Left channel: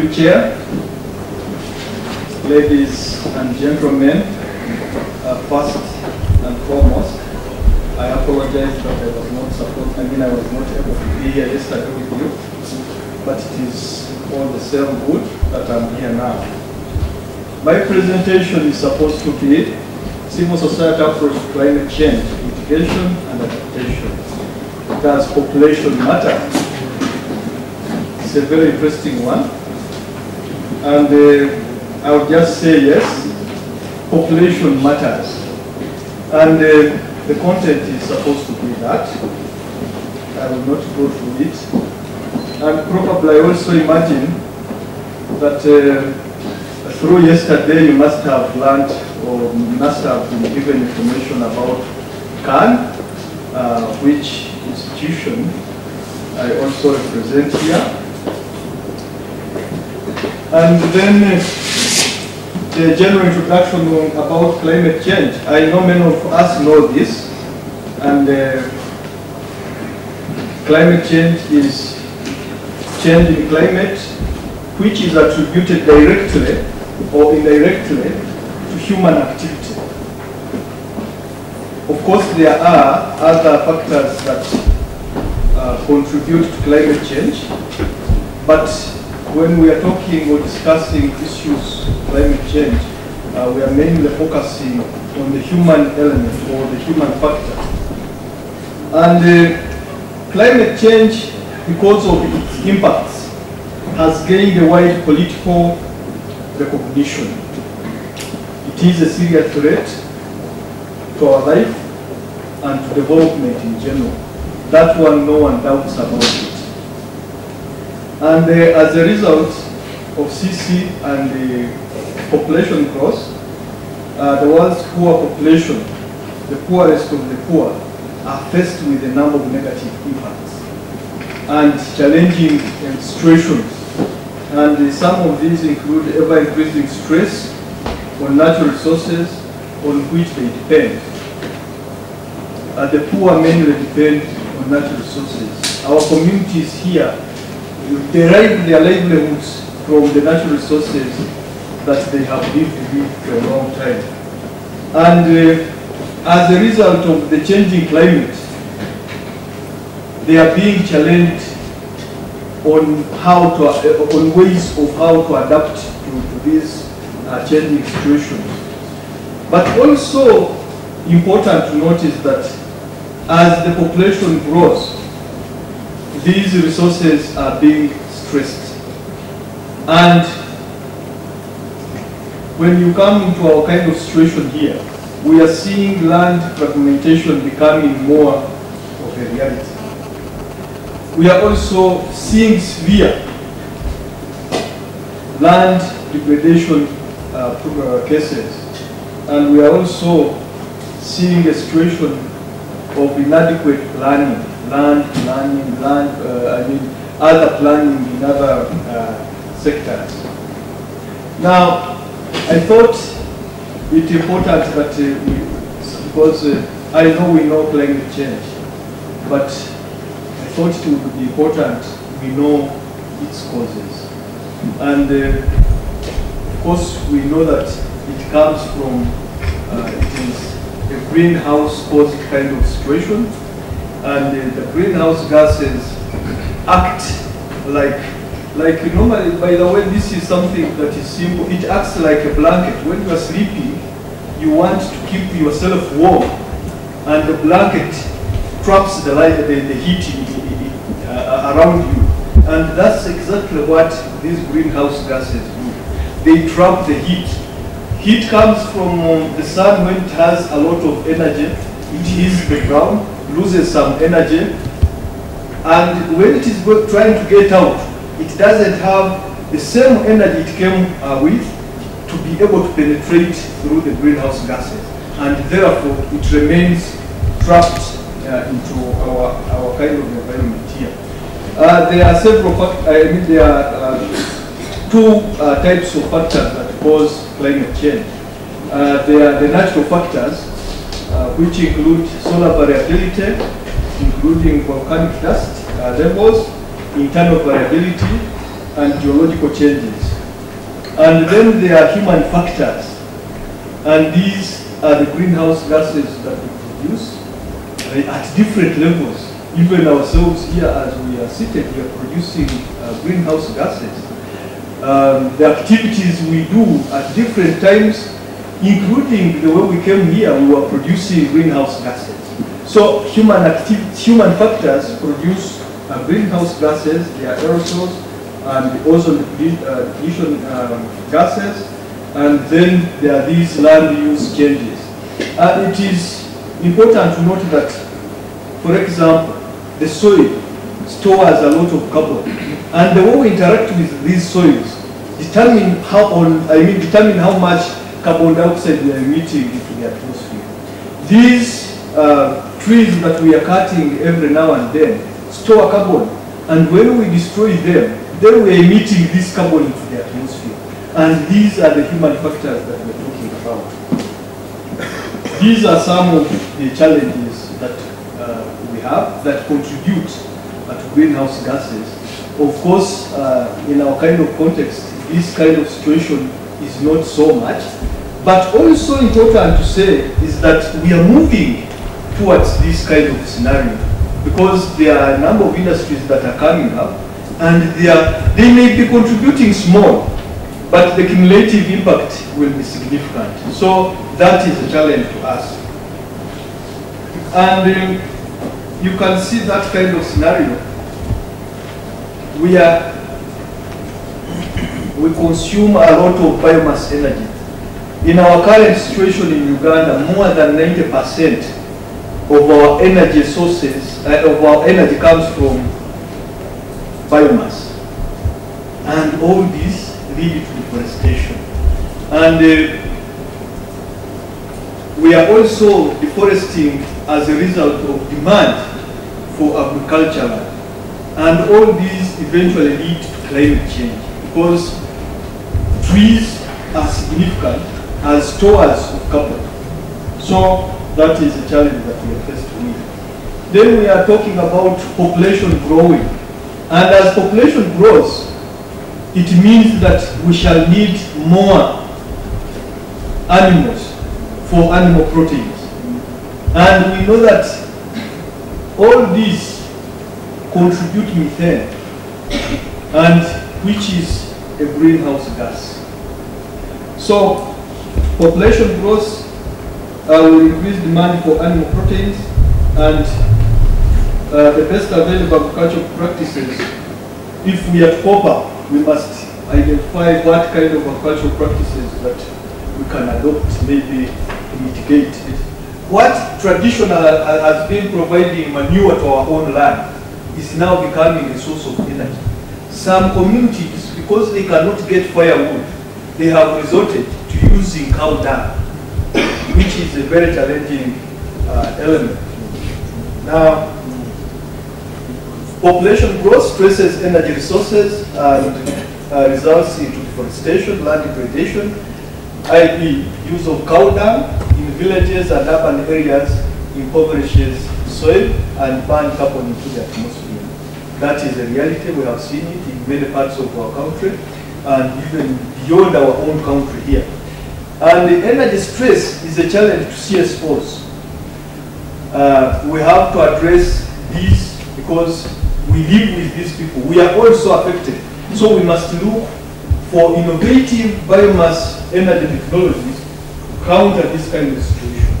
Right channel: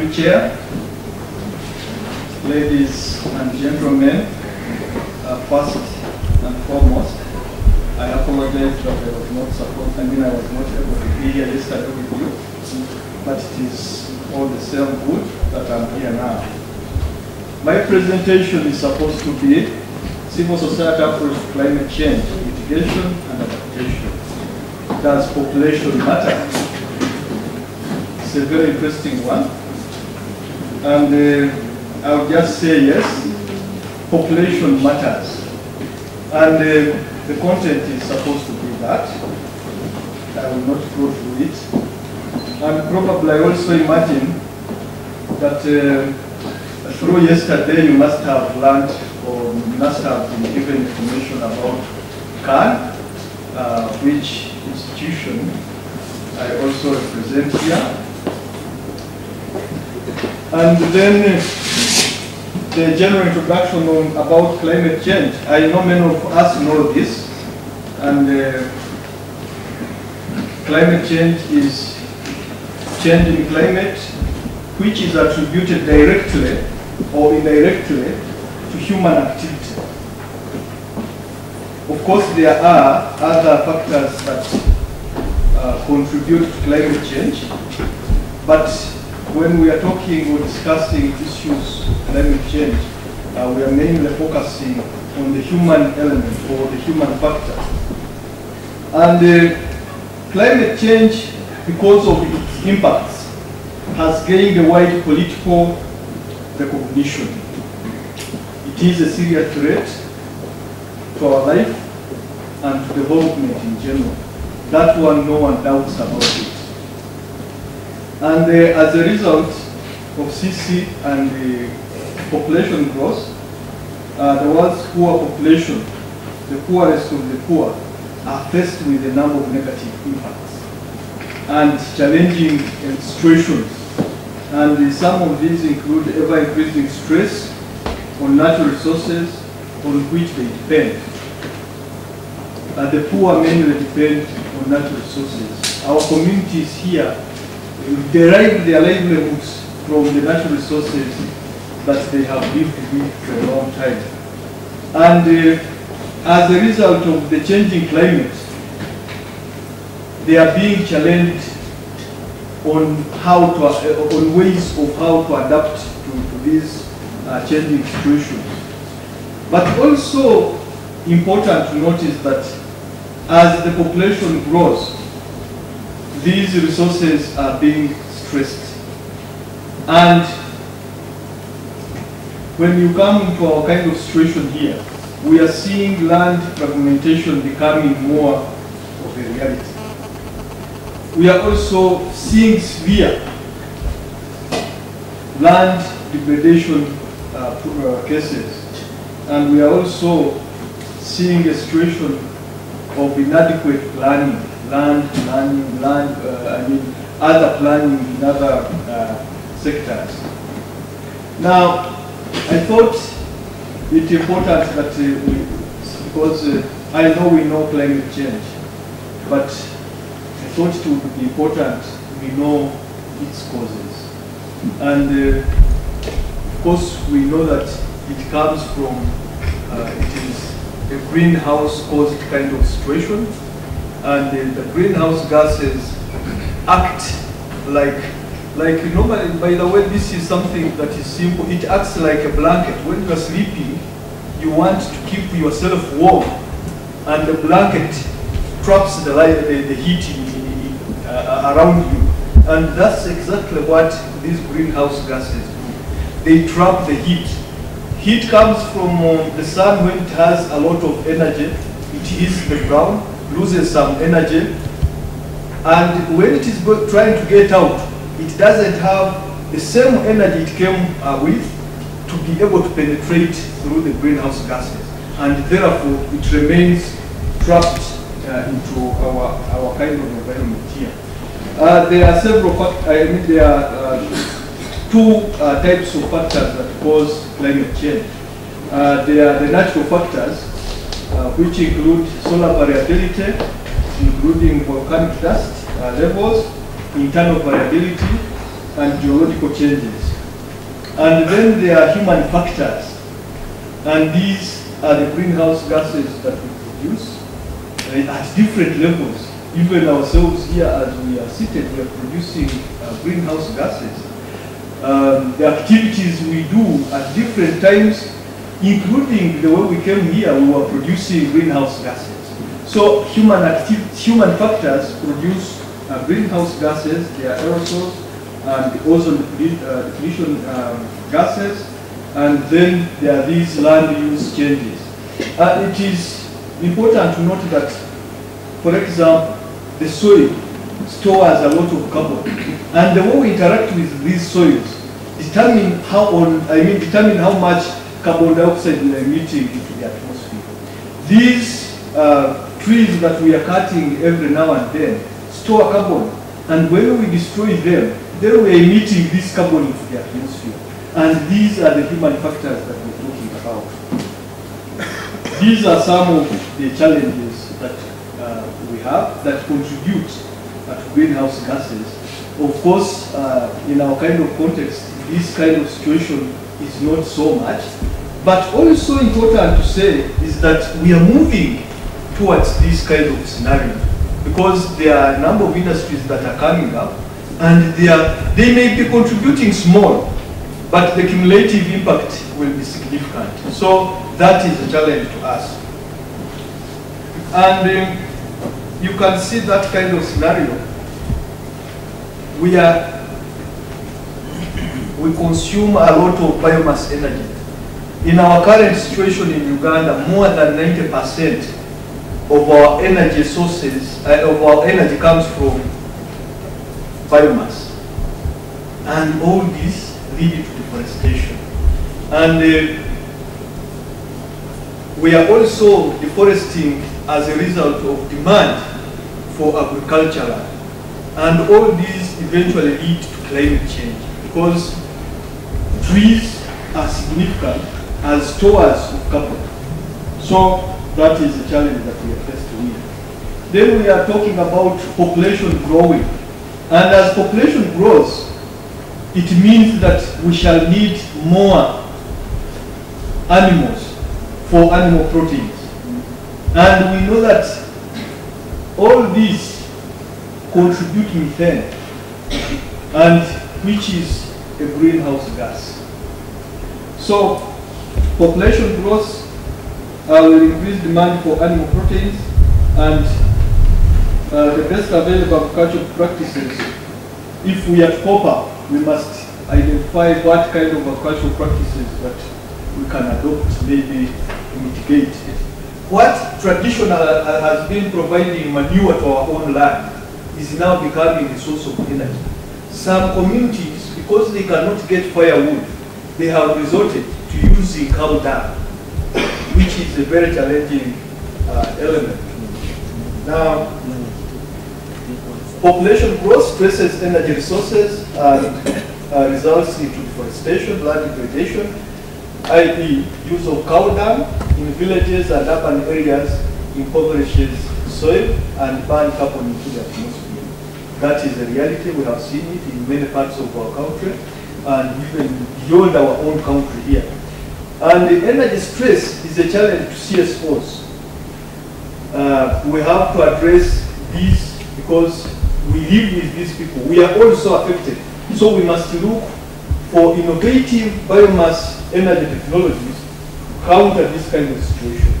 you, Chair. Ladies and gentlemen, first and foremost, I apologize that I was not able to be here yesterday with you, but it is all the same good that I'm here now. My presentation is supposed to be civil society approach to climate change, mitigation and adaptation. Does population matter? It's a very interesting one. And I'll just say yes, population matters. And the content is supposed to be that. I will not go through it. And probably I also imagine that through yesterday you must have learned or must have been given information about CAN, which institution I also represent here. And then the general introduction about climate change. I know many of us know this, and climate change is change in climate which is attributed directly or indirectly to human activity. Of course, there are other factors that contribute to climate change, but when we are talking or discussing issues of climate change, we are mainly focusing on the human element or the human factor. And climate change, because of its impacts, has gained a wide political recognition. It is a serious threat to our life and to development in general. That one, no one doubts about it. And as a result of CC and the population growth, the world's poor population, the poorest of the poor, are faced with a number of negative impacts and challenging situations. And some of these include ever-increasing stress on natural resources on which they depend. And the poor mainly depend on natural resources. Our communities here derive their livelihoods from the natural resources that they have lived for a long time. And as a result of the changing climate, they are being challenged on ways of how to adapt to these changing situations. But also important to notice that as the population grows, these resources are being stressed. And when you come into our kind of situation here, we are seeing land fragmentation becoming more of a reality. We are also seeing severe land degradation cases. And we are also seeing a situation of inadequate planning, other planning in other sectors. Now, I thought it important that because I know we know climate change, but I thought it would be important we know its causes. And of course, we know that it comes from, it is a greenhouse caused kind of situation. And the greenhouse gases act like normally, by the way, this is something that is simple. It acts like a blanket. When you are sleeping, you want to keep yourself warm, and the blanket traps the heat around you. And that's exactly what these greenhouse gases do. They trap the heat. Heat comes from the sun when it has a lot of energy. It hits the ground, loses some energy, and when it is trying to get out, it doesn't have the same energy it came with to be able to penetrate through the greenhouse gases, and therefore it remains trapped into our kind of environment here. There are several factors. There are two types of factors that cause climate change. There are the natural factors, which include solar variability, including volcanic dust levels, internal variability, and geological changes. And then there are human factors. And these are the greenhouse gases that we produce at different levels. Even ourselves here, as we are seated, we are producing greenhouse gases. The activities we do at different times, including the way we came here, we were producing greenhouse gases. So human factors produce greenhouse gases, they are aerosols, and ozone depletion gases, and then there are these land use changes. It is important to note that, for example, the soil stores a lot of carbon, and the way we interact with these soils determine how much carbon dioxide we are emitting into the atmosphere. These trees that we are cutting every now and then store carbon, and when we destroy them, then we are emitting this carbon into the atmosphere. And these are the human factors that we're talking about. These are some of the challenges that we have that contribute to greenhouse gases. Of course, in our kind of context, this kind of situation is not so much. But also important to say is that we are moving towards this kind of scenario, because there are a number of industries that are coming up, and they may be contributing small, but the cumulative impact will be significant. So that is a challenge to us. And you can see that kind of scenario. We consume a lot of biomass energy. In our current situation in Uganda, more than 90% of our energy sources, of our energy comes from biomass. And all this leads to deforestation. And we are also deforesting as a result of demand for agriculture land. And all these eventually lead to climate change, because trees are significant as stores of carbon. So that is a challenge that we are faced with. Then we are talking about population growing. And as population grows, it means that we shall need more animals for animal proteins. And we know that all these contribute methane, and which is a greenhouse gas. So population growth will increase demand for animal proteins, and the best available agricultural practices, if we are proper, we must identify what kind of agricultural practices that we can adopt maybe to mitigate. What traditional has been providing manure to our own land is now becoming a source of energy. Some communities, because they cannot get firewood, they have resorted to using cow dung, which is a very challenging element. Now, population growth stresses energy resources and results in deforestation, land degradation, i.e. use of cow dung in villages and urban areas impoverishes soil and burns carbon into the atmosphere. That is the reality. We have seen it in many parts of our country and even beyond our own country here. And the energy stress is a challenge to CSOs. We have to address these because we live with these people. We are also affected. So we must look for innovative biomass energy technologies to counter this kind of situation.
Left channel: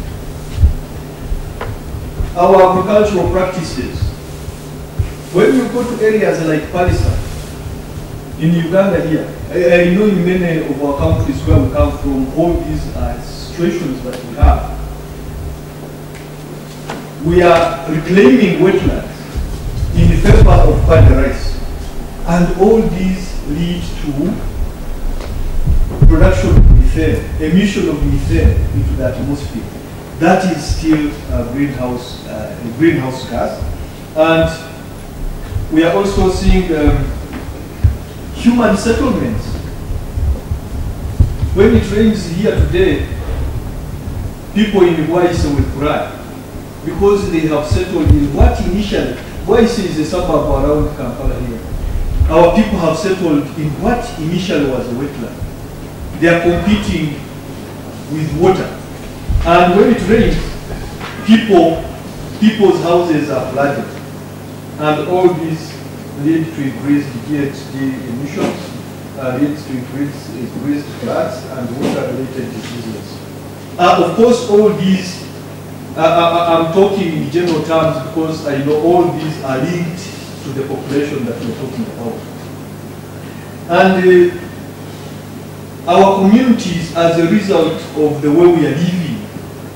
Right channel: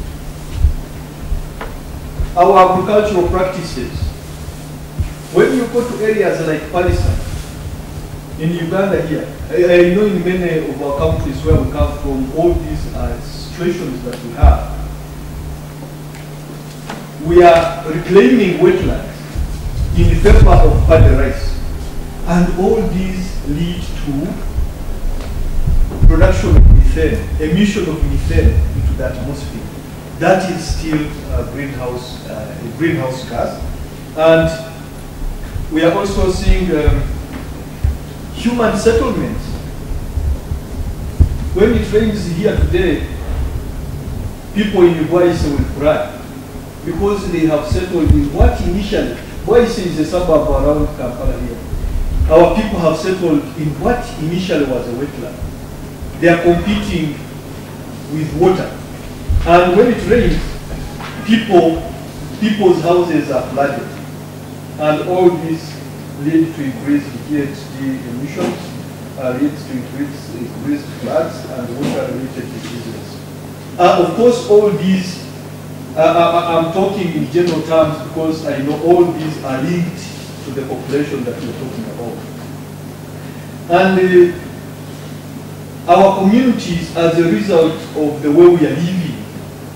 Our agricultural practices. When you go to areas like Palisa, in Uganda here, I know in many of our countries where we come from, all these situations that we have, we are reclaiming wetlands in favor of paddy rice. And all these lead to production of methane, emission of methane into the atmosphere. That is still greenhouse gas. And we are also seeing human settlements. When it rains here today, people in Bwaise will cry because they have settled in what initially, Bwaise is a suburb around Kampala here. our people have settled in what initially was a wetland. They are competing with water. And when it rains, people's houses are flooded. And all this leads to increased GHG emissions, leads to increased floods and water-related diseases. Of course, all these, I'm talking in general terms because I know all these are linked to the population that we're talking about. And our communities, as a result of the way we are living,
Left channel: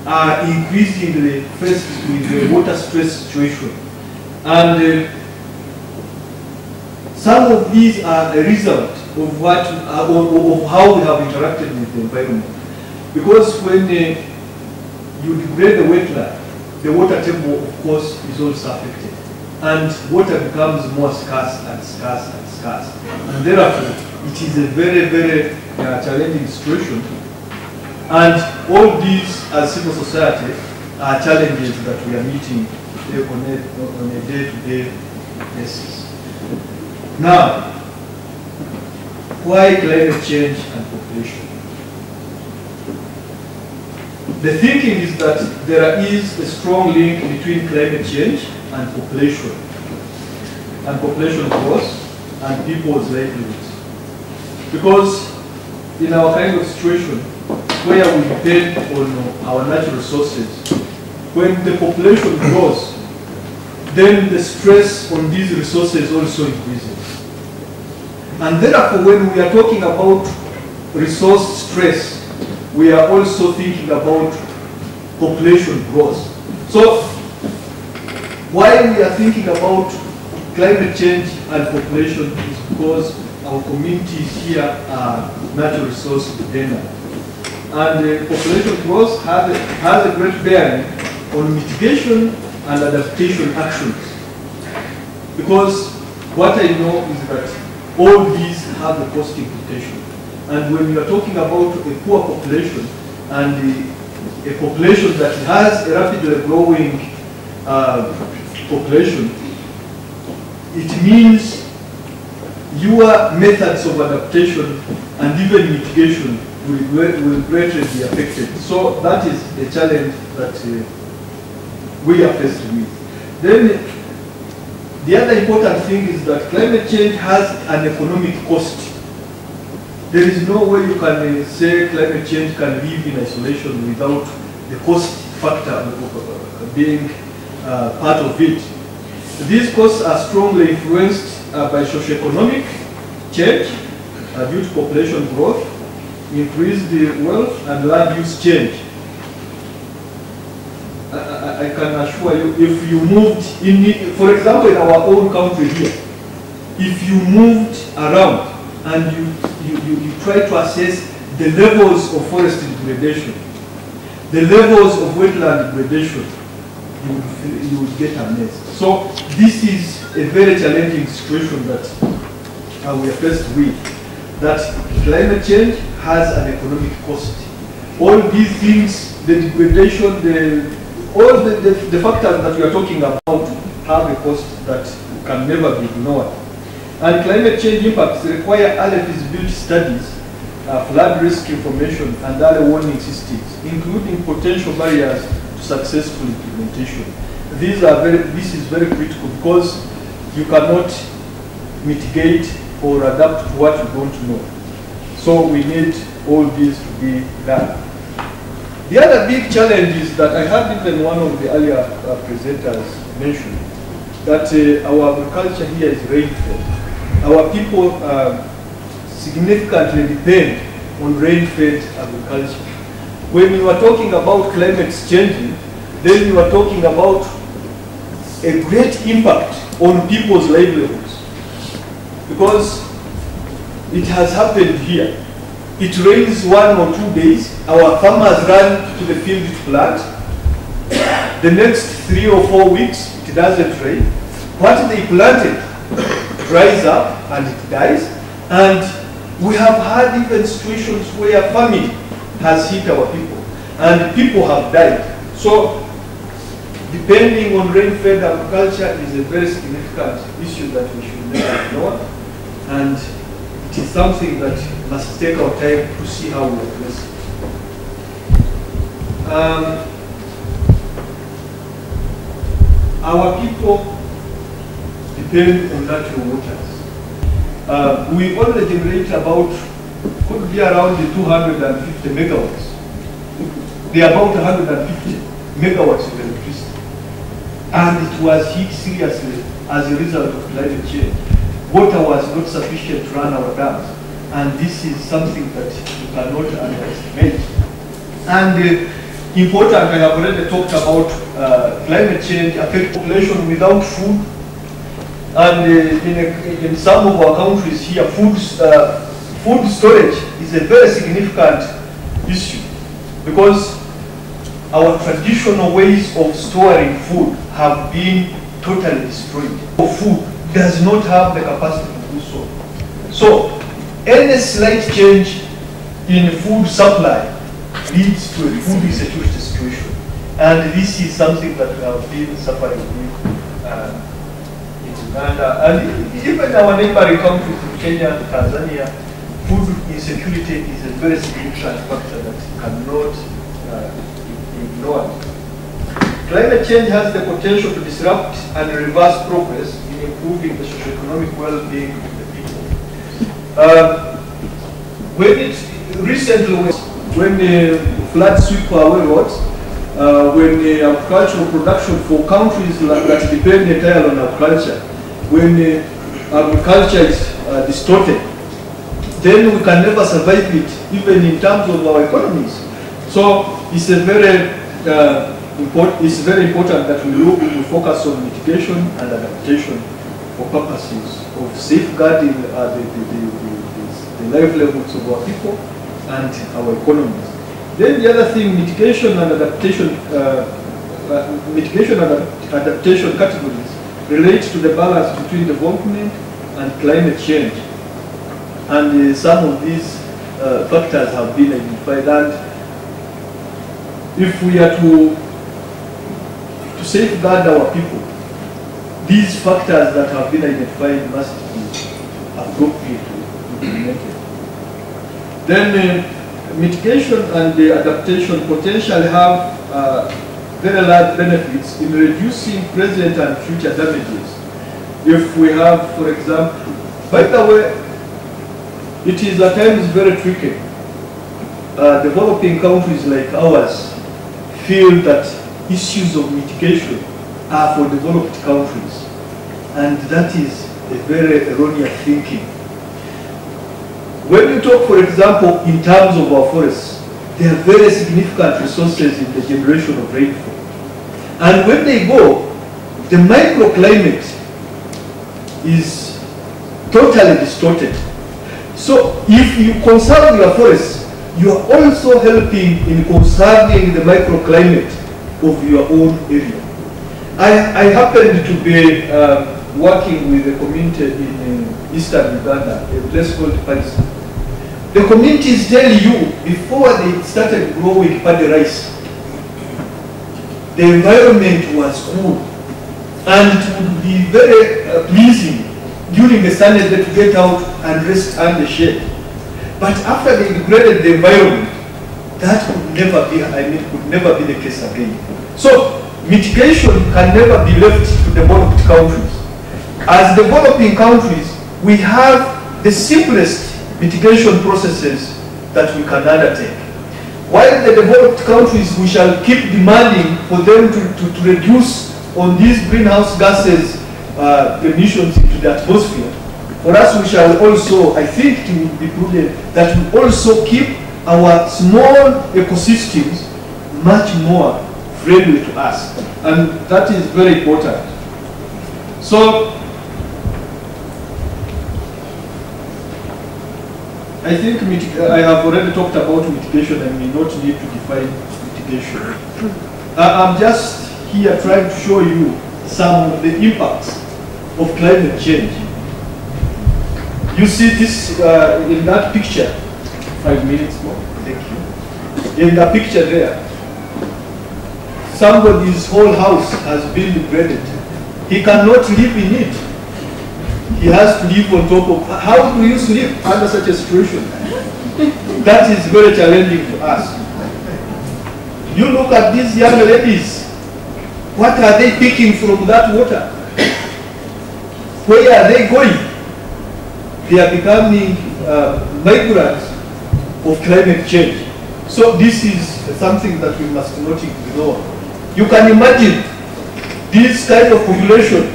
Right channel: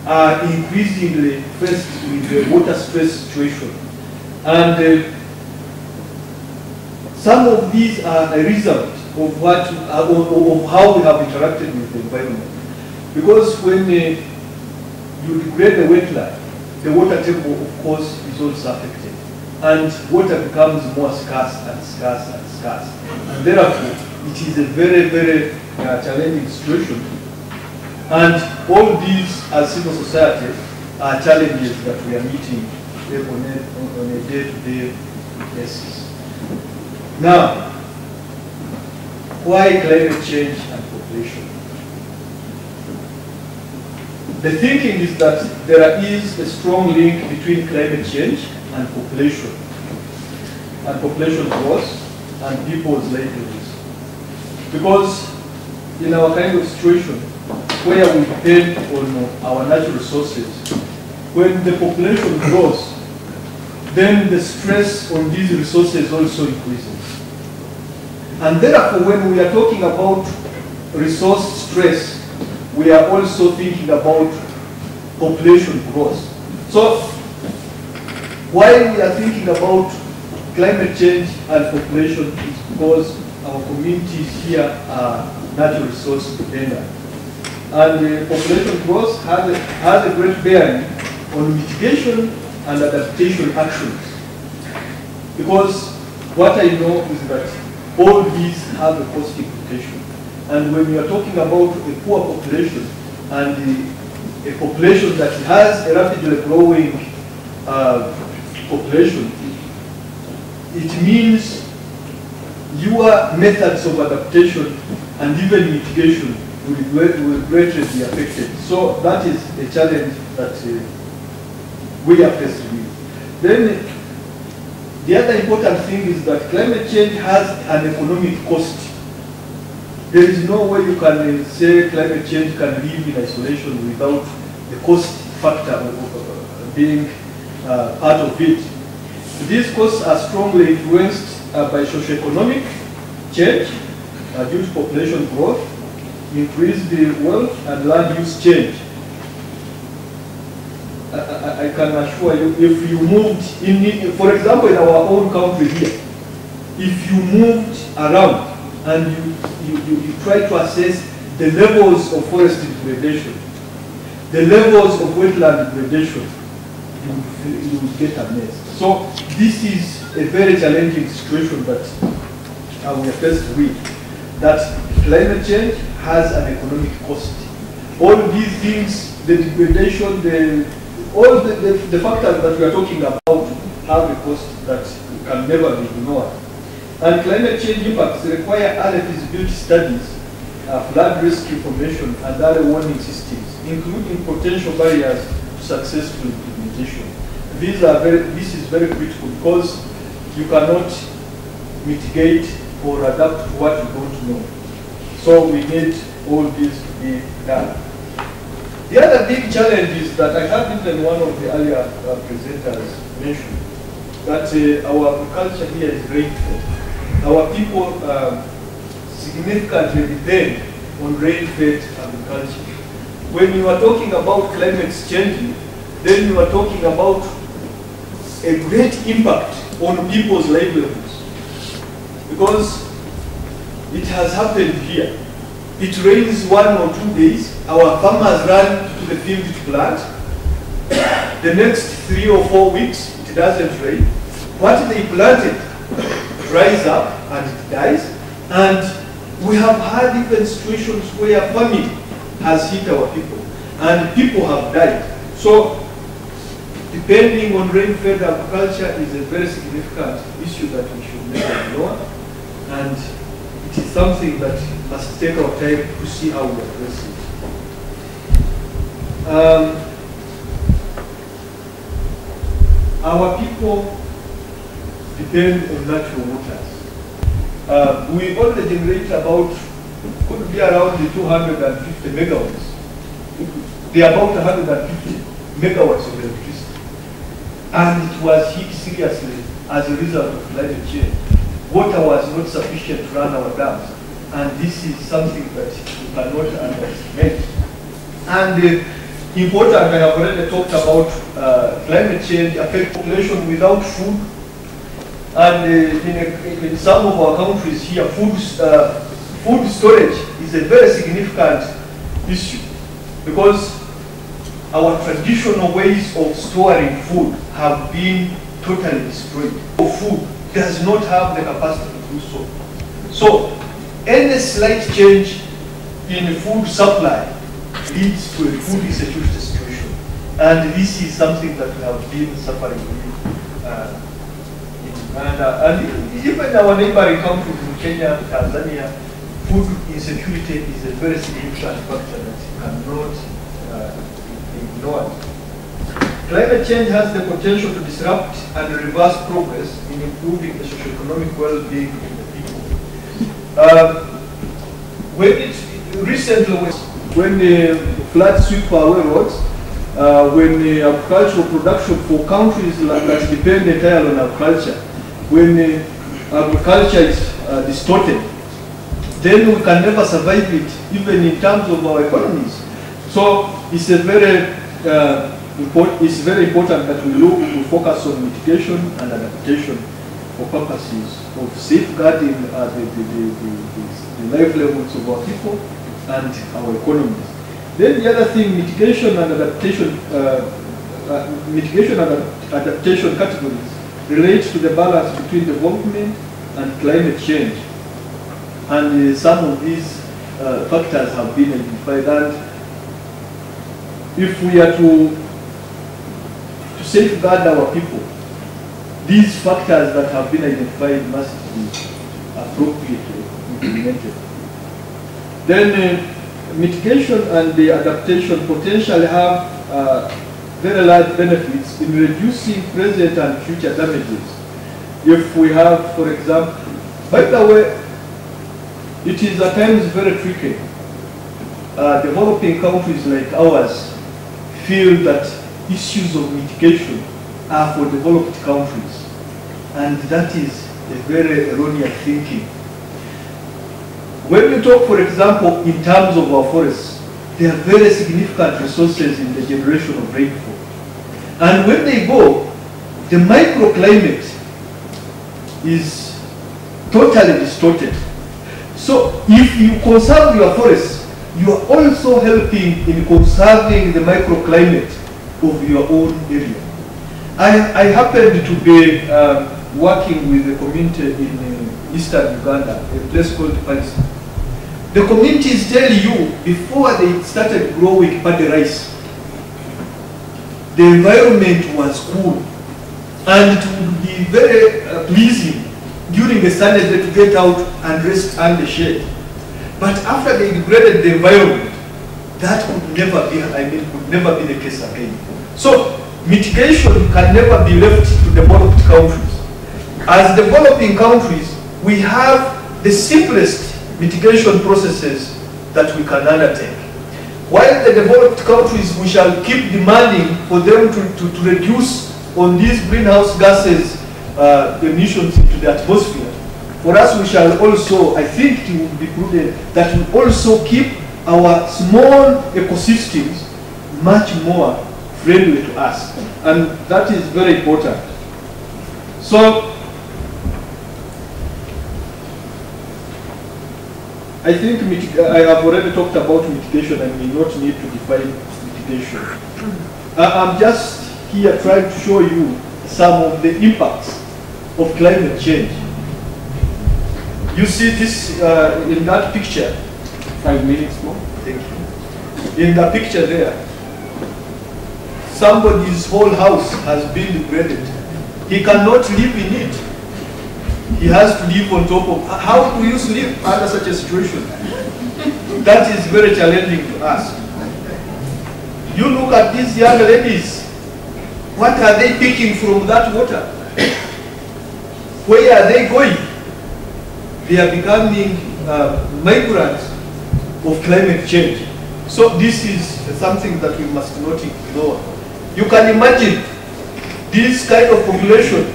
are increasingly faced with a water stress situation. And some of these are a result of what, of how we have interacted with the environment. Because when you degrade the wetland, the water table, of course, is also affected. And water becomes more scarce and scarce and scarce. And therefore, it is a very, very challenging situation. And all these, as civil society, are challenges that we are meeting on a day-to-day basis. Now, why climate change and population? The thinking is that there is a strong link between climate change and population growth and people's livelihoods. Because in our kind of situation where we depend on our natural resources, when the population grows, then the stress on these resources also increases. And therefore, when we are talking about resource stress, we are also thinking about population growth. So, why we are thinking about climate change and population is because our communities here are natural resource dependent. And population growth has a great bearing on mitigation and adaptation actions. Because what I know is that all these have a cost implication. And when we are talking about a poor population and a population that has a rapidly growing population, it means your methods of adaptation and even mitigation will greatly be affected. So that is a challenge that we are faced with. Then the other important thing is that climate change has an economic cost. There is no way you can say climate change can live in isolation without the cost factor of being part of it. These costs are strongly influenced by socioeconomic change due to population growth, increased wealth, and land use change. I can assure you, if you moved, for example, in our own country here, if you moved around and you try to assess the levels of forest degradation, the levels of wetland degradation, you will get a mess. So this is a very challenging situation that we are faced with, that climate change has an economic cost. All these things, the degradation, all the factors that we are talking about have a cost that can never be ignored. And climate change impacts require early feasibility studies, flood risk information, and early warning systems, including potential barriers to successful implementation. This is very critical because you cannot mitigate or adapt to what you don't know. So we need all this to be done. The other big challenge is that I heard even one of the earlier presenters mention that our agriculture here is rain-fed. Our people significantly depend on rain-fed agriculture. When we are talking about climate change, then we are talking about a great impact on people's livelihoods. Because it has happened here. It rains 1 or 2 days, our farmers run to the field to plant. The next 3 or 4 weeks, it doesn't rain. What they planted dries up and it dies. And we have had even situations where famine has hit our people and people have died. So depending on rain-fed agriculture is a very significant issue that we should not ignore. and it is something that must take our time to see how we address it. Our people depend on natural waters. We only generate about, could be around the 250 megawatts. They are about 150 megawatts of electricity. And it was hit seriously as a result of climate change. Water was not sufficient to run our dams. And this is something that we cannot underestimate. And important, I have already talked about climate change affects population without food. And in some of our countries here, food storage is a very significant issue because our traditional ways of storing food have been totally destroyed. Food does not have the capacity to do so. So, any slight change in food supply leads to a food insecurity situation. And this is something that we have been suffering with. And even our neighboring countries in Kenya, Tanzania, food insecurity is a very significant factor that cannot ignored. Climate change has the potential to disrupt and reverse progress in improving the socioeconomic well-being of the people. When the floods sweep away roads, when the agricultural production for countries that depend entirely on agriculture, when the agriculture is distorted, then we can never survive it, even in terms of our economies. So it's a very important that we focus on mitigation and adaptation for purposes of safeguarding the livelihoods of our people and our economy. Then the other thing, mitigation and adaptation categories relate to the balance between development and climate change. And some of these factors have been identified. And if we are to safeguard our people, these factors that have been identified must be appropriately implemented. Then mitigation and adaptation potentially have very large benefits in reducing present and future damages. If we have, for example, by the way, it is at times very tricky. Developing countries like ours feel that issues of mitigation are for developed countries. And that is a very erroneous thinking. When you talk, for example, in terms of our forests, they are very significant resources in the generation of rainfall. And when they go, the microclimate is totally distorted. So if you conserve your forests, you are also helping in conserving the microclimate of your own area. I happened to be working with a community in eastern Uganda, a place called Palisa. The community is telling you, before they started growing paddy rice, the environment was cool. And it would be very pleasing during the Sundays to get out and rest under the shade. But after they degraded the environment, that could never be, could never be the case again. So mitigation can never be left to developed countries. As developing countries, we have the simplest mitigation processes that we can undertake. While the developed countries, we shall keep demanding for them to reduce on these greenhouse gases emissions into the atmosphere. For us, we shall also, I think it will be prudent that we also keep our small ecosystems much more friendly to us. And that is very important. So, I think I have already talked about mitigation and we not need to define mitigation. I'm just here trying to show you some of the impacts of climate change. You see this in that picture. 5 minutes more. Thank you. In the picture there, somebody's whole house has been degraded. He cannot live in it. He has to live on top of. How do you live under such a situation? That is very challenging to us. You look at these young ladies. What are they picking from that water? Where are they going? They are becoming migrants of climate change. So this is something that we must not ignore. You can imagine this kind of population.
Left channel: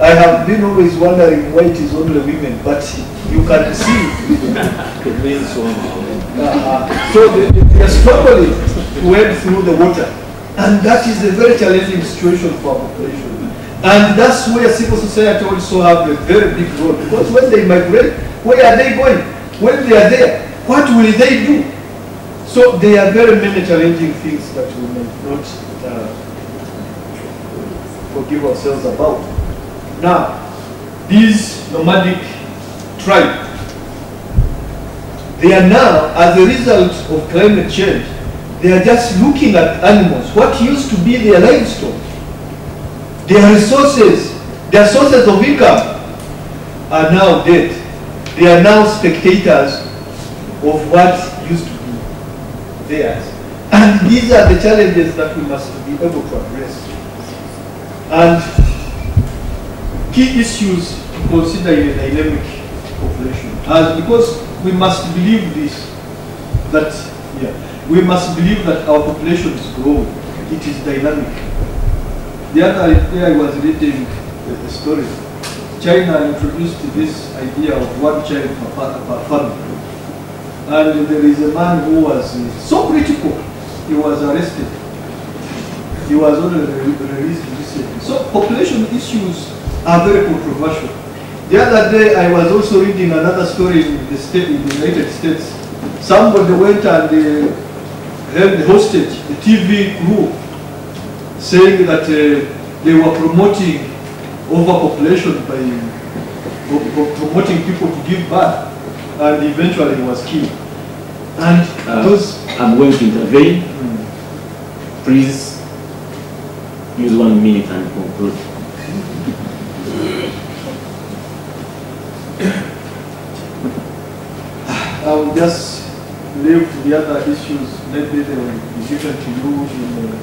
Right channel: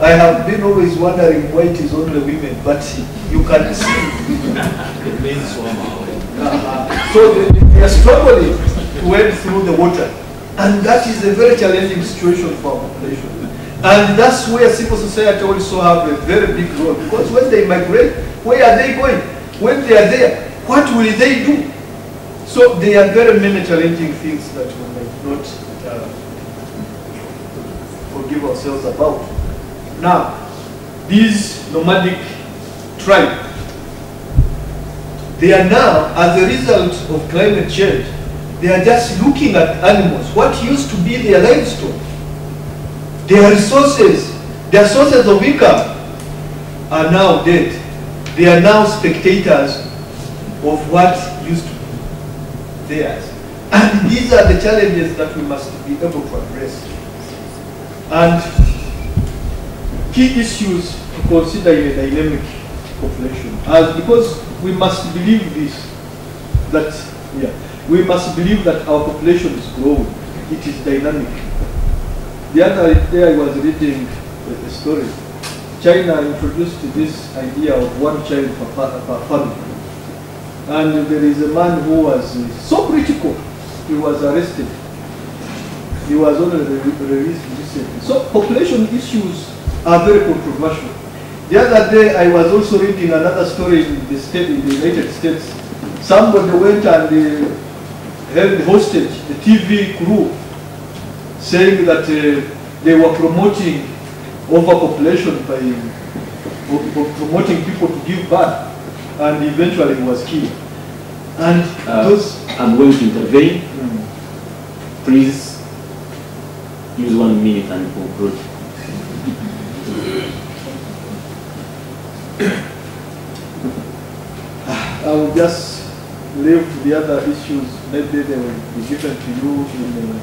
I have been always wondering why it is only women, but you can see. So they are struggling to wade through the water. And that is a very challenging situation for our population. And that's where civil society also have a very big role. Because when they migrate, where are they going? When they are there, what will they do? So there are very many challenging things that we must not forgive ourselves about. Now, these nomadic tribes, they are now, as a result of climate change, they are just looking at animals. What used to be their livestock, their resources, their sources of income are now dead. They are now spectators of what used to be theirs. And these are the challenges that we must be able to address. And key issues to consider in a dynamic population, because we must believe this, that we must believe that our population is growing. It is dynamic. The other day I was reading a story. China introduced this idea of one child per family. And there is a man who was so critical, he was arrested. He was only released recently. So population issues are very controversial. The other day I was also reading another story in the United States. Somebody went and held hostage the TV crew, saying that they were promoting overpopulation by promoting people to give birth, and eventually he was killed. And I'm going to intervene. Please use 1 minute and conclude. I will just leave the other issues. Maybe they will be given to you in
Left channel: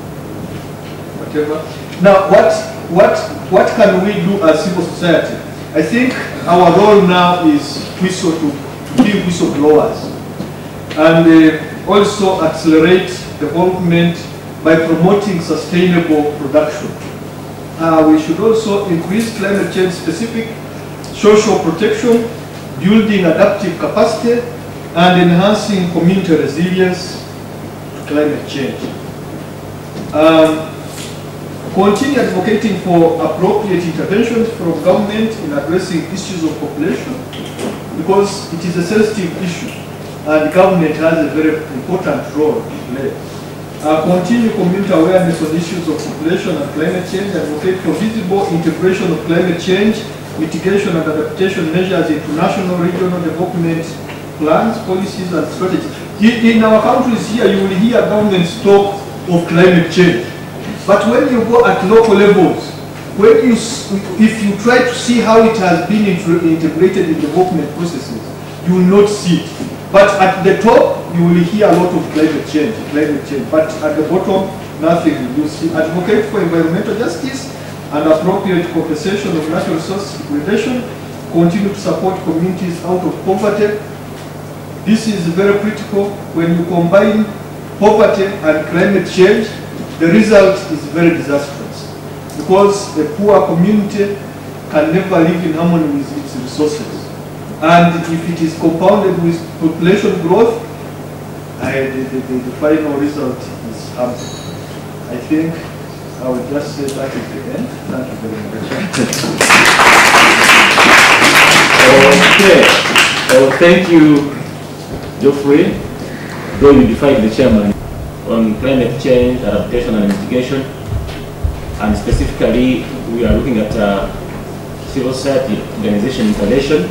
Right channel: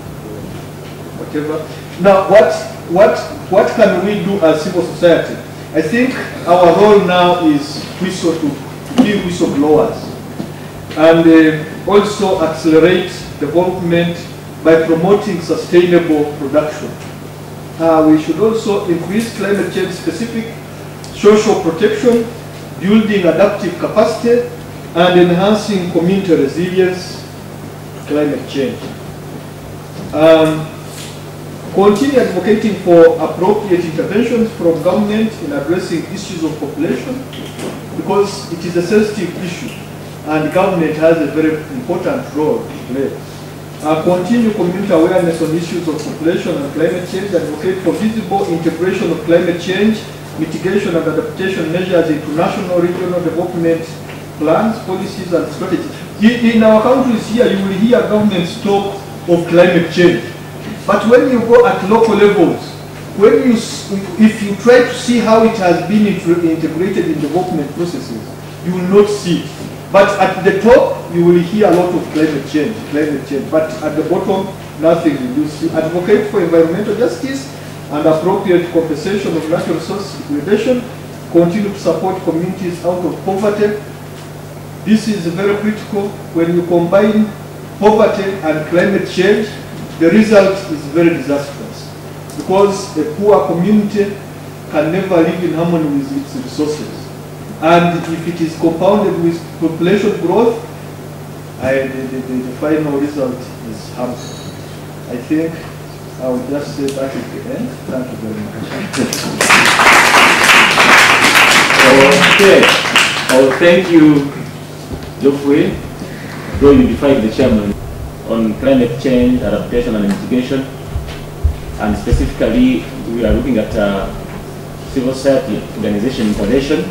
whatever. Now, what can we do as civil society? I think our role now is to be whistleblowers and also accelerate development by promoting sustainable production. We should also increase climate change specific social protection, building adaptive capacity, and enhancing community resilience to climate change. Continue advocating for appropriate interventions from government in addressing issues of population, because it is a sensitive issue and government has a very important role to play. Continue community awareness on issues of population and climate change, advocate for visible integration of climate change, mitigation and adaptation measures into national, regional development plans, policies and strategies. In our countries here, you will hear governments talk of climate change. But when you go at local levels, if you try to see how it has been integrated in development processes, you will not see it. But at the top, you will hear a lot of climate change. But at the bottom, nothing. You see, advocate for environmental justice and appropriate compensation of natural resource degradation. Continue to support communities out of poverty. This is very critical. When you combine poverty and climate change, the result is very disastrous, because a poor community can never live in harmony with its resources. And if it is compounded with population growth, the final result is harmful. I think I will just say that at the end. Thank you very much. Okay. Well, thank you, Geoffrey. Though you defied the chairman on climate change, adaptation and mitigation, and specifically we are looking at civil society organization intervention,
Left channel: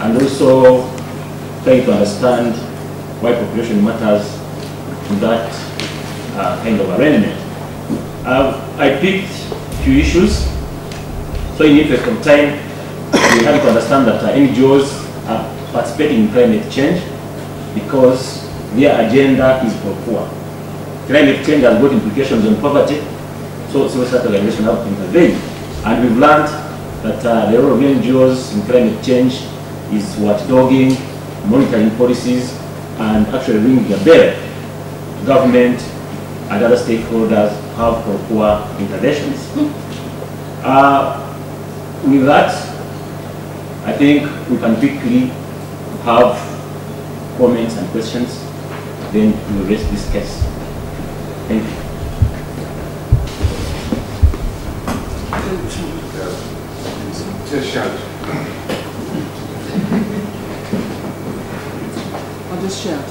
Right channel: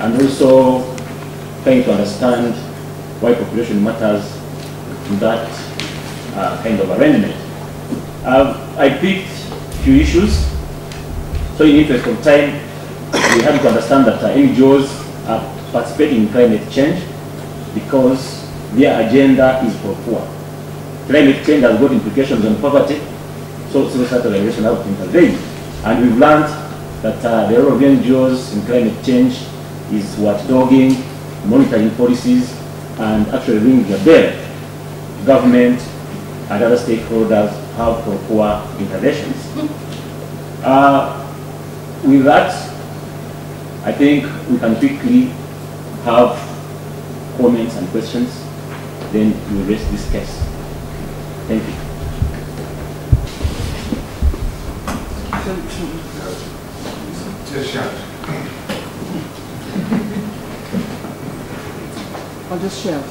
and also trying to understand why population matters to that kind of arrangement. I picked a few issues, so in the interest of time, we have to understand that NGOs are participating in climate change because their agenda is for poor. Climate change has got implications on poverty, so civil society organizations have to intervene. And we've learned that the role of NGOs in climate change is watchdogging, monitoring policies, and actually ringing a bell to government and other stakeholders have for poor interventions. With that, I think we can quickly have comments and questions, then we'll raise this case. Thank you. Just shout. I'll just shout.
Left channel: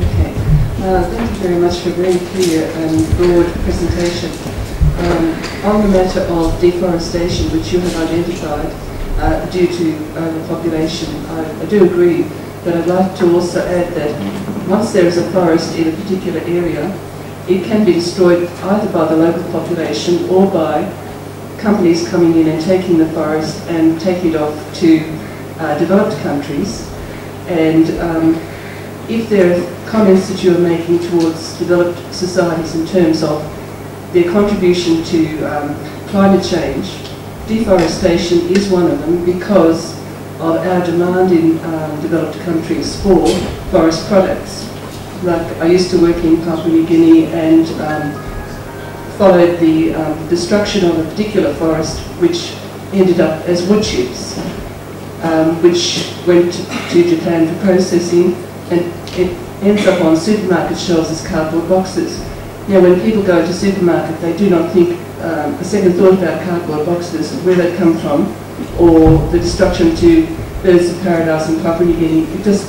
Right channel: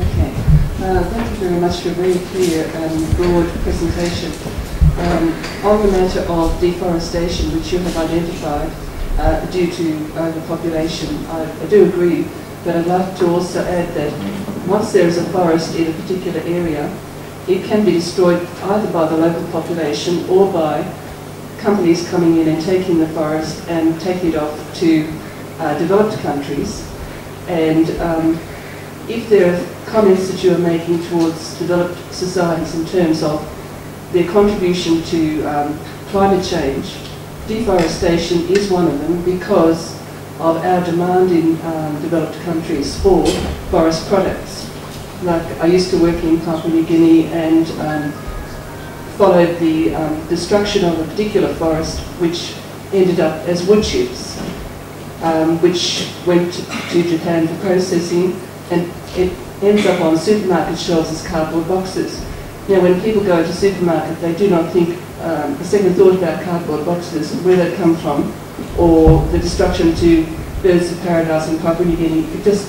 Okay. Thank you very much for a very clear and broad presentation. On the matter of deforestation, which you have identified due to overpopulation, I do agree, but I'd like to also add that once there is a forest in a particular area, it can be destroyed either by the local population or by companies coming in and taking the forest and taking it off to developed countries. And if there are comments that you are making towards developed societies in terms of their contribution to climate change, deforestation is one of them because of our demand in developed countries for forest products. Like I used to work in Papua New Guinea and followed the destruction of a particular forest which ended up as wood chips, which went to Japan for processing, and it ends up on supermarket shelves as cardboard boxes. Now when people go to supermarket, they do not think a second thought about cardboard boxes, where they come from, or the destruction to birds of paradise in Papua New Guinea. It just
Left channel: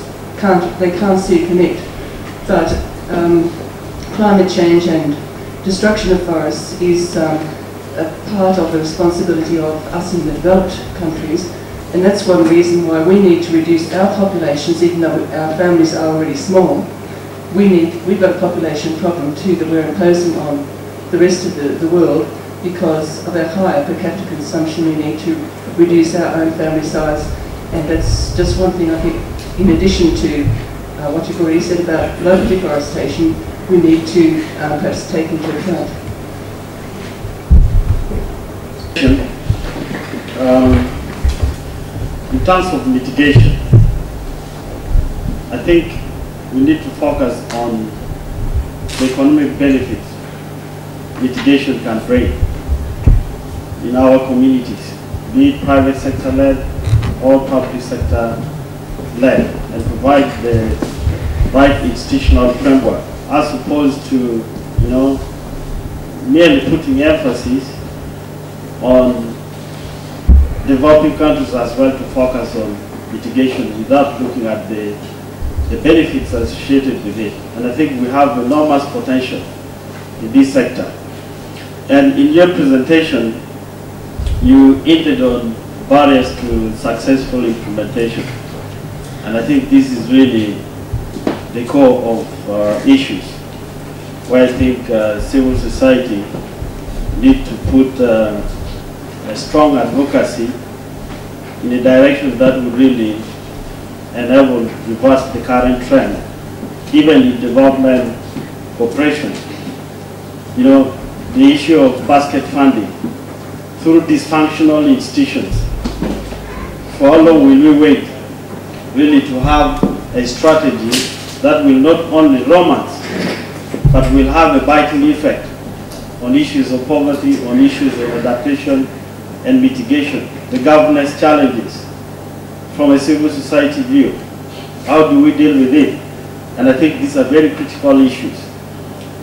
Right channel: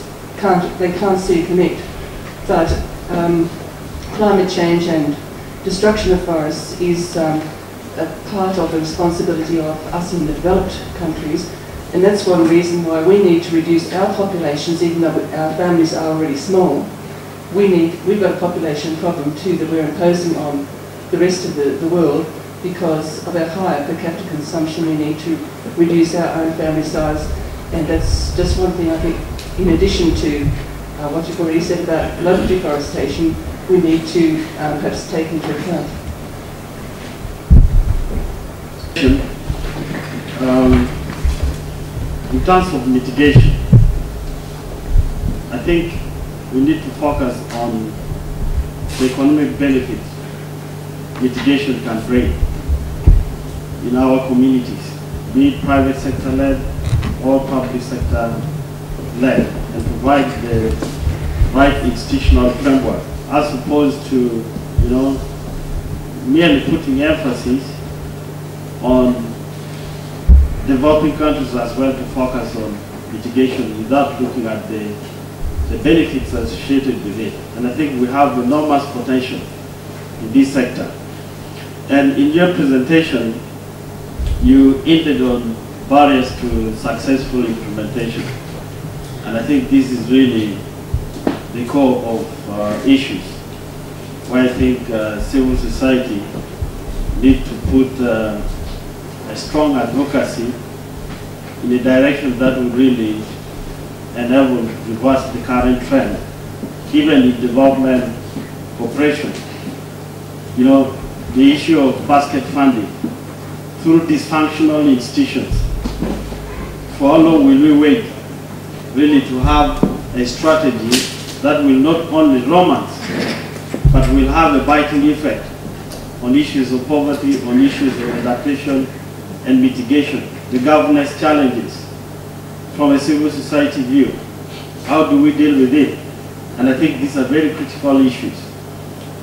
they can't see a connect. But climate change and destruction of forests is a part of the responsibility of us in the developed countries, and that's one reason why we need to reduce our populations, even though our families are already small. We've got a population problem too that we're imposing on the rest of the world because of our higher per capita consumption. We need to reduce our own family size, and that's just one thing I think, in addition to what you've already said about local deforestation, we need to perhaps take into account. In terms of mitigation, I think we need to focus on the economic benefits mitigation can bring in our communities, be it private sector led or public sector led, and provide the right institutional framework, as opposed to, merely putting emphasis on developing countries as well to focus on mitigation without looking at the benefits associated with it. And I think we have enormous potential in this sector. And in your presentation, you hinted on barriers to successful implementation. And I think this is really the core of issues, where I think civil society need to put a strong advocacy in a direction that would really enable reverse the current trend, even in development cooperation. The issue of basket funding through dysfunctional institutions. For how long will we wait really to have a strategy that will not only romance, but will have a vital effect on issues of poverty, on issues of adaptation and mitigation, the governance challenges from a civil society view? How do we deal with it? And I think these are very critical issues.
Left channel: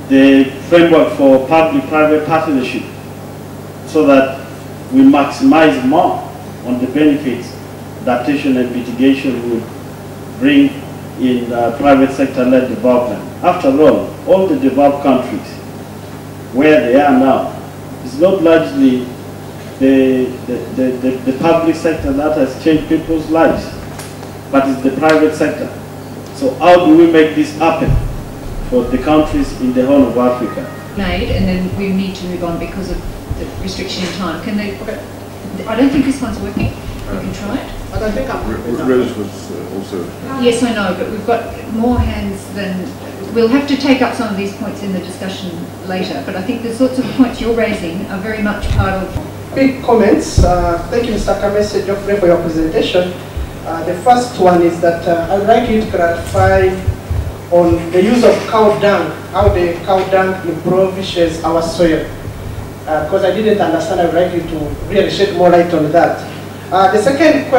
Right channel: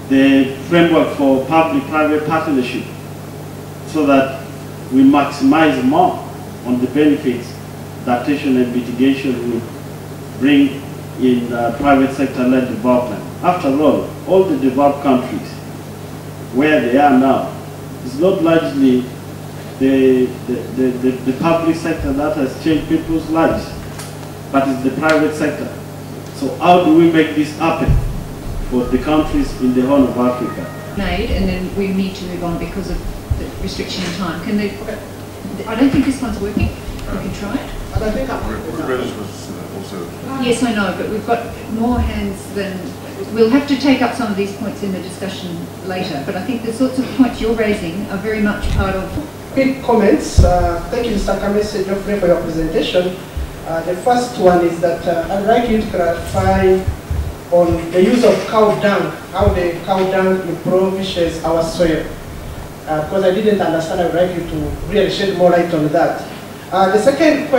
The framework for public-private partnership, so that we maximize more on the benefits adaptation and mitigation would bring in private sector-led development. After all the developed countries, where they are now, is not largely the public sector that has changed people's lives, but it's the private sector. So how do we make this happen for the countries in the whole of Africa? Made, and then we need to move on because of the restriction in time. Can the I don't think this one's working. We can try it. I don't think Yes, I know, but we've got more hands than... We'll have to take up some of these points in the discussion later, but I think the sorts of points you're raising are very much part of... Quick comments. Thank you, Mr. Kamese Geoffrey, for your presentation. The first one is that I'd like you to clarify on the use of cow dung, how the cow dung improves our soil. Because I didn't understand, I'd like you to really shed more light on that. The second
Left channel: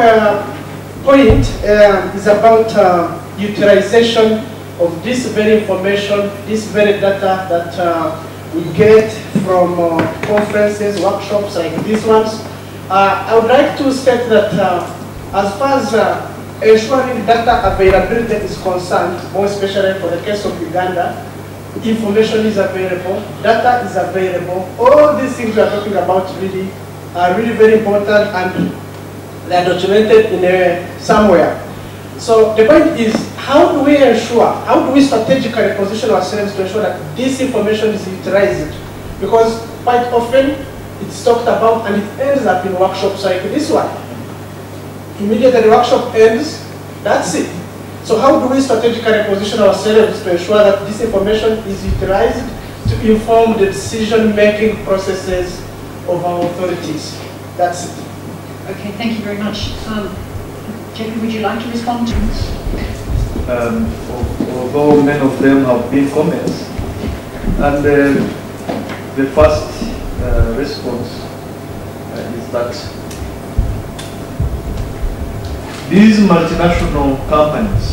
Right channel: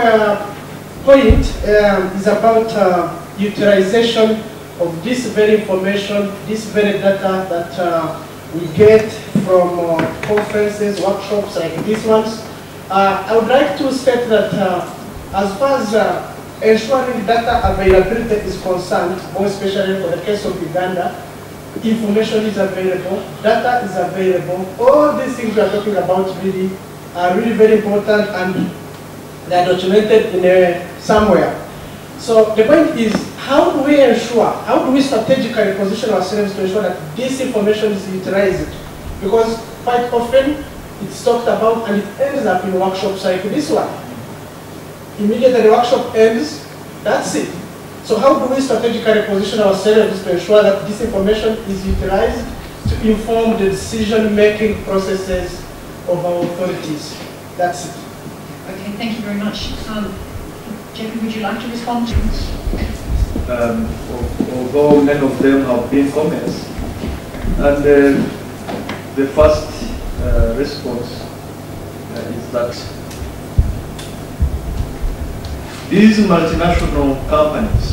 point is about utilization of this very information, this very data that we get from conferences, workshops like these ones. I would like to state that as far as ensuring data availability is concerned, more especially for the case of Uganda, information is available, data is available. All these things we are talking about really are really very important, and they are documented in somewhere. So the point is, how do we ensure, how do we strategically position ourselves to ensure that this information is utilized? Because quite often it's talked about and it ends up in workshops like this one. Immediately the workshop ends, that's it. So how do we strategically position ourselves to ensure that this information is utilized to inform the decision-making processes of our authorities? That's it. Okay, thank you very much. Jacob, would you like to respond to this? Although many of them have been comments, and the first response is that these multinational companies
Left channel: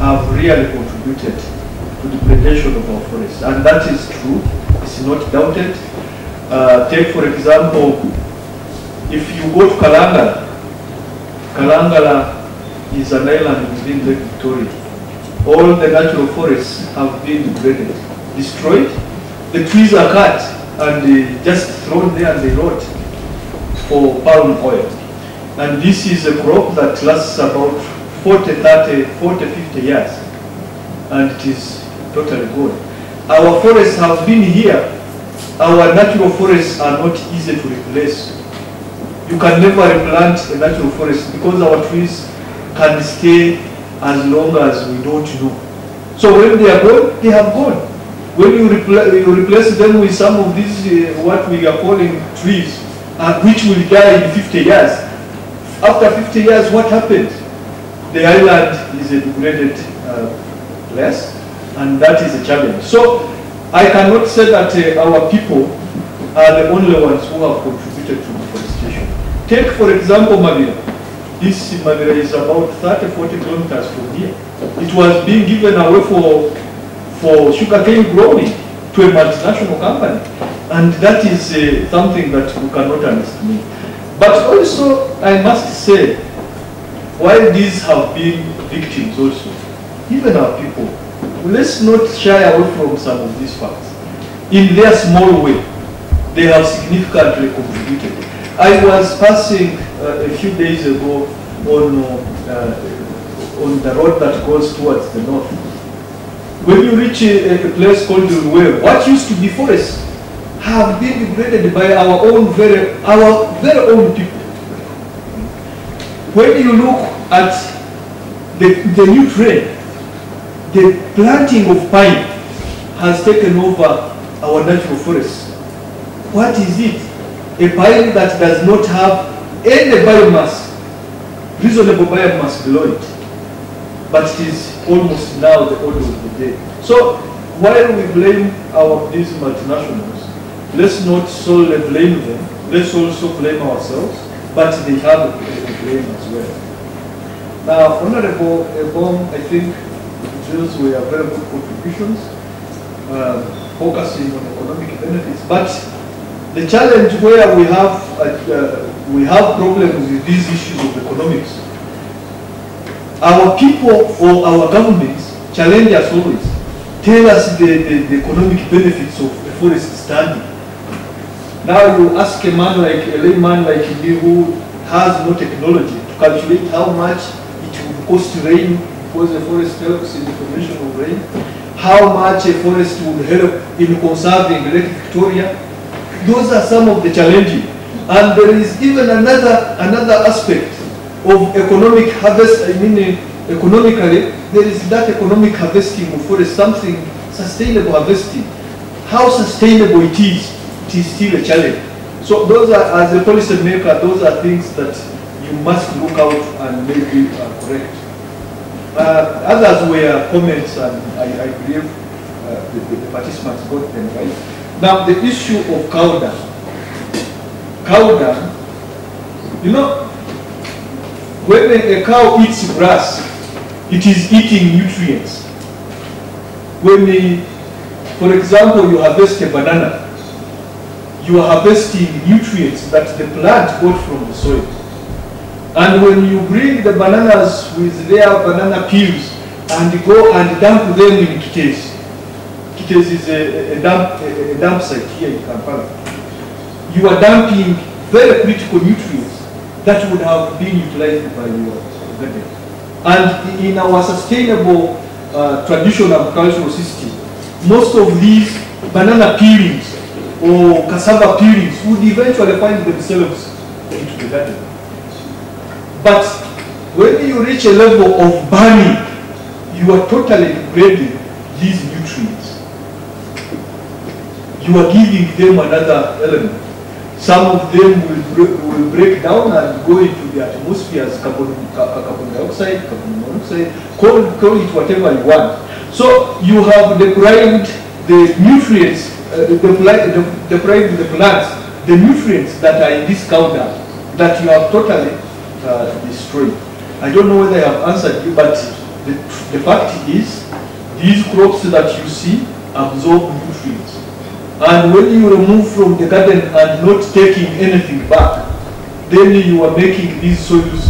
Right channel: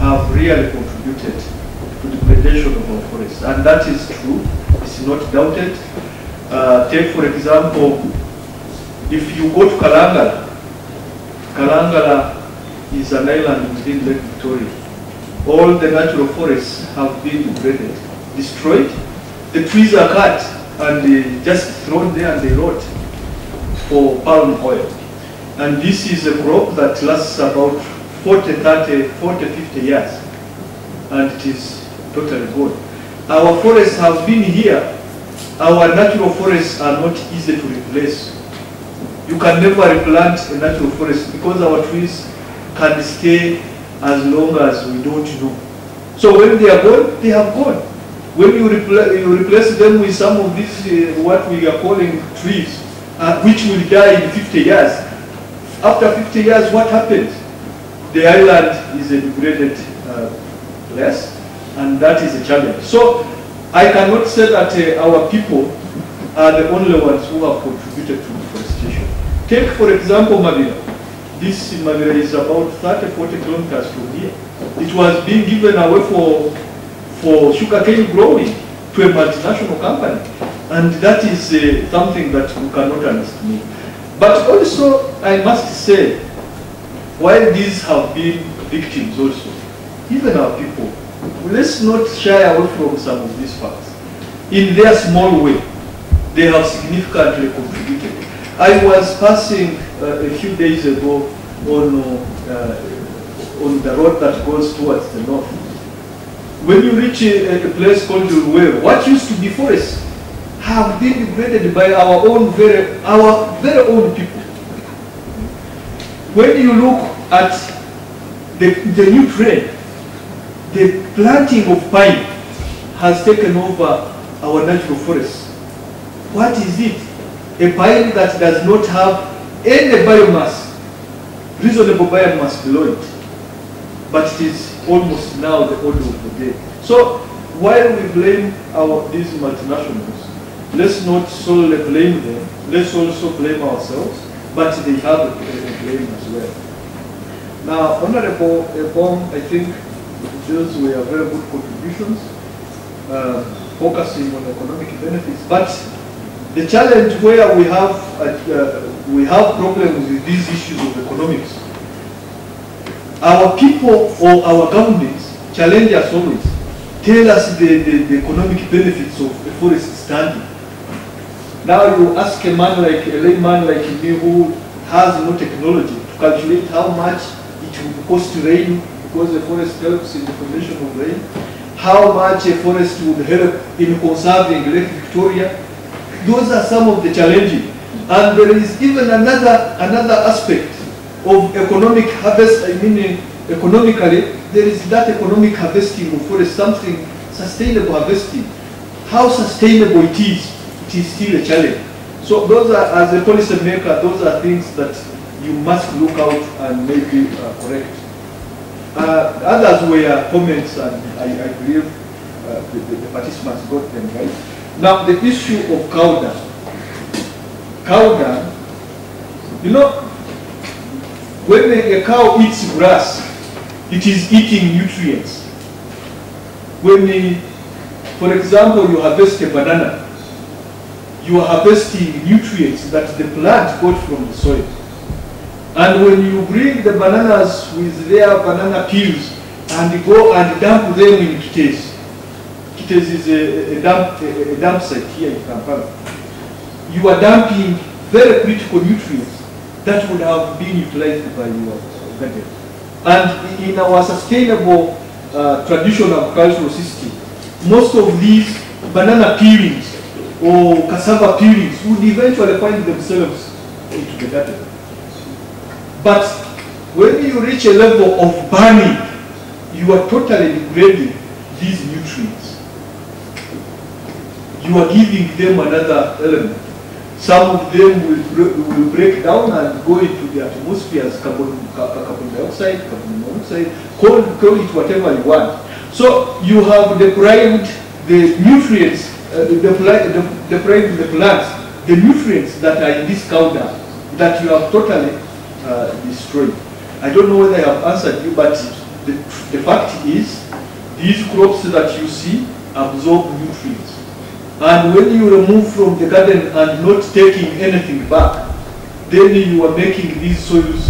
have really contributed to the degradation of our forests, and that is true. It's not doubted. Take for example, if you go to Kalangala, Kalangala is an island within Lake Victoria. All the natural forests have been degraded, destroyed. The trees are cut and just thrown there and they rot for palm oil. And this is a crop that lasts about 40, 50 years. And it is totally gone. Our forests have been here. Our natural forests are not easy to replace. You can never replant a natural forest because our trees can stay as long as we don't know. So when they are gone, they have gone. When you replace them with some of these, what we are calling trees, which will die in 50 years. After 50 years, what happens? The island is a degraded place, and that is a challenge. So I cannot say that our people are the only ones who have contributed to deforestation. Take, for example, Mavira. This Mavira is about 30-40 kilometers from here. It was being given away for sugarcane growing to a multinational company. And that is something that we cannot understand. But also, I must say, while these have been victims also, even our people, let's not shy away from some of these facts. In their small way, they have significantly contributed. I was passing a few days ago on the road that goes towards the north. When you reach a place called Uruwe, what used to be forests have been degraded by our very own people. When you look at the new trend, the planting of pine has taken over our natural forests. What is it? A pine that does not have any biomass, reasonable biomass below it, but it is almost now the order of the day. So while we blame these multinationals, let's not solely blame them, let's also blame ourselves, but they have a blame as well. Now, Honorable Ebom, I think those were very good contributions, focusing on economic benefits, but the challenge where we have problems with these issues of economics, our people or our governments challenge us always, tell us the economic benefits of a forest standing. Now you ask a layman like me who has no technology to calculate how much it would cost to rain, because the forest helps in the formation of rain, how much a forest would help in conserving Lake Victoria. Those are some of the challenges. And there is even another aspect of economic harvest. I mean, economically, there is that economic harvesting of forest, something sustainable harvesting. How sustainable it is still a challenge. So those are, as a policy maker, those are things that you must look out and maybe correct. Others were comments, and I believe the participants got them right. Now, the issue of cow dung. Cow dung, you know, when a cow eats grass, it is eating nutrients. When, for example, you harvest a banana, you are harvesting nutrients that the plant got from the soil. And when you bring the bananas with their banana peels and go and dump them in Kitezi, Kitezi is a dump site here in Kampala, you are dumping very critical nutrients that would have been utilized by your garden. And in our sustainable traditional agricultural system, most of these banana peelings or cassava peelings would eventually find themselves into the garden. But when you reach a level of burning, you are totally degrading these nutrients. You are giving them another element. Some of them will break down and go into the atmosphere as carbon dioxide, carbon monoxide, call it whatever you want. So you have deprived the nutrients, deprived the plants, the nutrients that are in this cow dung that you have totally destroyed. I don't know whether I have answered you, but the fact is, these crops that you see absorb nutrients. And when you remove from the garden and not taking anything back, then you are making these soils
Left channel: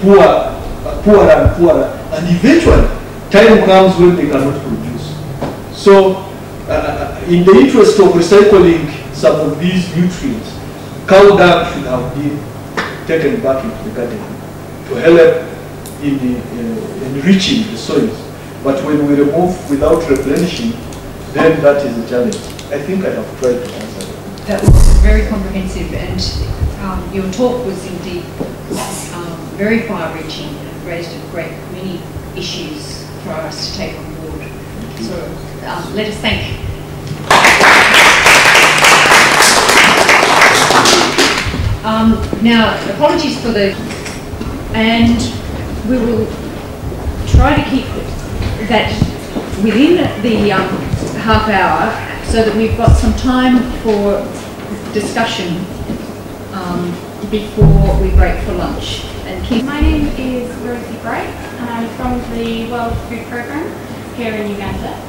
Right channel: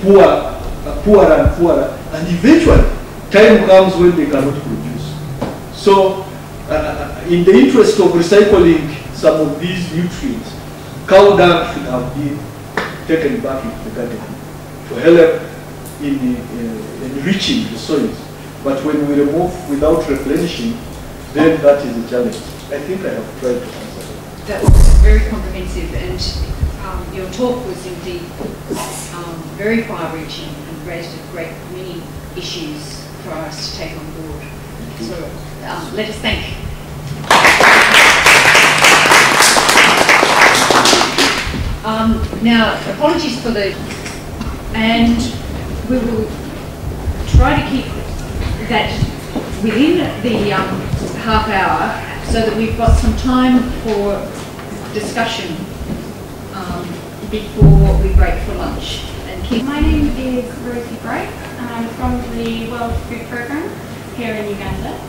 poorer and poorer, and eventually time comes when they cannot produce. So, in the interest of recycling some of these nutrients, cow dung should have been taken back into the garden to help in enriching the soil. But when we remove without replenishing, then that is a challenge. I think I have tried to answer that. That was very comprehensive, and your talk was indeed very far-reaching and raised a great many issues for us to take on board. So let us thank. Now, apologies for the, and we will try to keep that within the half hour so that we've got some time for discussion before we break for lunch. My name is Rosie Bright and I'm from the World Food Programme here in Uganda.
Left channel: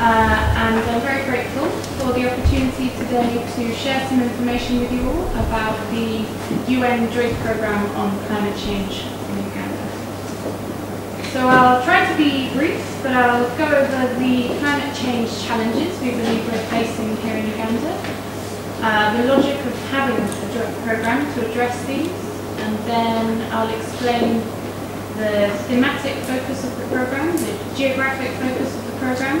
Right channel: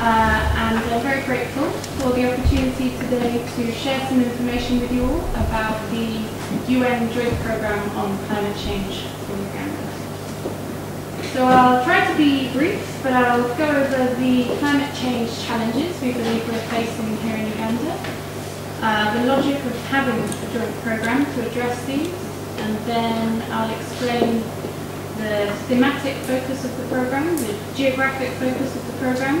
And I'm very grateful for the opportunity today to share some information with you all about the UN Joint Programme on Climate Change in Uganda. So I'll try to be brief, but I'll go over the climate change challenges we believe we're facing here in Uganda, the logic of having a joint programme to address these, and then I'll explain the thematic focus of the programme, the geographic focus of the programme,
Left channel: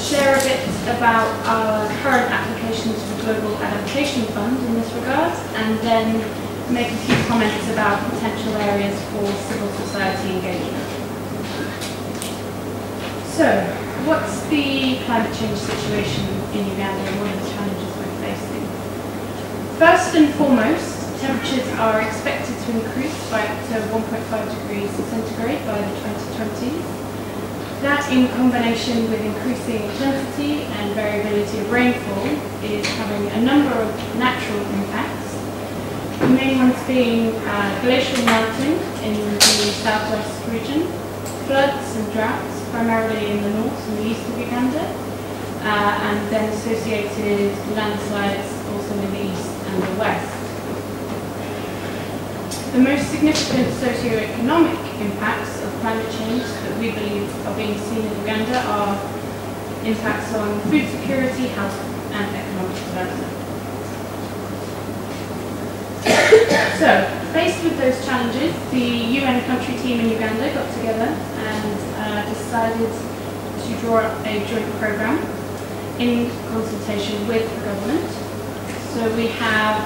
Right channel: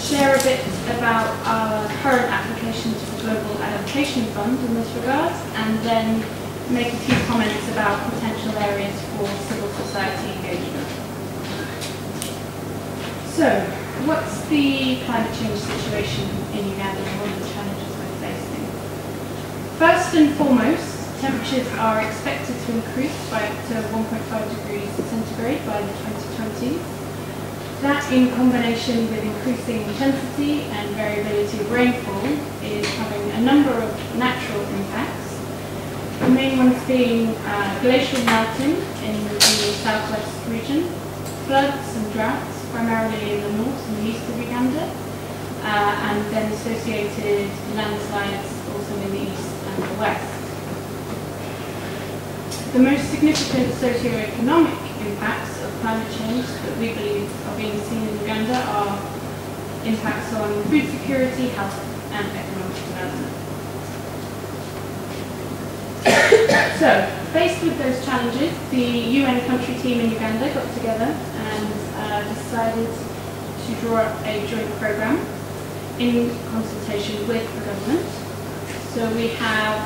share a bit about our current applications for the Global Adaptation Fund in this regard, and then make a few comments about potential areas for civil society engagement. So, what's the climate change situation in Uganda and what are the challenges we're facing? First and foremost, temperatures are expected to increase by up to 1.5 degrees centigrade by 2020. That, in combination with increasing intensity and variability of rainfall, is having a number of natural impacts. The main ones being glacial melting in the southwest region, floods and droughts, primarily in the north and the east of Uganda, and then associated landslides also in the east and the west. The most significant socio-economic impacts of climate change that we believe are being seen in Uganda are impacts on food security, health and economic development. So, faced with those challenges, the UN country team in Uganda got together and decided to draw up a joint programme in consultation with the government. So we have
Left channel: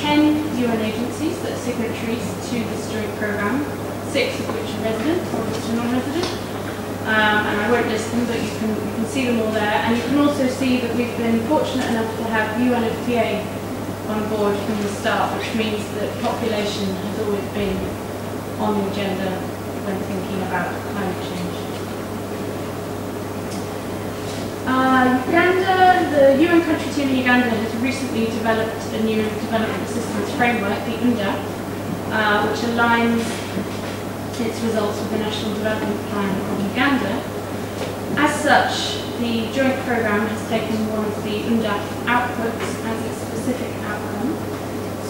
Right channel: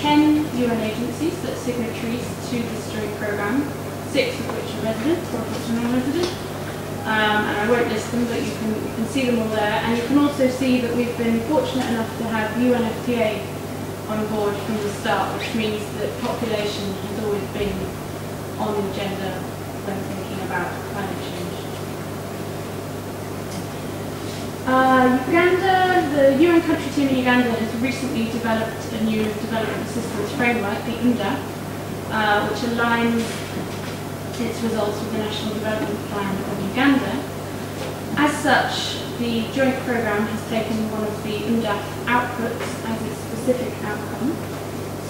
10 UN agencies that are signatories to this joint programme, 6 of which are resident, 4 of which are non-resident. And I won't list them, but you can see them all there. And you can also see that we've been fortunate enough to have UNFPA on board from the start, which means that population has always been on the agenda when thinking about climate change. Uganda, the UN country team in Uganda has recently developed a new development assistance framework, the UNDA, which aligns its results with the National Development Plan of Uganda. As such, the joint programme has taken one of the UNDA outputs as its specific outcome.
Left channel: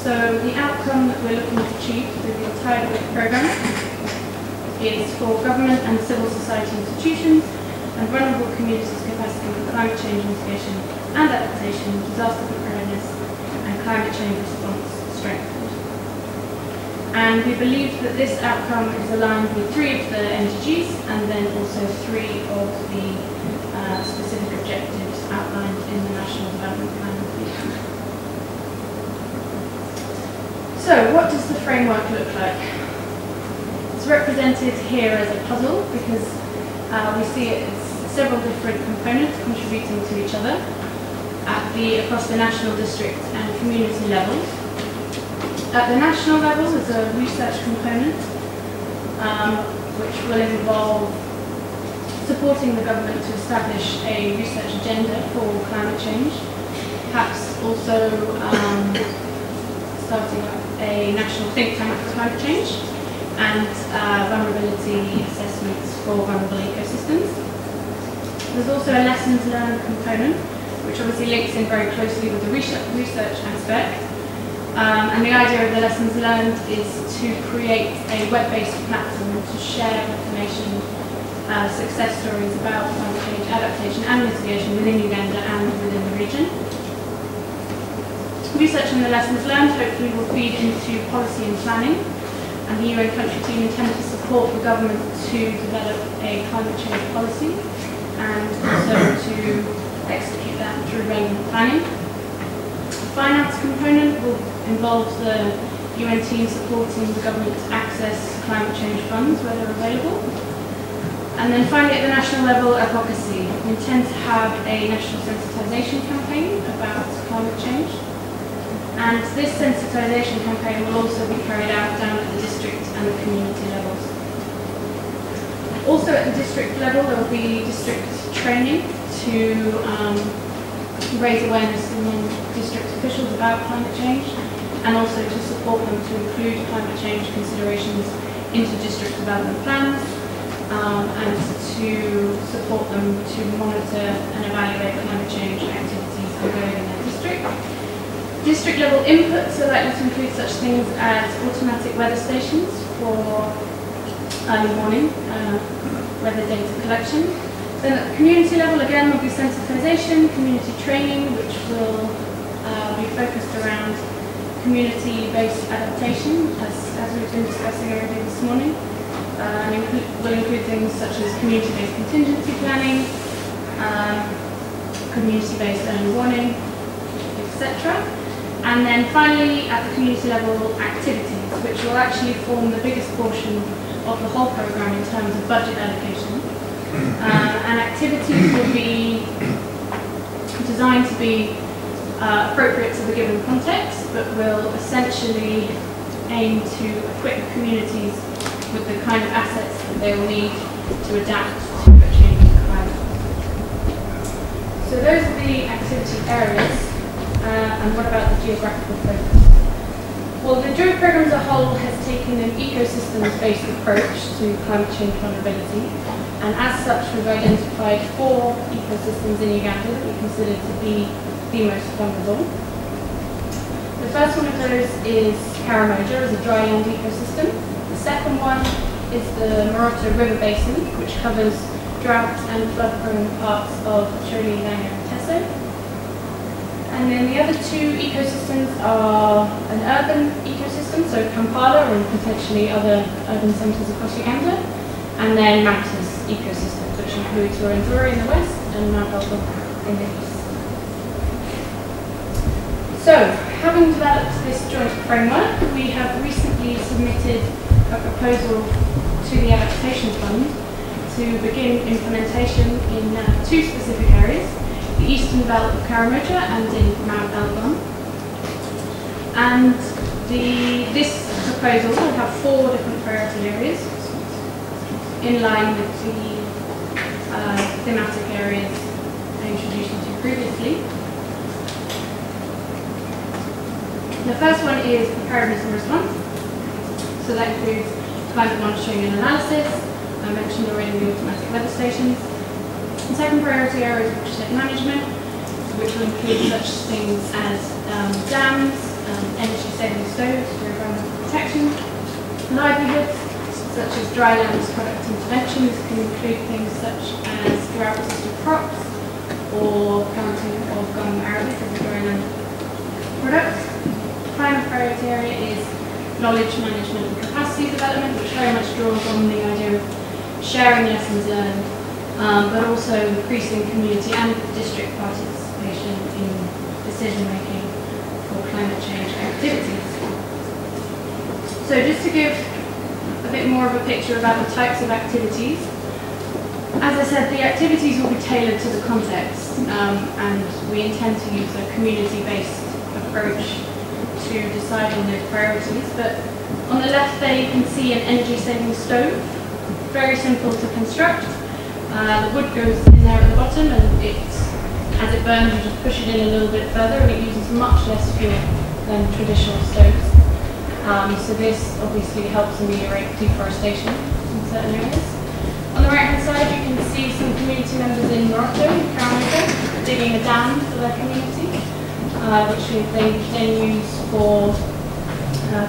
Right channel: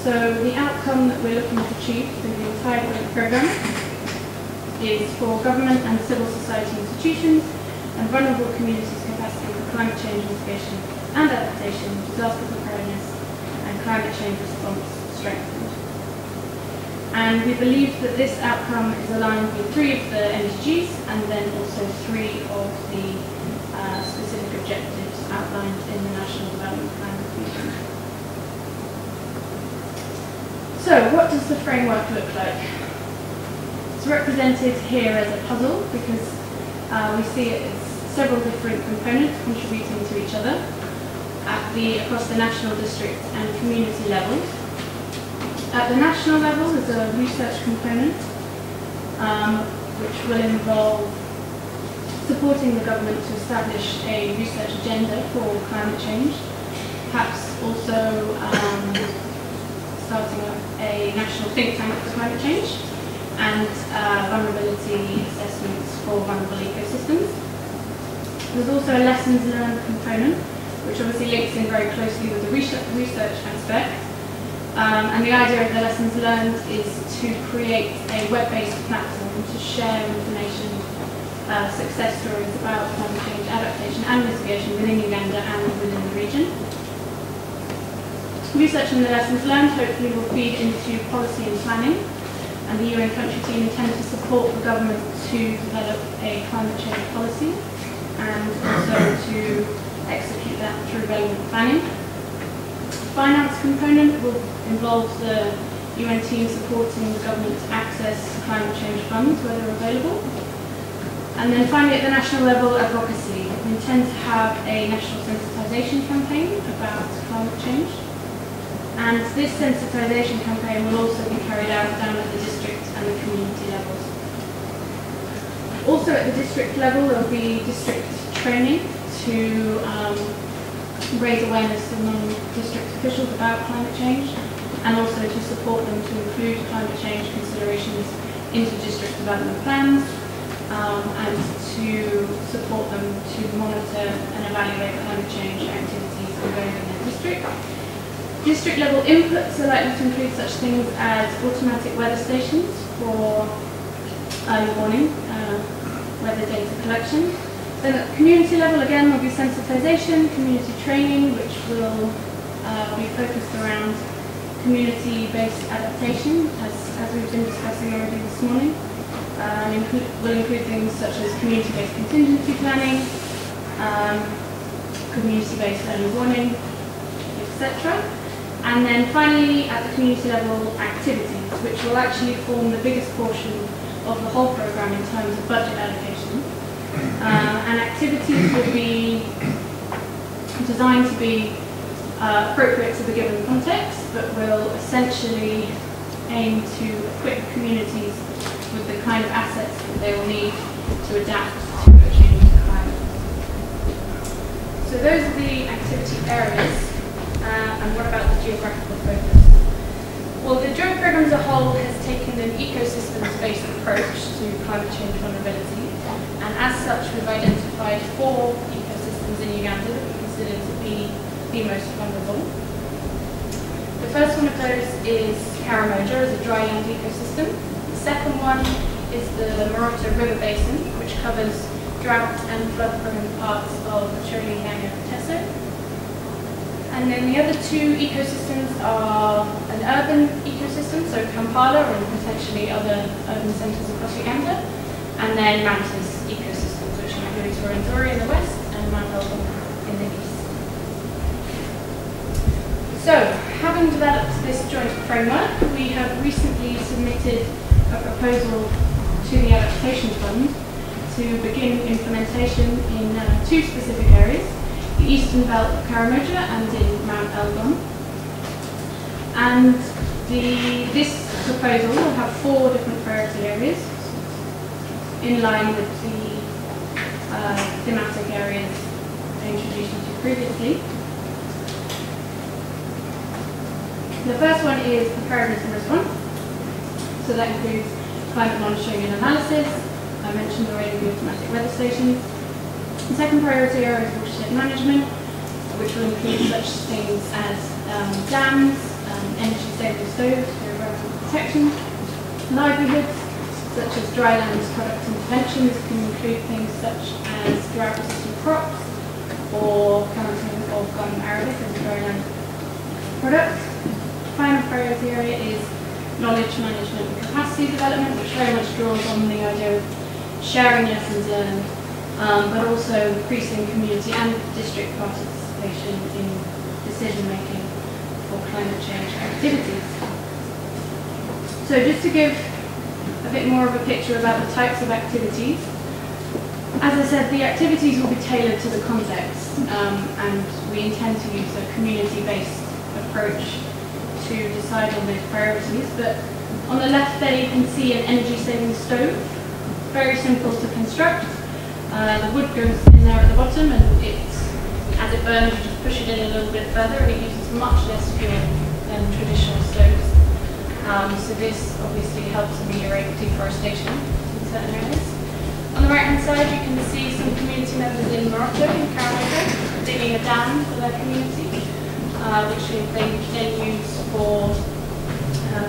So the outcome that we're looking to achieve through the entire joint programme is for government and civil society institutions and vulnerable communities' capacity for climate change mitigation and adaptation, disaster preparedness, and climate change response strengthened. And we believe that this outcome is aligned with 3 of the MDGs and then also 3 of the specific objectives outlined in the National Development Plan. So, what does the framework look like? It's represented here as a puzzle because we see it as several different components contributing to each other across the national, district and community levels. At the national level is a research component which will involve supporting the government to establish a research agenda for climate change, perhaps also starting a national think tank for climate change and vulnerability assessments for vulnerable ecosystems. There's also a lessons learned component, which obviously links in very closely with the research aspect. And the idea of the lessons learned is to create a web-based platform to share information, success stories about climate change adaptation and mitigation within Uganda and within the region. Research and the lessons learned hopefully will feed into policy and planning, and the UN country team intend to support the government to develop a climate change policy and also to execute that through relevant planning. The finance component will involve the UN team supporting the government's access to climate change funds where they're available. And then finally, at the national level, advocacy. We intend to have a national sensitisation campaign about climate change. And this sensitisation campaign will also be carried out down at the district and the community levels. Also at the district level, there will be district training to raise awareness among district officials about climate change and also to support them to include climate change considerations into district development plans and to support them to monitor and evaluate climate change activities ongoing in their district. District level inputs are likely to include such things as automatic weather stations for early warning, weather data collection. Then at the community level, again, there will be sensitisation, community training, which will be focused around community-based adaptation, as we've been discussing already this morning. Will include things such as community-based contingency planning, community-based early warning, etc. And then finally, at the community level, activities, which will actually form the biggest portion of the whole programme in terms of budget allocation. And activities will be designed to be appropriate to the given context, but will essentially aim to equip communities with the kind of assets that they will need to adapt to the changing climate. So those are the activity areas. And what about the geographical focus? Well, the joint programme as a whole has taken an ecosystems-based approach to climate change vulnerability, and as such we've identified 4 ecosystems in Uganda that we consider to be the most vulnerable. The first one of those is Karamoja, as a dry land ecosystem. The second one is the Moroto River Basin, which covers drought and flood-prone parts of Shogi-Langa Teso. And then the other 2 ecosystems are an urban ecosystem, so Kampala and potentially other urban centres across Uganda, and then mountainous ecosystems, which includes Rwenzori in the west and Mount Ashok in the east. So, having developed this joint framework, we have recently submitted a proposal to the Adaptation Fund to begin implementation in two specific areas, the eastern belt of Karamoja and in Mount Elgon. And this proposal will have 4 different priority areas in line with the thematic areas introduced into previously. The first one is preparedness and response. So that includes climate monitoring and analysis. I mentioned already the automatic weather stations. The second priority area is watershed management, which will include such things as dams, energy-saving stoves for environmental protection. Livelihoods, such as dry lands product interventions, can include things such as drought-resistant crops or planting of gum arabic as a dry land product. Final priority area is knowledge management and capacity development, which very much draws on the idea of sharing lessons learned, but also increasing community and district participation in decision making for climate change activities. So just to give a bit more of a picture about the types of activities, as I said, the activities will be tailored to the context, and we intend to use a community-based approach to decide on those priorities. But on the left there you can see an energy-saving stove, very simple to construct. The wood goes in there at the bottom, and as it burns you just push it in a little bit further, and it uses much less fuel than traditional stoves. So this obviously helps ameliorate deforestation in certain areas. On the right hand side you can see some community members in Morocco, in Karamoja, digging a dam for their community, which they can use for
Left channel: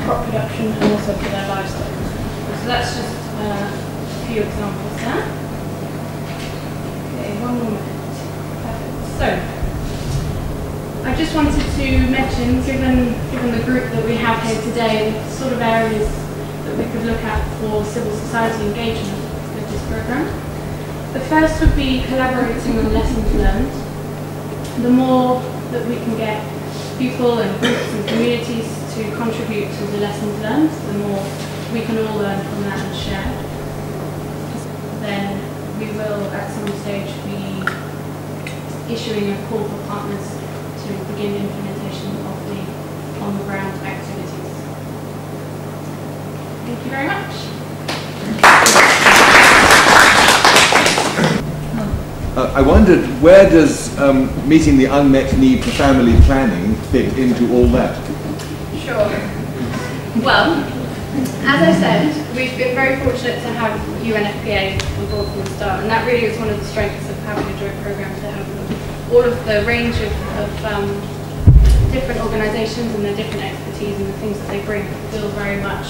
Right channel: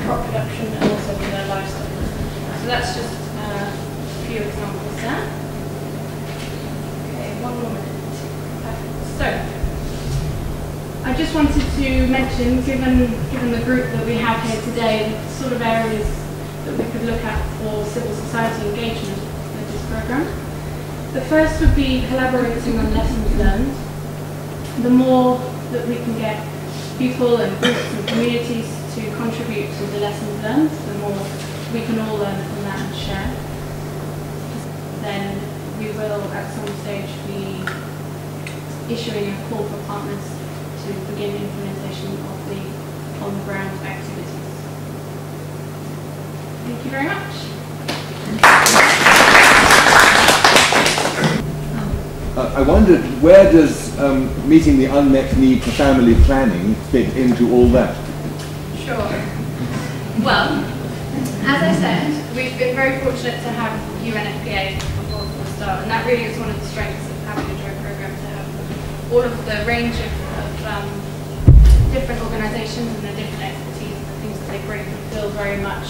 crop production and also for their livestock. So that's just a few examples there. Okay, one more. So, I just wanted to mention, given the group that we have here today, the sort of areas that we could look at for civil society engagement with this programme. The first would be collaborating on lessons learned. The more that we can get people and groups and communities to contribute to the lessons learned, the more we can all learn from that and share. Then we will at some stage be issuing a call for partners to begin implementation of the on-the-ground activities. Thank you very much. I wondered, where does meeting the unmet need for family planning fit into all that? Sure. Well, as I said, we've been very fortunate to have UNFPA on board from the start, and that really is one of the strengths of having a joint programme to have all of the range of different organisations and the different expertise and the things that they bring feel very much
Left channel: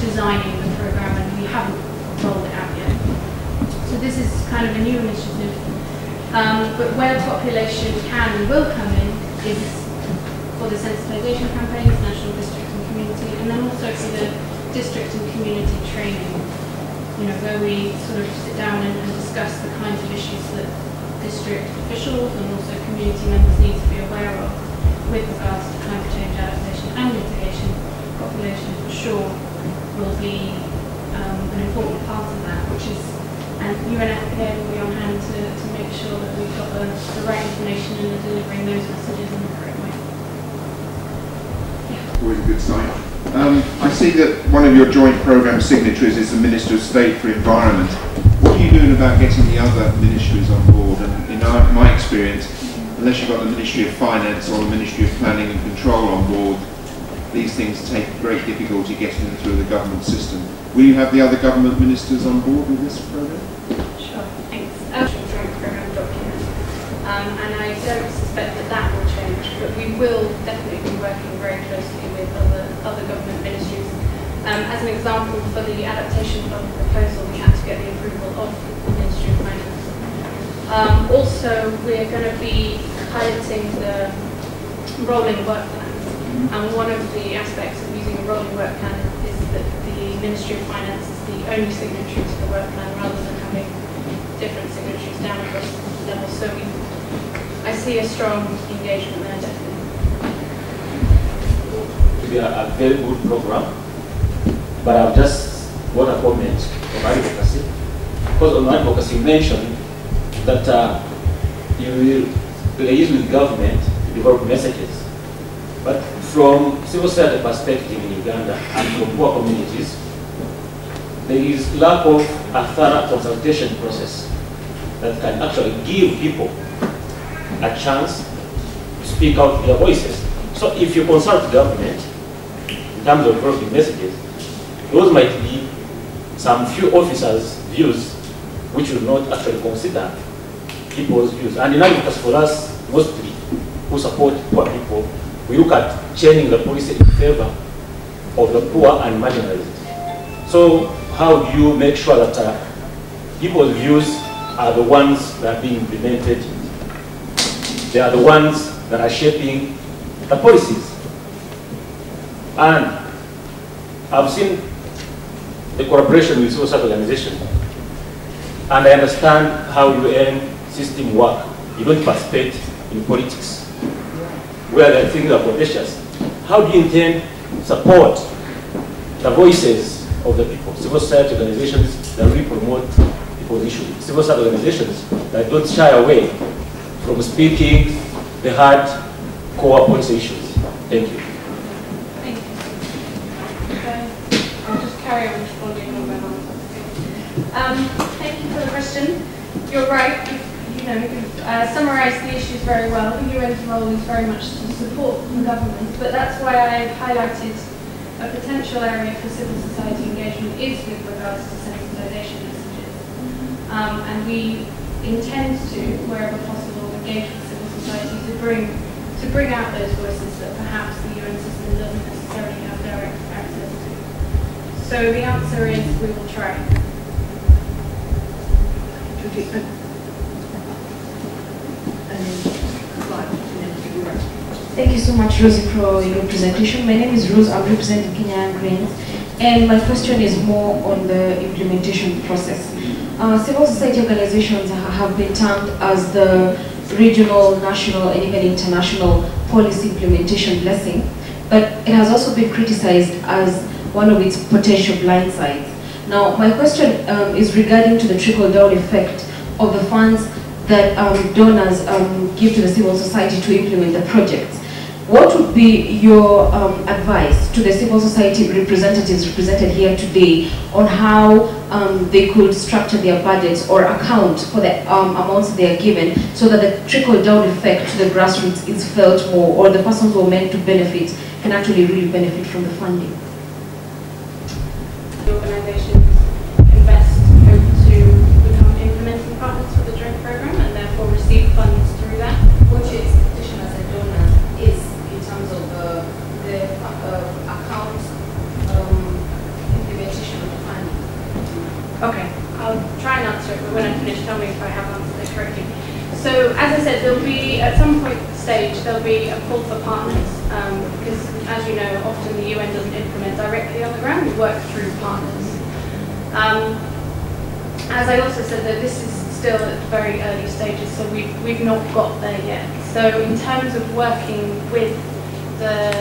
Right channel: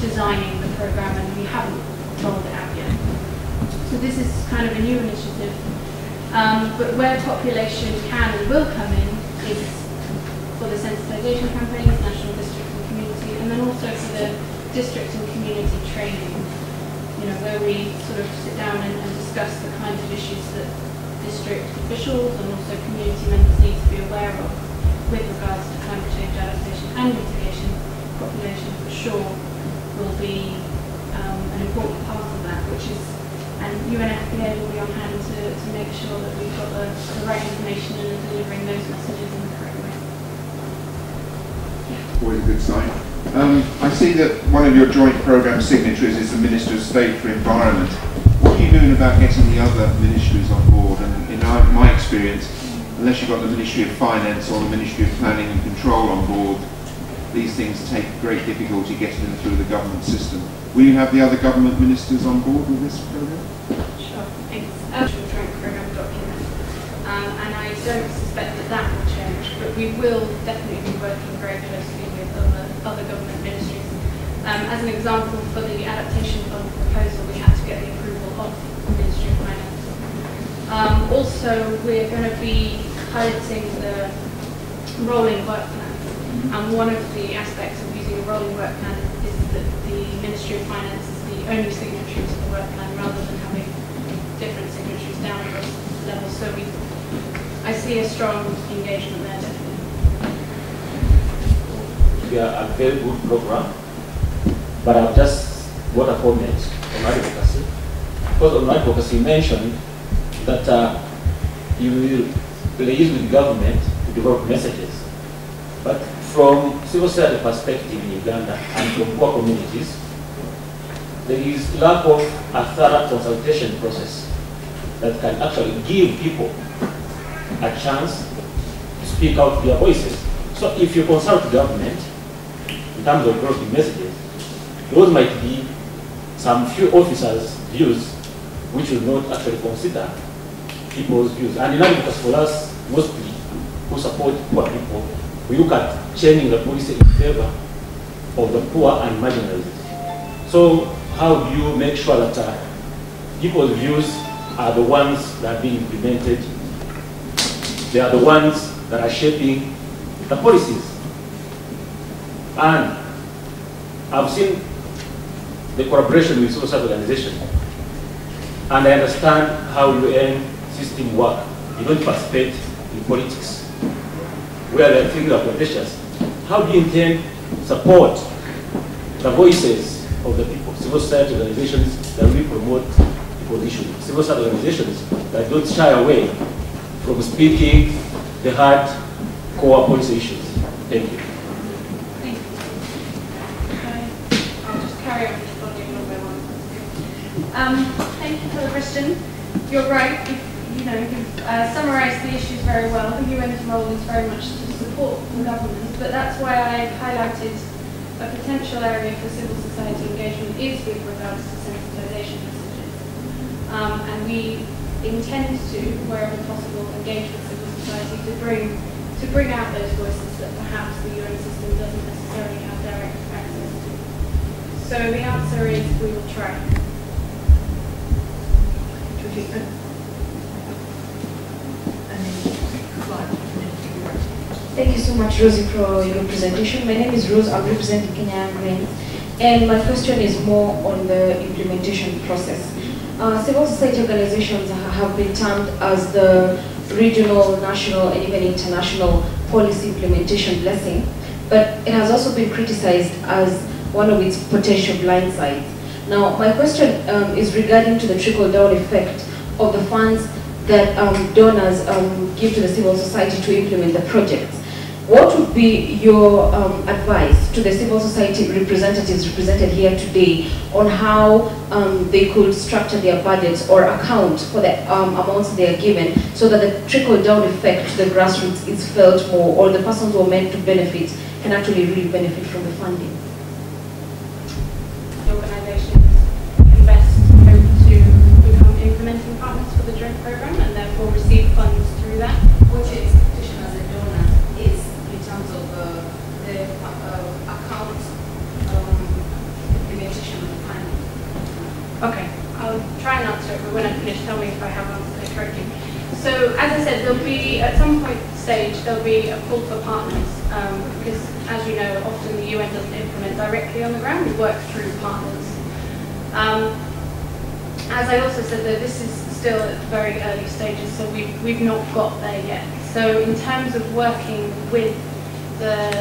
designing the programme, and we haven't rolled it out yet. So this is kind of a new initiative, but where the population can and will come in is for the sensitisation campaigns, national, district and community, and then also for the district and community training, where we sort of sit down and discuss the kinds of issues that district officials and also community members need to be aware of with regards to climate change adaptation and mitigation. Population for sure will be an important part of that, which is, and UNFPA will be on hand to make sure that we've got the right information and the delivering those messages in the correct way. Always a good sign. I see that one of your joint programme signatories is the Minister of State for Environment. What are you doing about getting the other ministries on board? And in my experience, unless you've got the Ministry of Finance or the Ministry of Planning and Control on board, these things take great difficulty getting them through the government system. Will you have the other government ministers on board with this programme? Sure, thanks. Programme document. And I don't suspect that will change, but we will definitely be working very closely with other government ministries. As an example, for the adaptation fund proposal, we had to get the approval of the Ministry of Finance. Also, we're going to be piloting the rolling work plan. And one of the aspects of using a rolling work plan is that the Ministry of Finance is the only signatory to the work plan, rather than having different signatories down across the level. So I see a strong engagement there, definitely. to be a very good program, but I've just got a comment on advocacy. Because on advocacy, you mentioned that you will liaise with government to develop messages. But from civil society perspective in Uganda and from poor communities, there is lack of a thorough consultation process that can actually give people a chance to speak out their voices. So if you consult government in terms of developing messages, those might be some few officers' views which will not actually consider people's views. And in advocacy for us, mostly who support poor people, we look at changing the policy in favor of the poor and marginalized. So how do you make sure that people's views are the ones that are being implemented? They are the ones that are shaping the policies. And I've seen the collaboration with civil society organizations, and I understand how UN system work. You don't participate in politics where the things are contentious. How do you intend to support the voices of the people? Civil society organizations that really promote people issues. Civil society organizations that don't shy away from speaking the hard core policy issues. Thank you. I'll just carry on. Thank you for the question. You're right. You've summarised the issues very well. The UN's role is very much to support the government, but that's why I highlighted a potential area for civil society engagement is with regards to sensitization. And we intend to, wherever possible, engage with civil society to bring out those voices that perhaps the UN system doesn't necessarily have direct access to. So the answer is we will try. Thank you so much, Rosie, for your presentation. My name is Rose. I'm representing Kenya Green. And my question is more on the implementation process. Civil society organizations have been termed as the regional, national, and even international policy implementation blessing, but it has also been criticized as one of its potential blind sides. Now, my question is regarding to the trickle-down effect of the funds that donors give to the civil society to implement the projects. What would be your advice to the civil society representatives represented here today on how they could structure their budgets or account for the amounts they are given so that the trickle-down effect to the grassroots is felt more, or the persons who are meant to benefit can actually really benefit from the funding? Organizations invest to become implementing partners for the joint program and therefore receive funds through that. What is in terms of the account implementation of the plan? Okay, I'll try and answer it, but when I finish, tell me if I have answered it correctly. So, as I said, there'll be, at some point stage, there'll be a call for partners, because, as you know, often the UN doesn't implement directly on the ground, we work through partners. As I also said, that this is still at very early stages, so we've not got there yet. So, in terms of working with the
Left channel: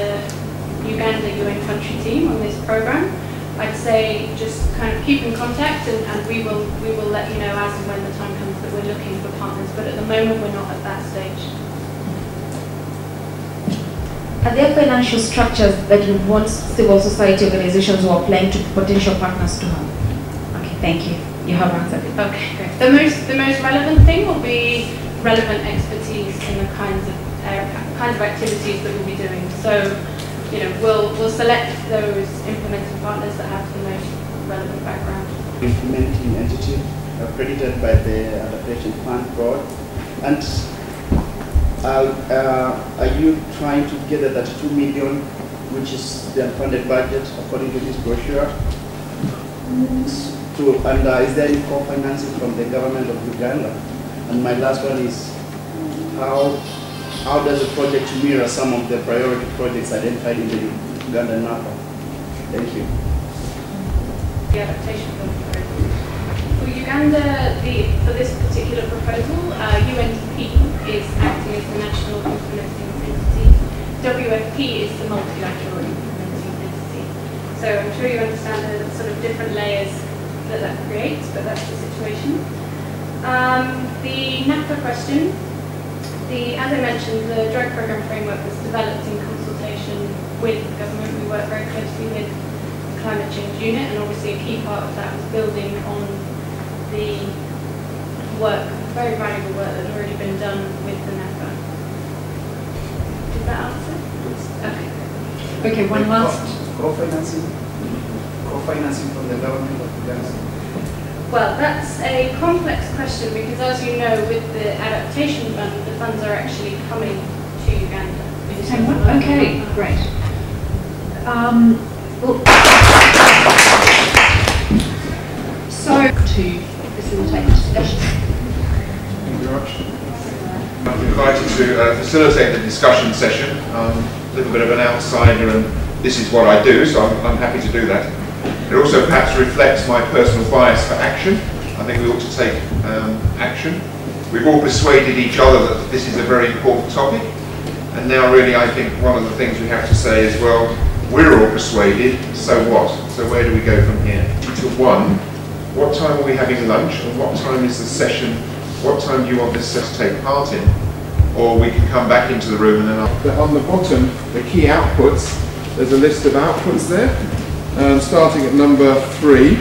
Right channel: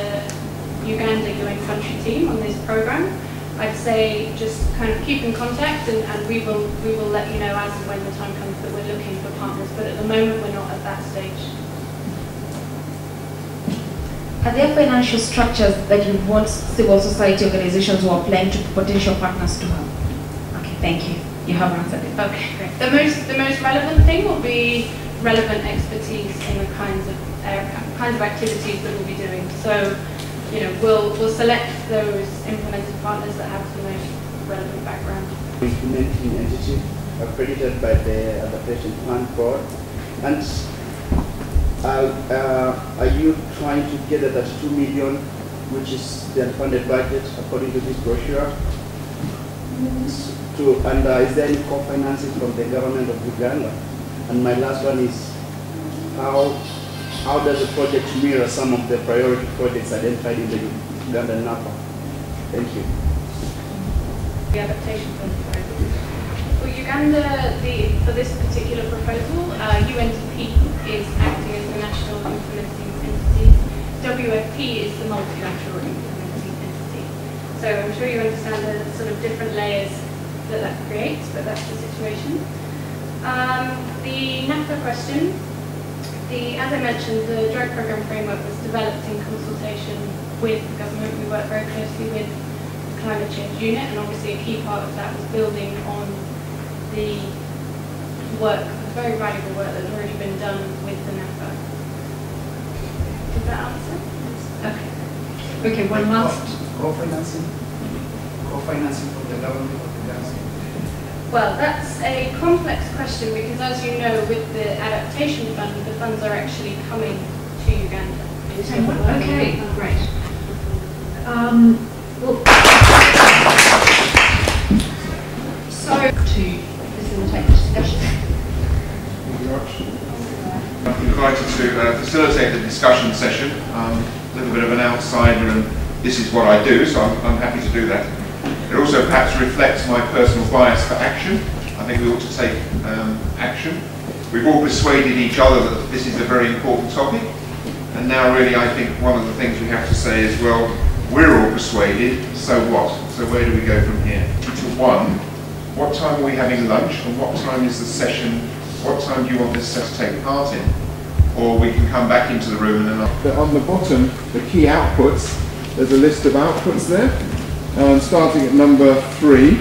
Uganda UN country team on this program, I'd say just kind of keep in contact, and we will let you know as and when the time comes that we're looking for partners, but at the moment we're not at that stage. Are there financial structures that you want civil society organizations who are planning to potential partners to have? Okay, thank you. You have answered. Okay. The most relevant thing will be relevant expertise in the kinds of activities that we'll be doing. So, we'll select those implementing partners that have the most relevant background. Implementing entity accredited by the Adaptation Fund Board, and are you trying to gather that 2 million, which is the unfunded budget according to this brochure? And is there any co-financing from the government of Uganda? And my last one is, how does the project mirror some of the priority projects identified in the Ugandan NAPA? Thank you. The adaptation fund proposal. For Uganda, for this particular proposal, UNDP is acting as the national implementing entity. WFP is the multilateral implementing sure you understand the sort of different layers that creates, but that's the situation. The NAPA question, as I mentioned, the Joint Programme Framework was developed in consultation with the government. We work very closely with the Climate Change Unit, and obviously a key part of that is building on the work, very valuable work that's already been done with the NAPA. Does that answer? Okay. Okay, one last. Co-financing from the government. Well, that's a complex question because, as you know, with the adaptation fund, the funds are actually coming to Uganda. Okay, great. So, to facilitate discussion. Thank you very much. I've been invited to facilitate the discussion session. A little bit of an outsider, and this is what I do, so I'm happy to do that. It also perhaps reflects my personal bias for action. I think we ought to take action. We've all persuaded each other that this is a very important topic, and now really I think one of the things we have to say is, well, we're all persuaded, so what? So where do we go from here? To one, what time are we having lunch, and what time is the session, what time do you want us to take part in? Or we can come back into the room and then on the bottom, the key outputs, there's a list of outputs there. Starting at number 3,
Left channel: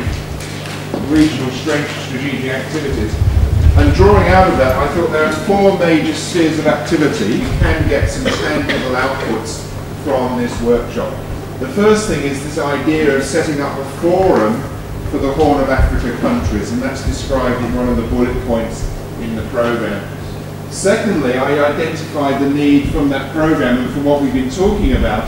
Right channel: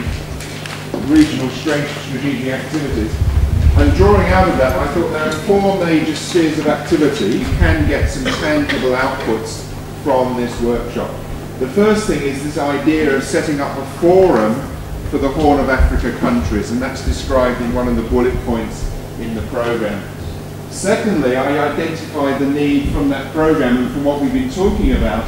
regional strength strategic activities. And drawing out of that, I thought there are 4 major spheres of activity. You can get some tangible outputs from this workshop. The first thing is this idea of setting up a forum for the Horn of Africa countries, and that's described in one of the bullet points in the programme. Secondly, I identified the need from that programme and from what we've been talking about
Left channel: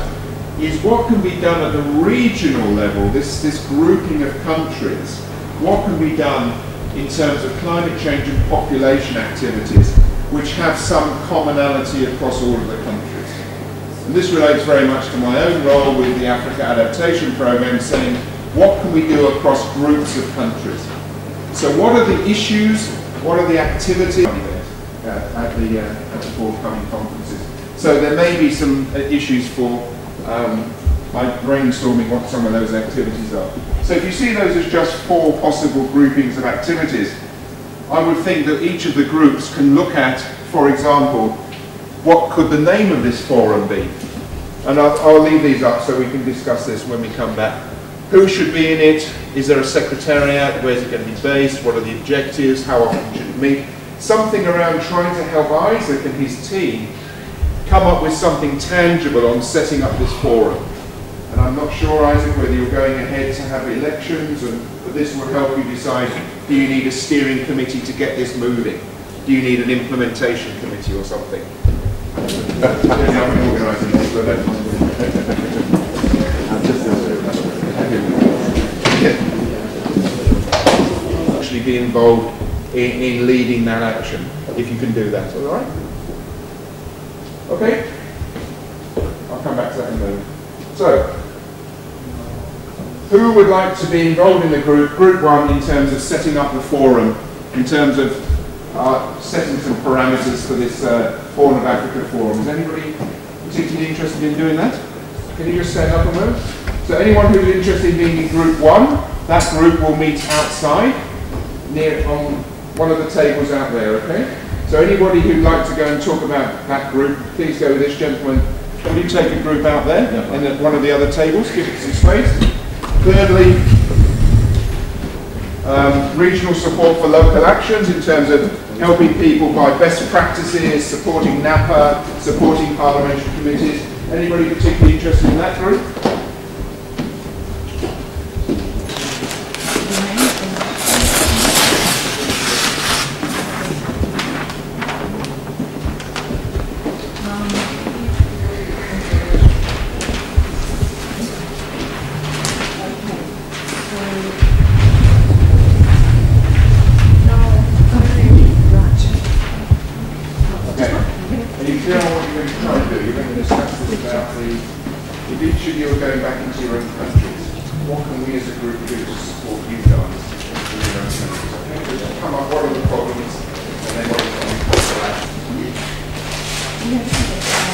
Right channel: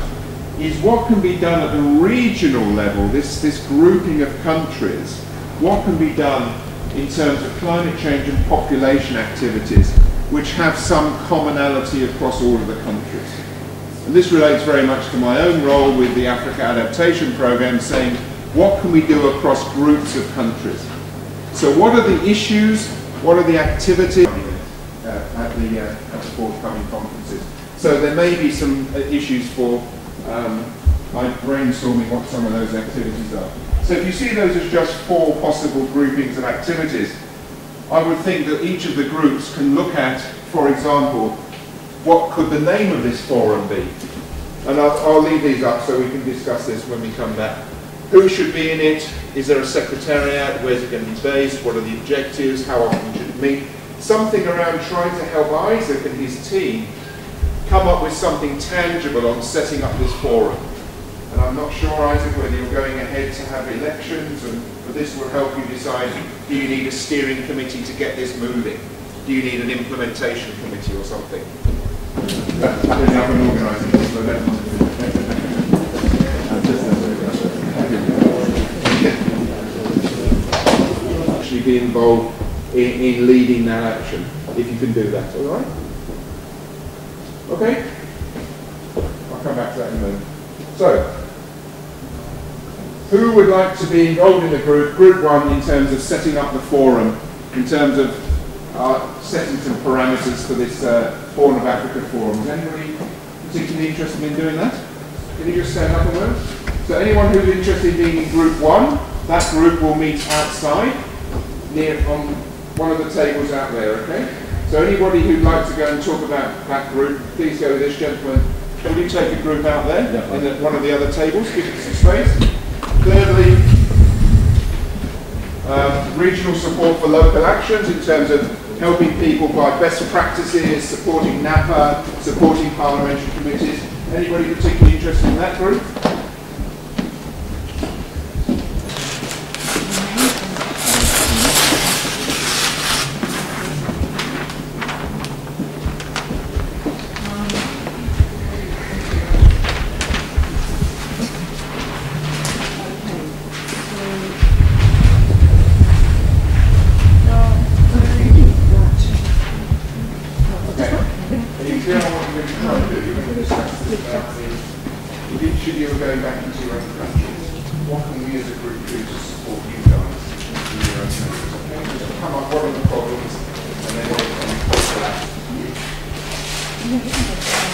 is what can be done at the regional level, this grouping of countries, what can be done in terms of climate change and population activities which have some commonality across all of the countries. And this relates very much to my own role with the Africa Adaptation Programme, saying what can we do across groups of countries. So what are the issues, what are the activities at the forthcoming conferences. So there may be some issues for brainstorming what some of those activities are. So if you see those as just 4 possible groupings of activities, I would think that each of the groups can look at, for example, what could the name of this forum be? And I'll leave these up so we can discuss this when we come back. Who should be in it? Is there a secretariat? Where's it going to be based? What are the objectives? How often should it meet? Something around trying to help Isaac and his team come up with something tangible on setting up this forum. And I'm not sure, Isaac, whether you're going ahead to have elections, and this will help you decide, do you need a steering committee to get this moving? Do you need an implementation committee or something? I'm organising this, so actually be involved in leading that action, if you can do that, all right? Okay? I'll come back to that in a moment. So, who would like to be involved in the group? Group 1 in terms of setting up the forum, in terms of setting some parameters for this Horn of Africa forum. Is anybody particularly interested in doing that? Can you just stand up a moment? So anyone who's interested in being in group 1, that group will meet outside, near on one of the tables out there, okay? So anybody who'd like to go and talk about that group, please go with this gentleman. Can you take a group out there in one of the other tables? Give it some space. Thirdly, regional support for local actions in terms of helping people by best practices, supporting NAPA, supporting parliamentary committees. Anybody particularly interested in that group?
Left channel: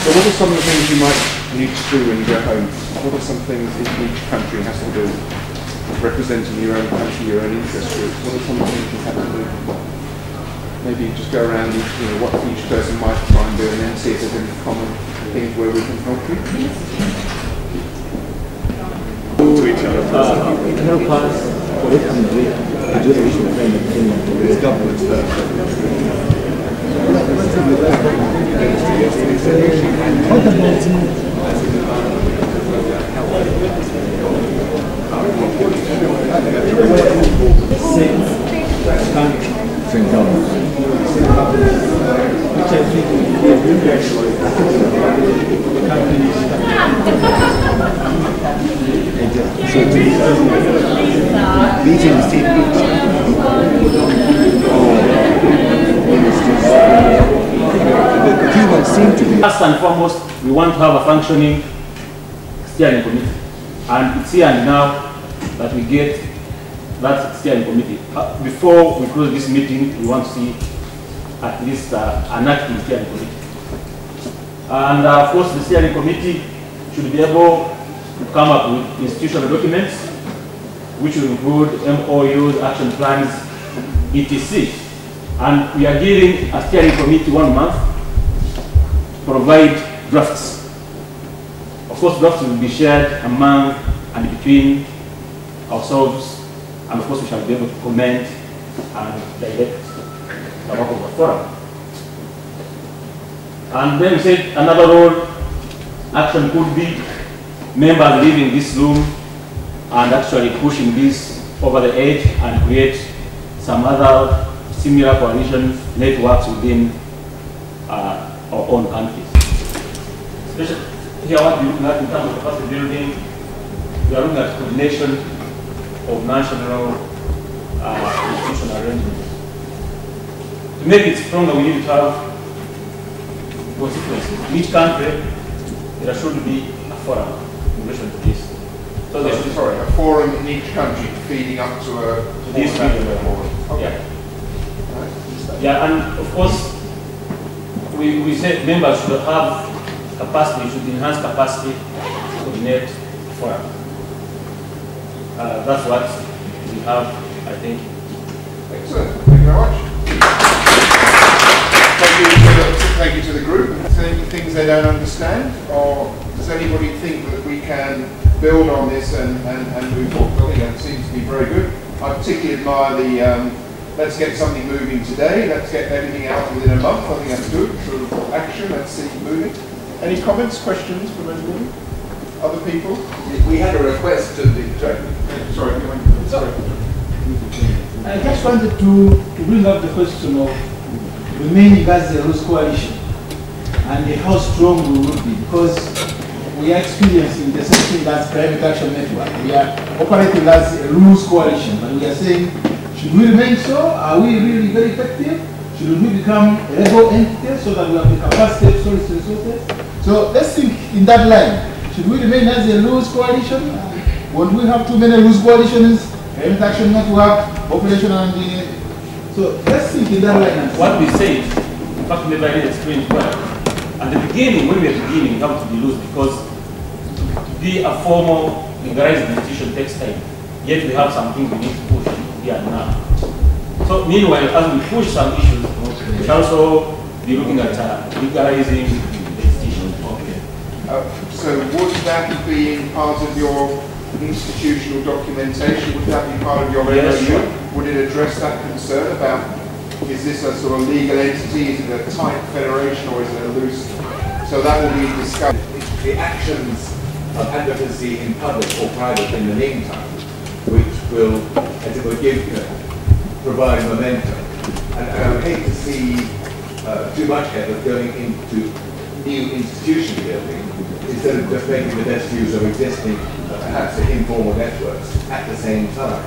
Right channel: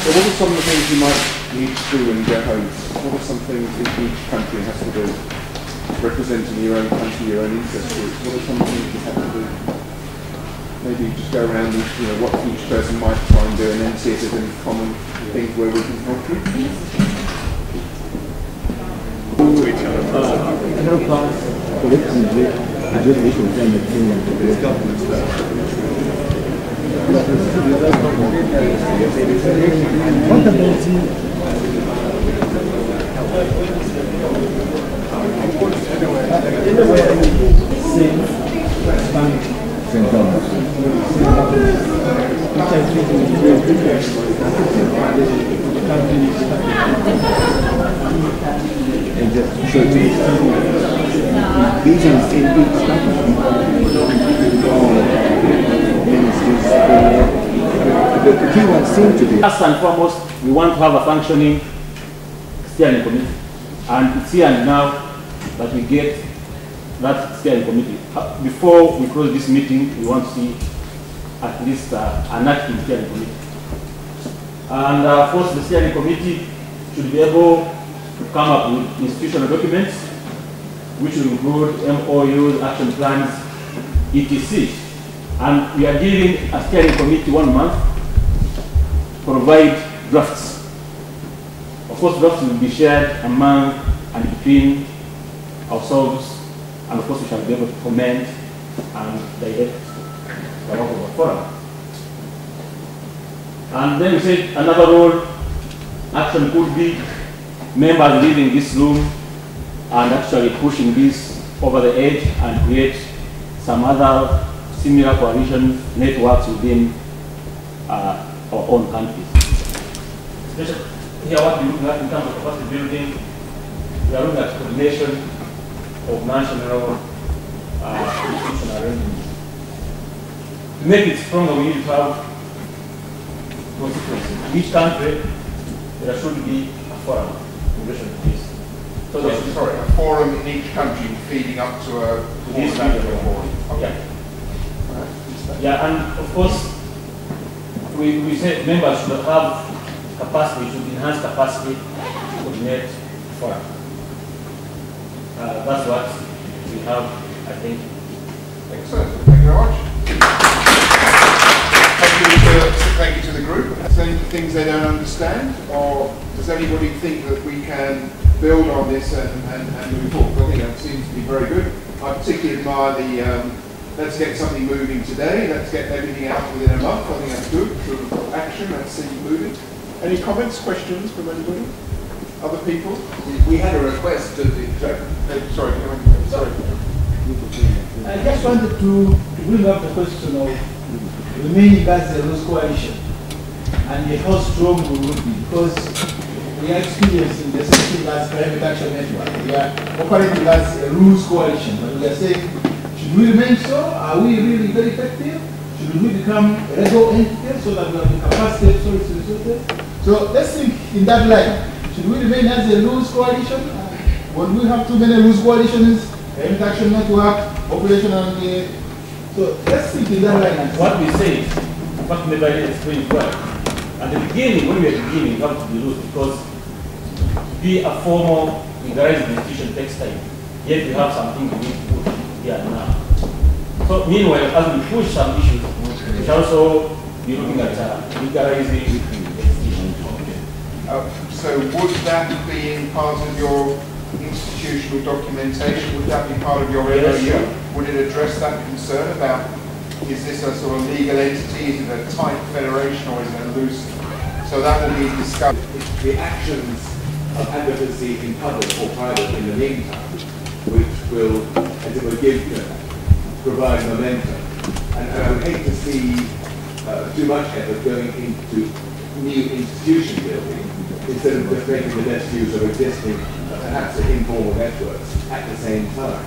So what are some of the things you might need to do when you go home? What are some things each country has to do? Representing your own country, your own interest group, what are some things you have to do? Maybe just go around what each person might try and do, and then see if there's any common things where we can help you. Help us collectively address the issue of climate change and what about St. Thomas. Which I think will be a So meetings in each government or ministers the two ones seem to be. First and foremost, we want to have a functioning steering committee. And it's here and now that we get that steering committee. Before we close this meeting, we want to see at least an active steering committee. And of course, the steering committee should be able to come up with institutional documents, which will include MOUs, action plans, etc. And we are giving a steering committee 1 month to provide drafts. Of course, drafts will be shared among and between ourselves, and of course we shall be able to comment and direct the work of the forum. And then we said another role action could be members leaving this room and actually pushing this over the edge and create some other similar coalition networks within our own countries. Here, what we're looking at in terms of capacity building, we are looking at coordination of national institutional arrangements. To make it stronger, we need to have constituencies. In each country, there should be a forum in relation to this. So there should be a forum in each country feeding up to this level. Yeah. Yeah, and of course, we say members should have capacity, should enhance capacity to coordinate forum. That's what we have, I think. Thank you very much. Thank you to the group. Any things they don't understand, or does anybody think that we can build on this and move forward? I think that seems to be very good. I particularly admire the let's get something moving today, let's get everything out within a month. I think that's good. Sort of action, let's see it moving. Any comments, questions from anybody? Other people? We had a request to the... Sorry. I just wanted to bring up the question of remaining as a loose coalition and how strong we would be, because we are experiencing the same thing as Climate Action Network. We are operating as a loose coalition, but we are saying, should we remain so? Are we really very effective? Should we become a legal entity so that we have the capacity to source resources? So let's think in that line. Should we remain as a loose coalition? When we have too many loose coalitions, Climate Action Network, population and so let's think in that line. What we say, in fact, maybe I didn't explain well. At the beginning, when we are beginning, we have to be loose because to be a formal legalized institution takes time. Yet we have something we need to push here and now. So meanwhile, as we push some issues, we shall also be looking at legalizing the institution. So would that be part of your institutional documentation? Would that be part of your Yes, sure. Would it address that concern about, is this a sort of legal entity, is it a tight federation, or is it a loose? So that will be discussed. The actions of advocacy in public or private in the meantime, which will, as it will, provide momentum. And I would hate to see too much effort going into new institution building instead of just making the best use of existing, perhaps informal networks at the same time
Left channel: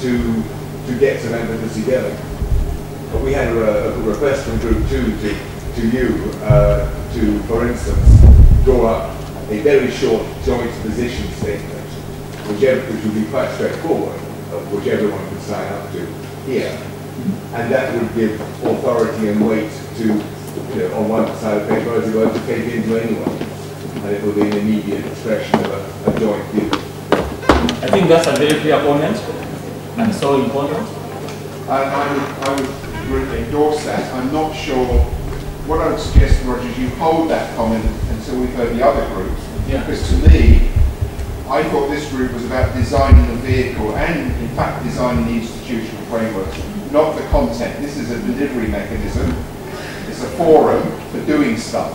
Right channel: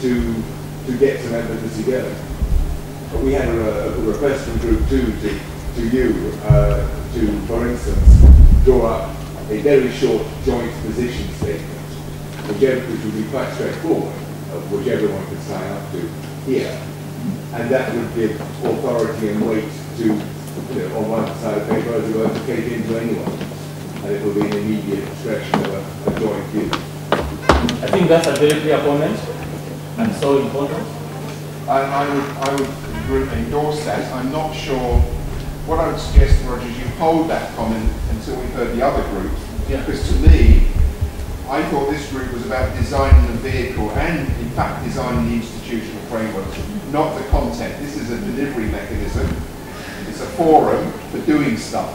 to get some advocacy going. But we had a request from Group 2 to you to, for instance, draw up a very short joint position statement, which would be quite straightforward, which everyone could sign up to here. And that would give authority and weight to, on one side of paper, as it were, to take into anyone. and it will be an immediate expression of a joint view. I think that's a very clear comment and so important. And I would endorse that. I'm not sure. What I would suggest, Roger, is you hold that comment until we've heard the other group. Yeah. Because to me, I thought this group was about designing the vehicle and, in fact, designing the institutional framework, not the content. This is a delivery mechanism. It's a forum for doing stuff.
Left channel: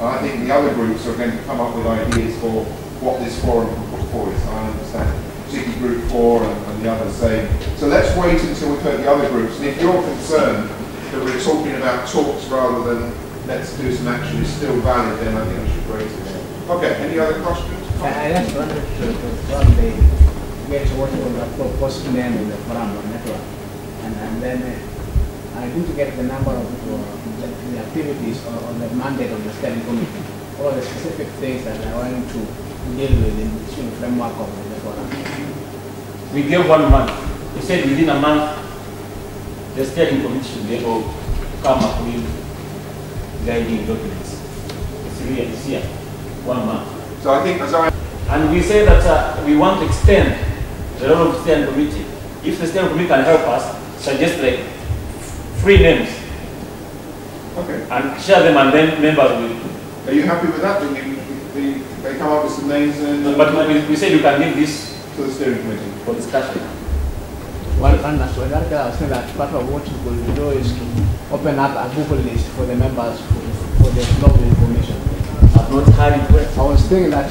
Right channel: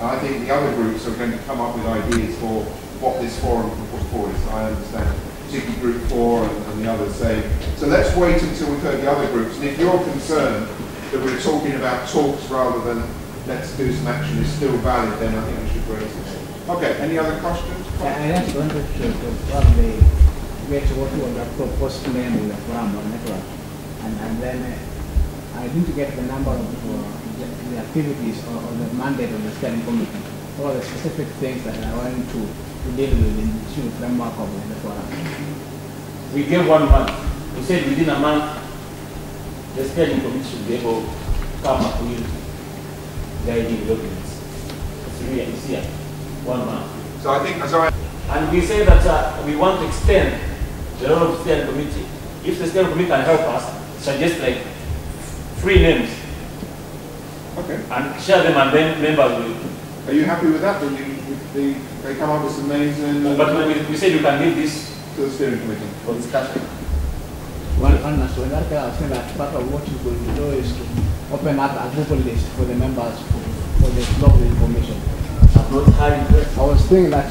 And I think the other groups are going to come up with ideas for what this forum can put forward. I understand. Particularly Group 4 and the others say. So let's wait until we've heard the other groups. And if you're concerned that we're talking about talks rather than let's do some action is still valid, then I think we should raise it. Okay, any other questions? I just wanted to probably get what was the proposed name of the forum network. And then I didn't get the number of the activities or the mandate of the steering committee, or the specific things that I wanted to deal with in the framework of the forum. We gave 1 month. We said within a month, the steering committee should be able to come up with guiding documents. It's here, 1 month. So I think, and we say that we want to extend the role of the steering committee. If the steering committee can help us, suggest like 3 names. Okay. And share them, and then members will. Are you happy with that? They come up with some names and. But we say we can give this to the steering committee for discussion. One aspect that I was saying that part of what you could do is to open up a Google list for the members for the flow of the information. I was thinking that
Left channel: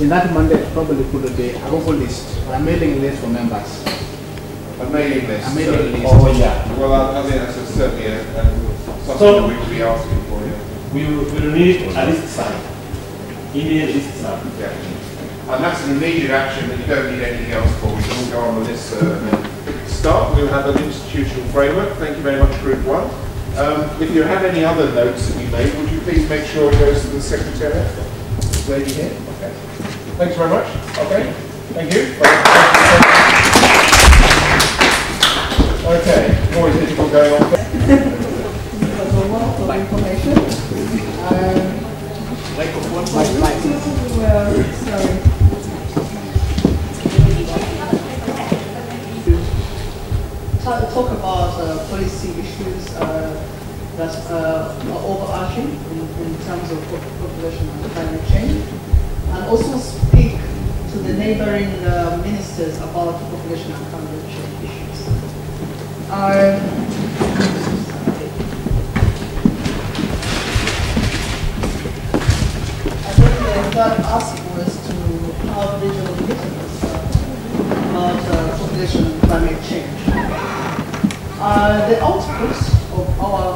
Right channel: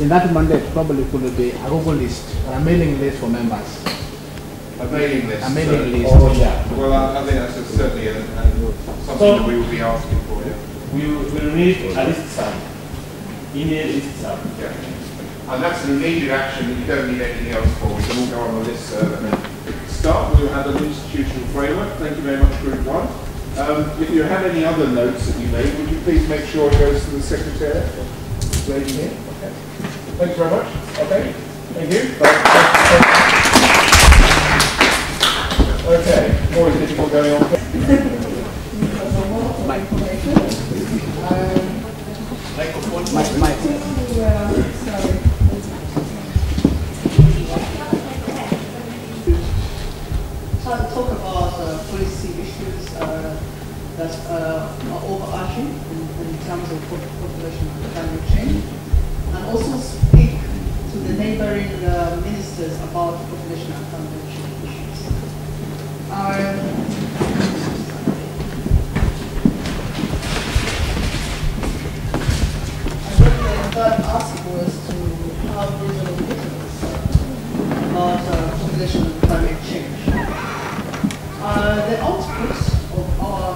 in that mandate probably could be a Google list or a mailing list for members. A mailing list. A mailing list. Oh yeah. Well, I think that's certainly something so we will be asking for. We will need a list server. Email list server. Yeah. And that's an immediate action. We don't need anything else for. We can all go on the list. Start. We will have an institutional framework. Thank you very much, Group 1. If you have any other notes that you made, would you please make sure it goes to the Secretariat? This lady here. Okay. Thanks very much. Okay. Thank you. Okay. Always difficult going on. It was a wealth of information. Sorry. Talk about policy issues that are overarching in terms of population and climate change, and also speak to the neighboring ministers about population and climate change issues. I thought the third ask was to have regional meetings about population and climate change. The output of our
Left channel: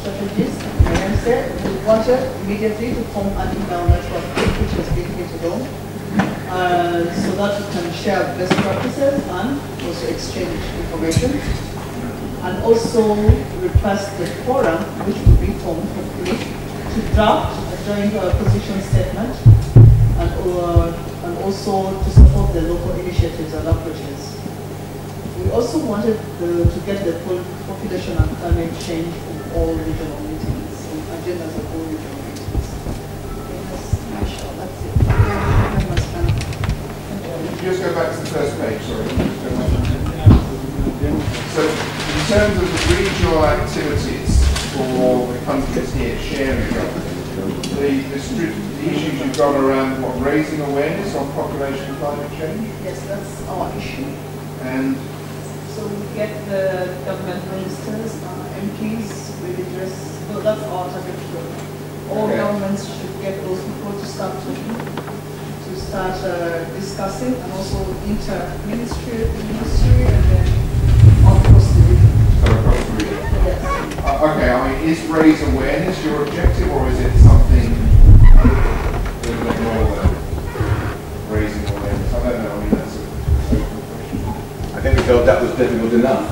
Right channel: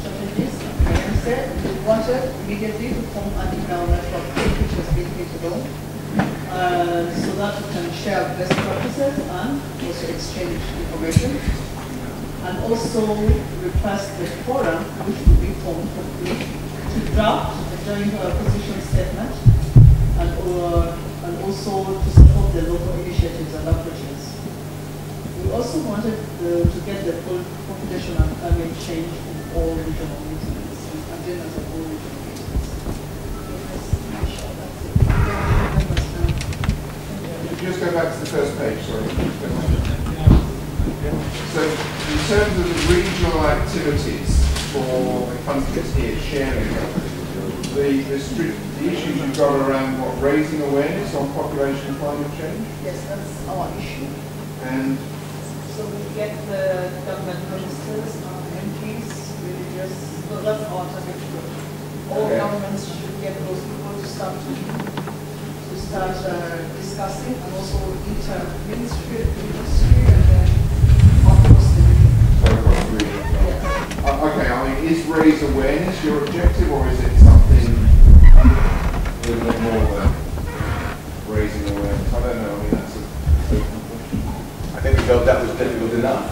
strategies, as I said, we wanted immediately to form an internal network which has been created on, so that we can share best practices and also exchange information, and also request the forum, which will be formed hopefully, to draft a joint position statement, and also to support the local initiatives and approaches. We also wanted to get the population and climate change in all regional meetings, and agenda for all regional meetings. Just go back to the first page, sorry. So, in terms of the regional activities for the countries here sharing the issues you've got around what, raising awareness on population and climate change? Yes, that's our issue. And so we get the government ministers, MPs, religious, so that's our target group. All governments should get those people to start discussing, and also inter-ministry, and then across the region. Across the region. Yeah. Okay, I mean, is raise awareness your objective, or is it something a little bit more than raising awareness? I don't know. I mean, that's I think we felt that was difficult enough.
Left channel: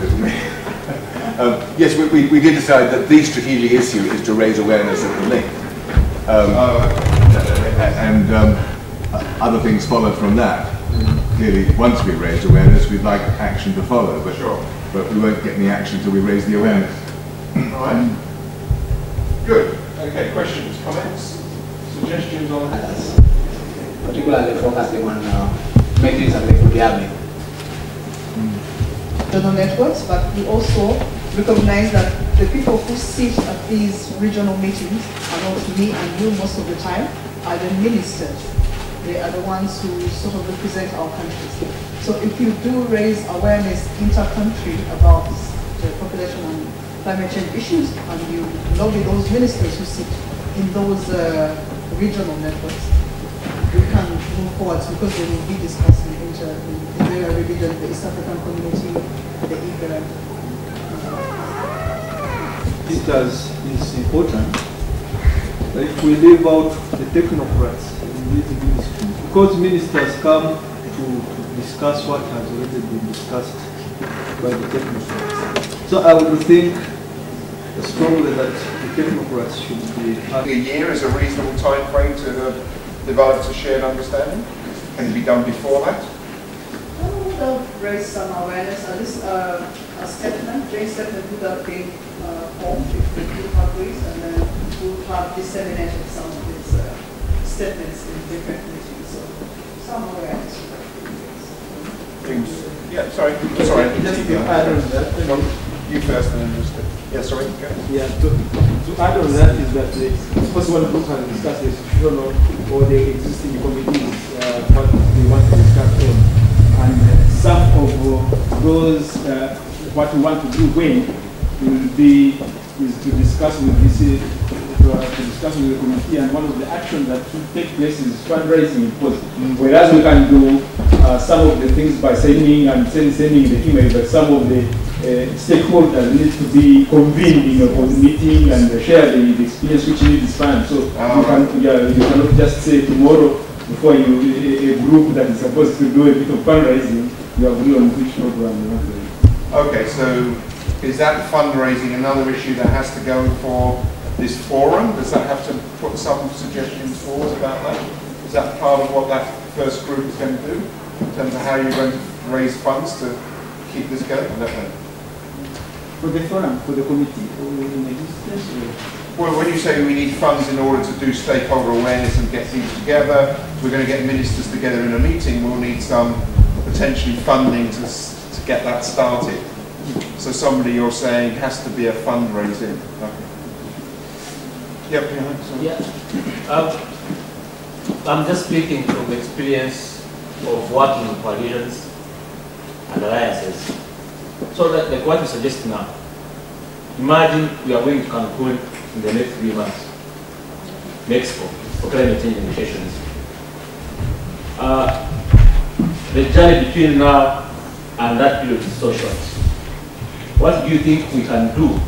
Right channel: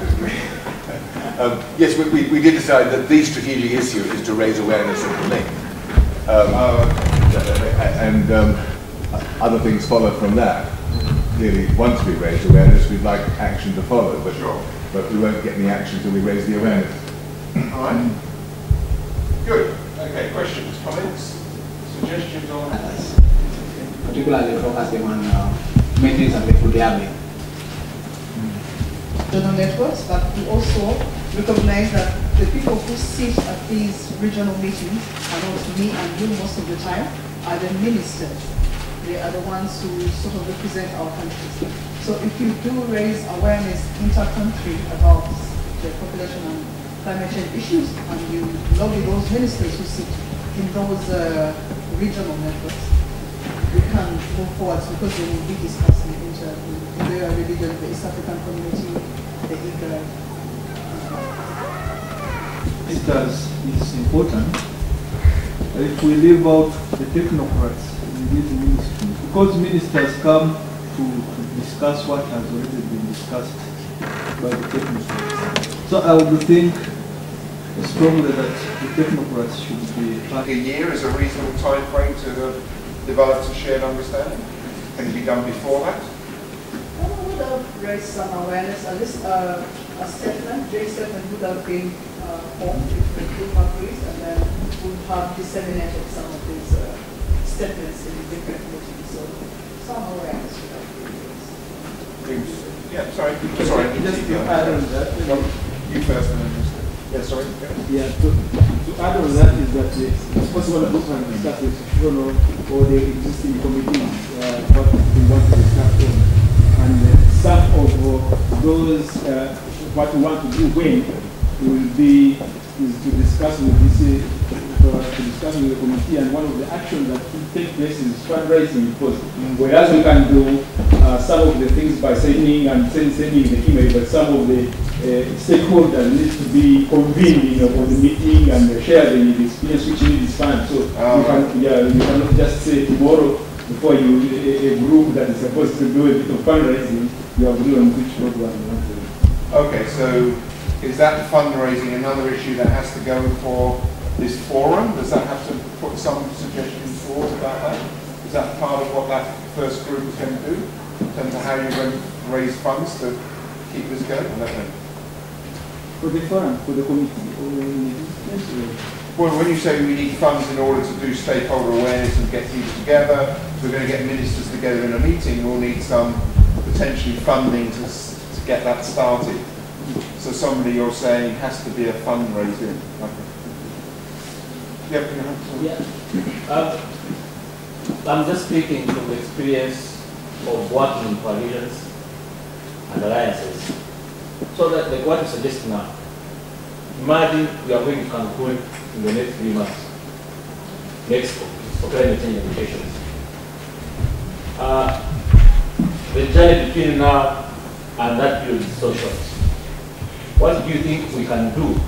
Yes, we did decide that the strategic issue is to raise awareness of the link. And other things follow from that. Clearly, once we've raised awareness, we'd like action to follow, but we won't get any action until we raise the awareness. Good. Okay, questions, comments, suggestions? particularly focusing on metrics and regularity. Regional networks, but we also recognize that the people who sit at these regional meetings are not me and you most of the time, are the ministers. They are the ones who sort of represent our countries. So if you do raise awareness inter-country about the population and climate change issues, and you lobby those ministers who sit in those regional networks, we can move forward because they will be discussing in their religion, the East African community, the IGAD. It is important that if we leave out the technocrats in the ministry, because ministers come to discuss what has already been discussed by the technocrats. So I would think strongly that the technocrats should be part. A year is a reasonable time frame to develop a shared understanding. Can it be done before that? I would have raised some awareness, at least a statement, joint statement would have been formed if the group agrees, and then we would have disseminated some of these statements in different meetings. So some awareness. Yeah, sorry. Just to add on that. You first and then just... Yeah, sorry. Yeah, to add on that is that it's possible to look and discuss the institutional or the existing committees, what we want to discuss on. And some of those, what we want to do when will be is to discuss with this, to discuss with the committee, and one of the actions that should take place is fundraising. Whereas we can do some of the things by sending the email, but some of the stakeholders need to be convened, for the meeting and share the experience which needs time. So you cannot just say tomorrow before a group that is supposed to do a bit of fundraising, you agree on which program you want to do. Okay, so is that fundraising another issue that has to go for this forum? Does that have to put some suggestions forward about that? Is that part of what that first group is going to do in terms of how you're going to raise funds to keep this going? I don't know. For the forum, for the committee? Well, when you say we need funds in order to do stakeholder awareness and get people together, we're going to get ministers together in a meeting, we'll need some potentially funding to get that started. So somebody you're saying has to be a fundraising. Okay. Yep. I'm just speaking from the experience of working in coalitions and alliances. So that, like what you suggest now, imagine we are going to Cancun in the next 3 months, Mexico, for climate change negotiations. The journey between now and that period is so short. What do you think we can do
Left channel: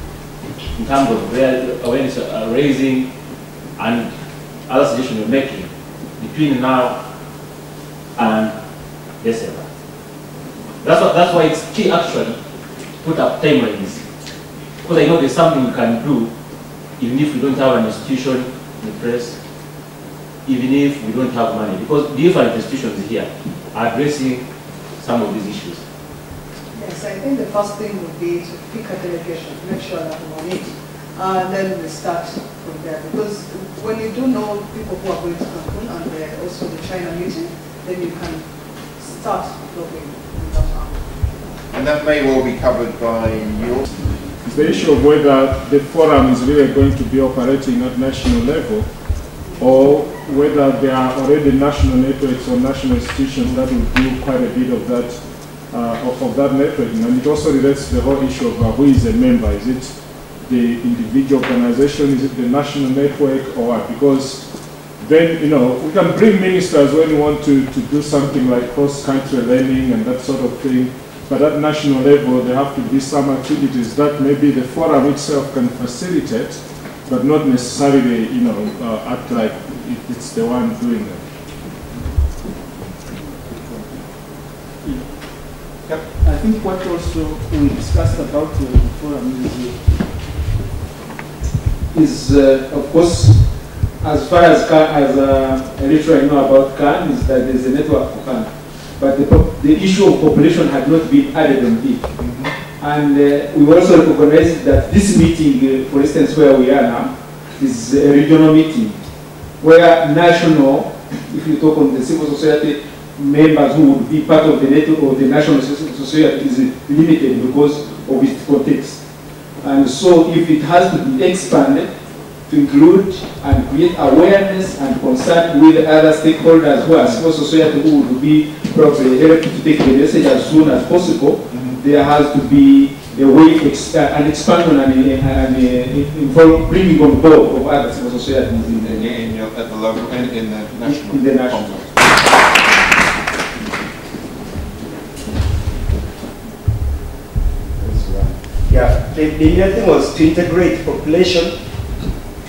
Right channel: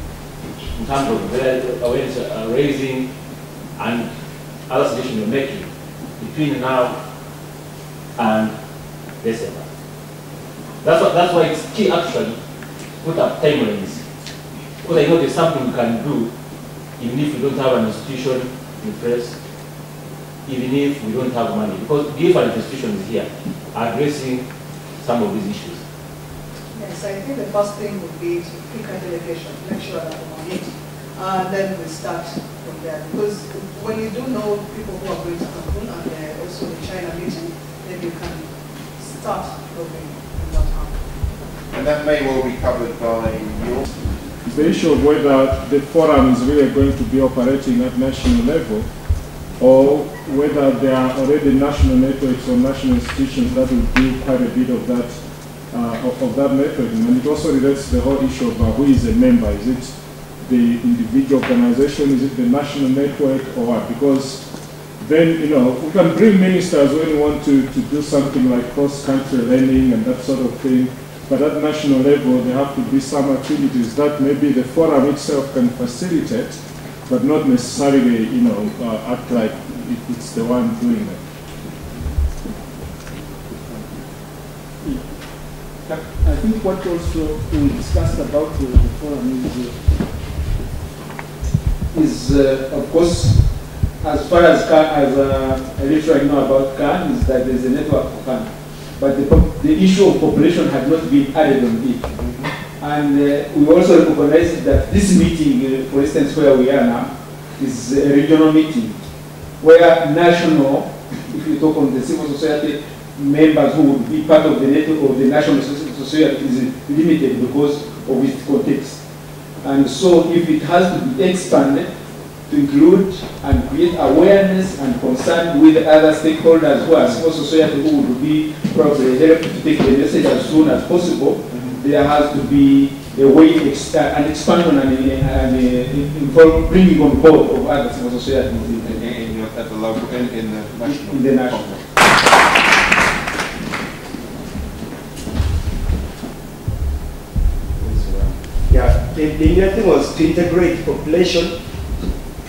in terms of awareness raising and other suggestions you're making between now and December? That's why it's key actually put up timelines. Because I know there's something we can do even if we don't have an institution in place, even if we don't have money. Because different institutions here are addressing some of these issues. Yes, I think the first thing would be to keep the delegation, make sure that we meet, and then we start from there. Because when you do know people who are going to Cancun and also the China meeting, then you can start talking. And that may well be covered by your... The issue of whether the forum is really going to be operating at national level, or whether there are already national networks or national institutions that will do quite a bit of that networking. And it also relates to the whole issue of who is a member. Is it the individual organization? Is it the national network, or what? Because then, we can bring ministers when we want to do something like cross-country learning and that sort of thing. But at national level, there have to be some activities that maybe the forum itself can facilitate, but not necessarily, act like it's the one doing it. I think what also we discussed about the forum is of course, as far as a little I know about CAN, is that there's a network for CAN. But the issue of population had not been added on it. And we also recognize that this meeting, for instance, where we are now, is a regional meeting, where national if you talk on the civil society members who would be part of the network or the national society, is limited because of its context. And so if it has to be expanded to include and create awareness and concern with other stakeholders who are civil society who would be probably helped to take the message as soon as possible, there has to be a way an expansion and bringing on board of other civil society at the local, in the national. In the national. Yeah, the meeting was to integrate population,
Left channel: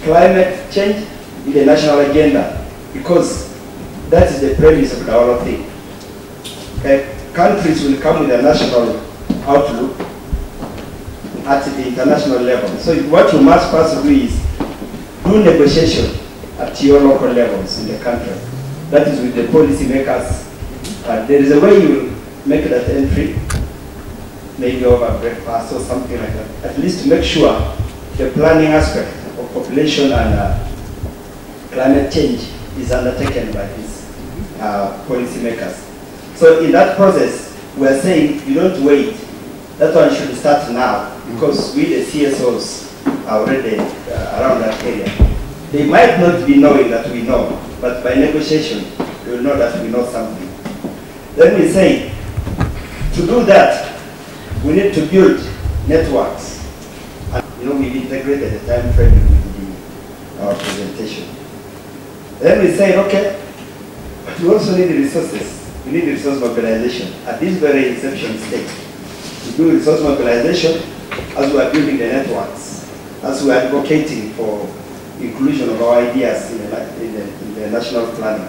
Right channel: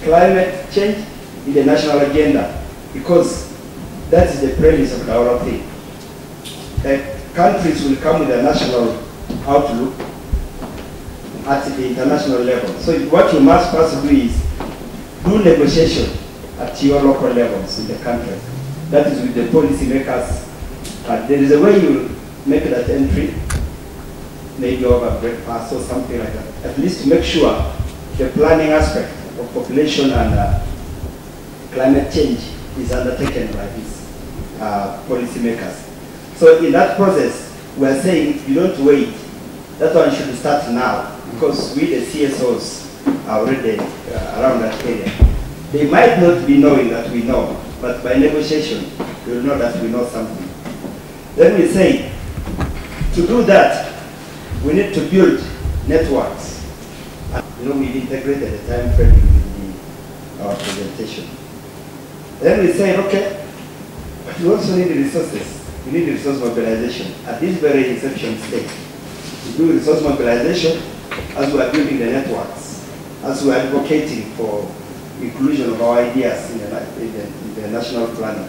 climate change in the national agenda, because that is the premise of the whole thing. Countries will come with a national outlook at the international level. So what you must first do is do negotiation at your local levels in the country. That is with the policy makers. There is a way you make that entry, maybe over breakfast or something like that, at least to make sure the planning aspect of population and climate change is undertaken by these policy makers. So in that process, we are saying you don't wait. That one should start now, because we, the CSOs, are already around that area. They might not be knowing that we know, but by negotiation, they will know that we know something. Then we say, to do that, we need to build networks. And, we integrated the time frame in our presentation. Then we say, okay, but we also need the resources. We need resource mobilization at this very inception stage. We do resource mobilization as we are building the networks, as we are advocating for inclusion of our ideas in the national planning.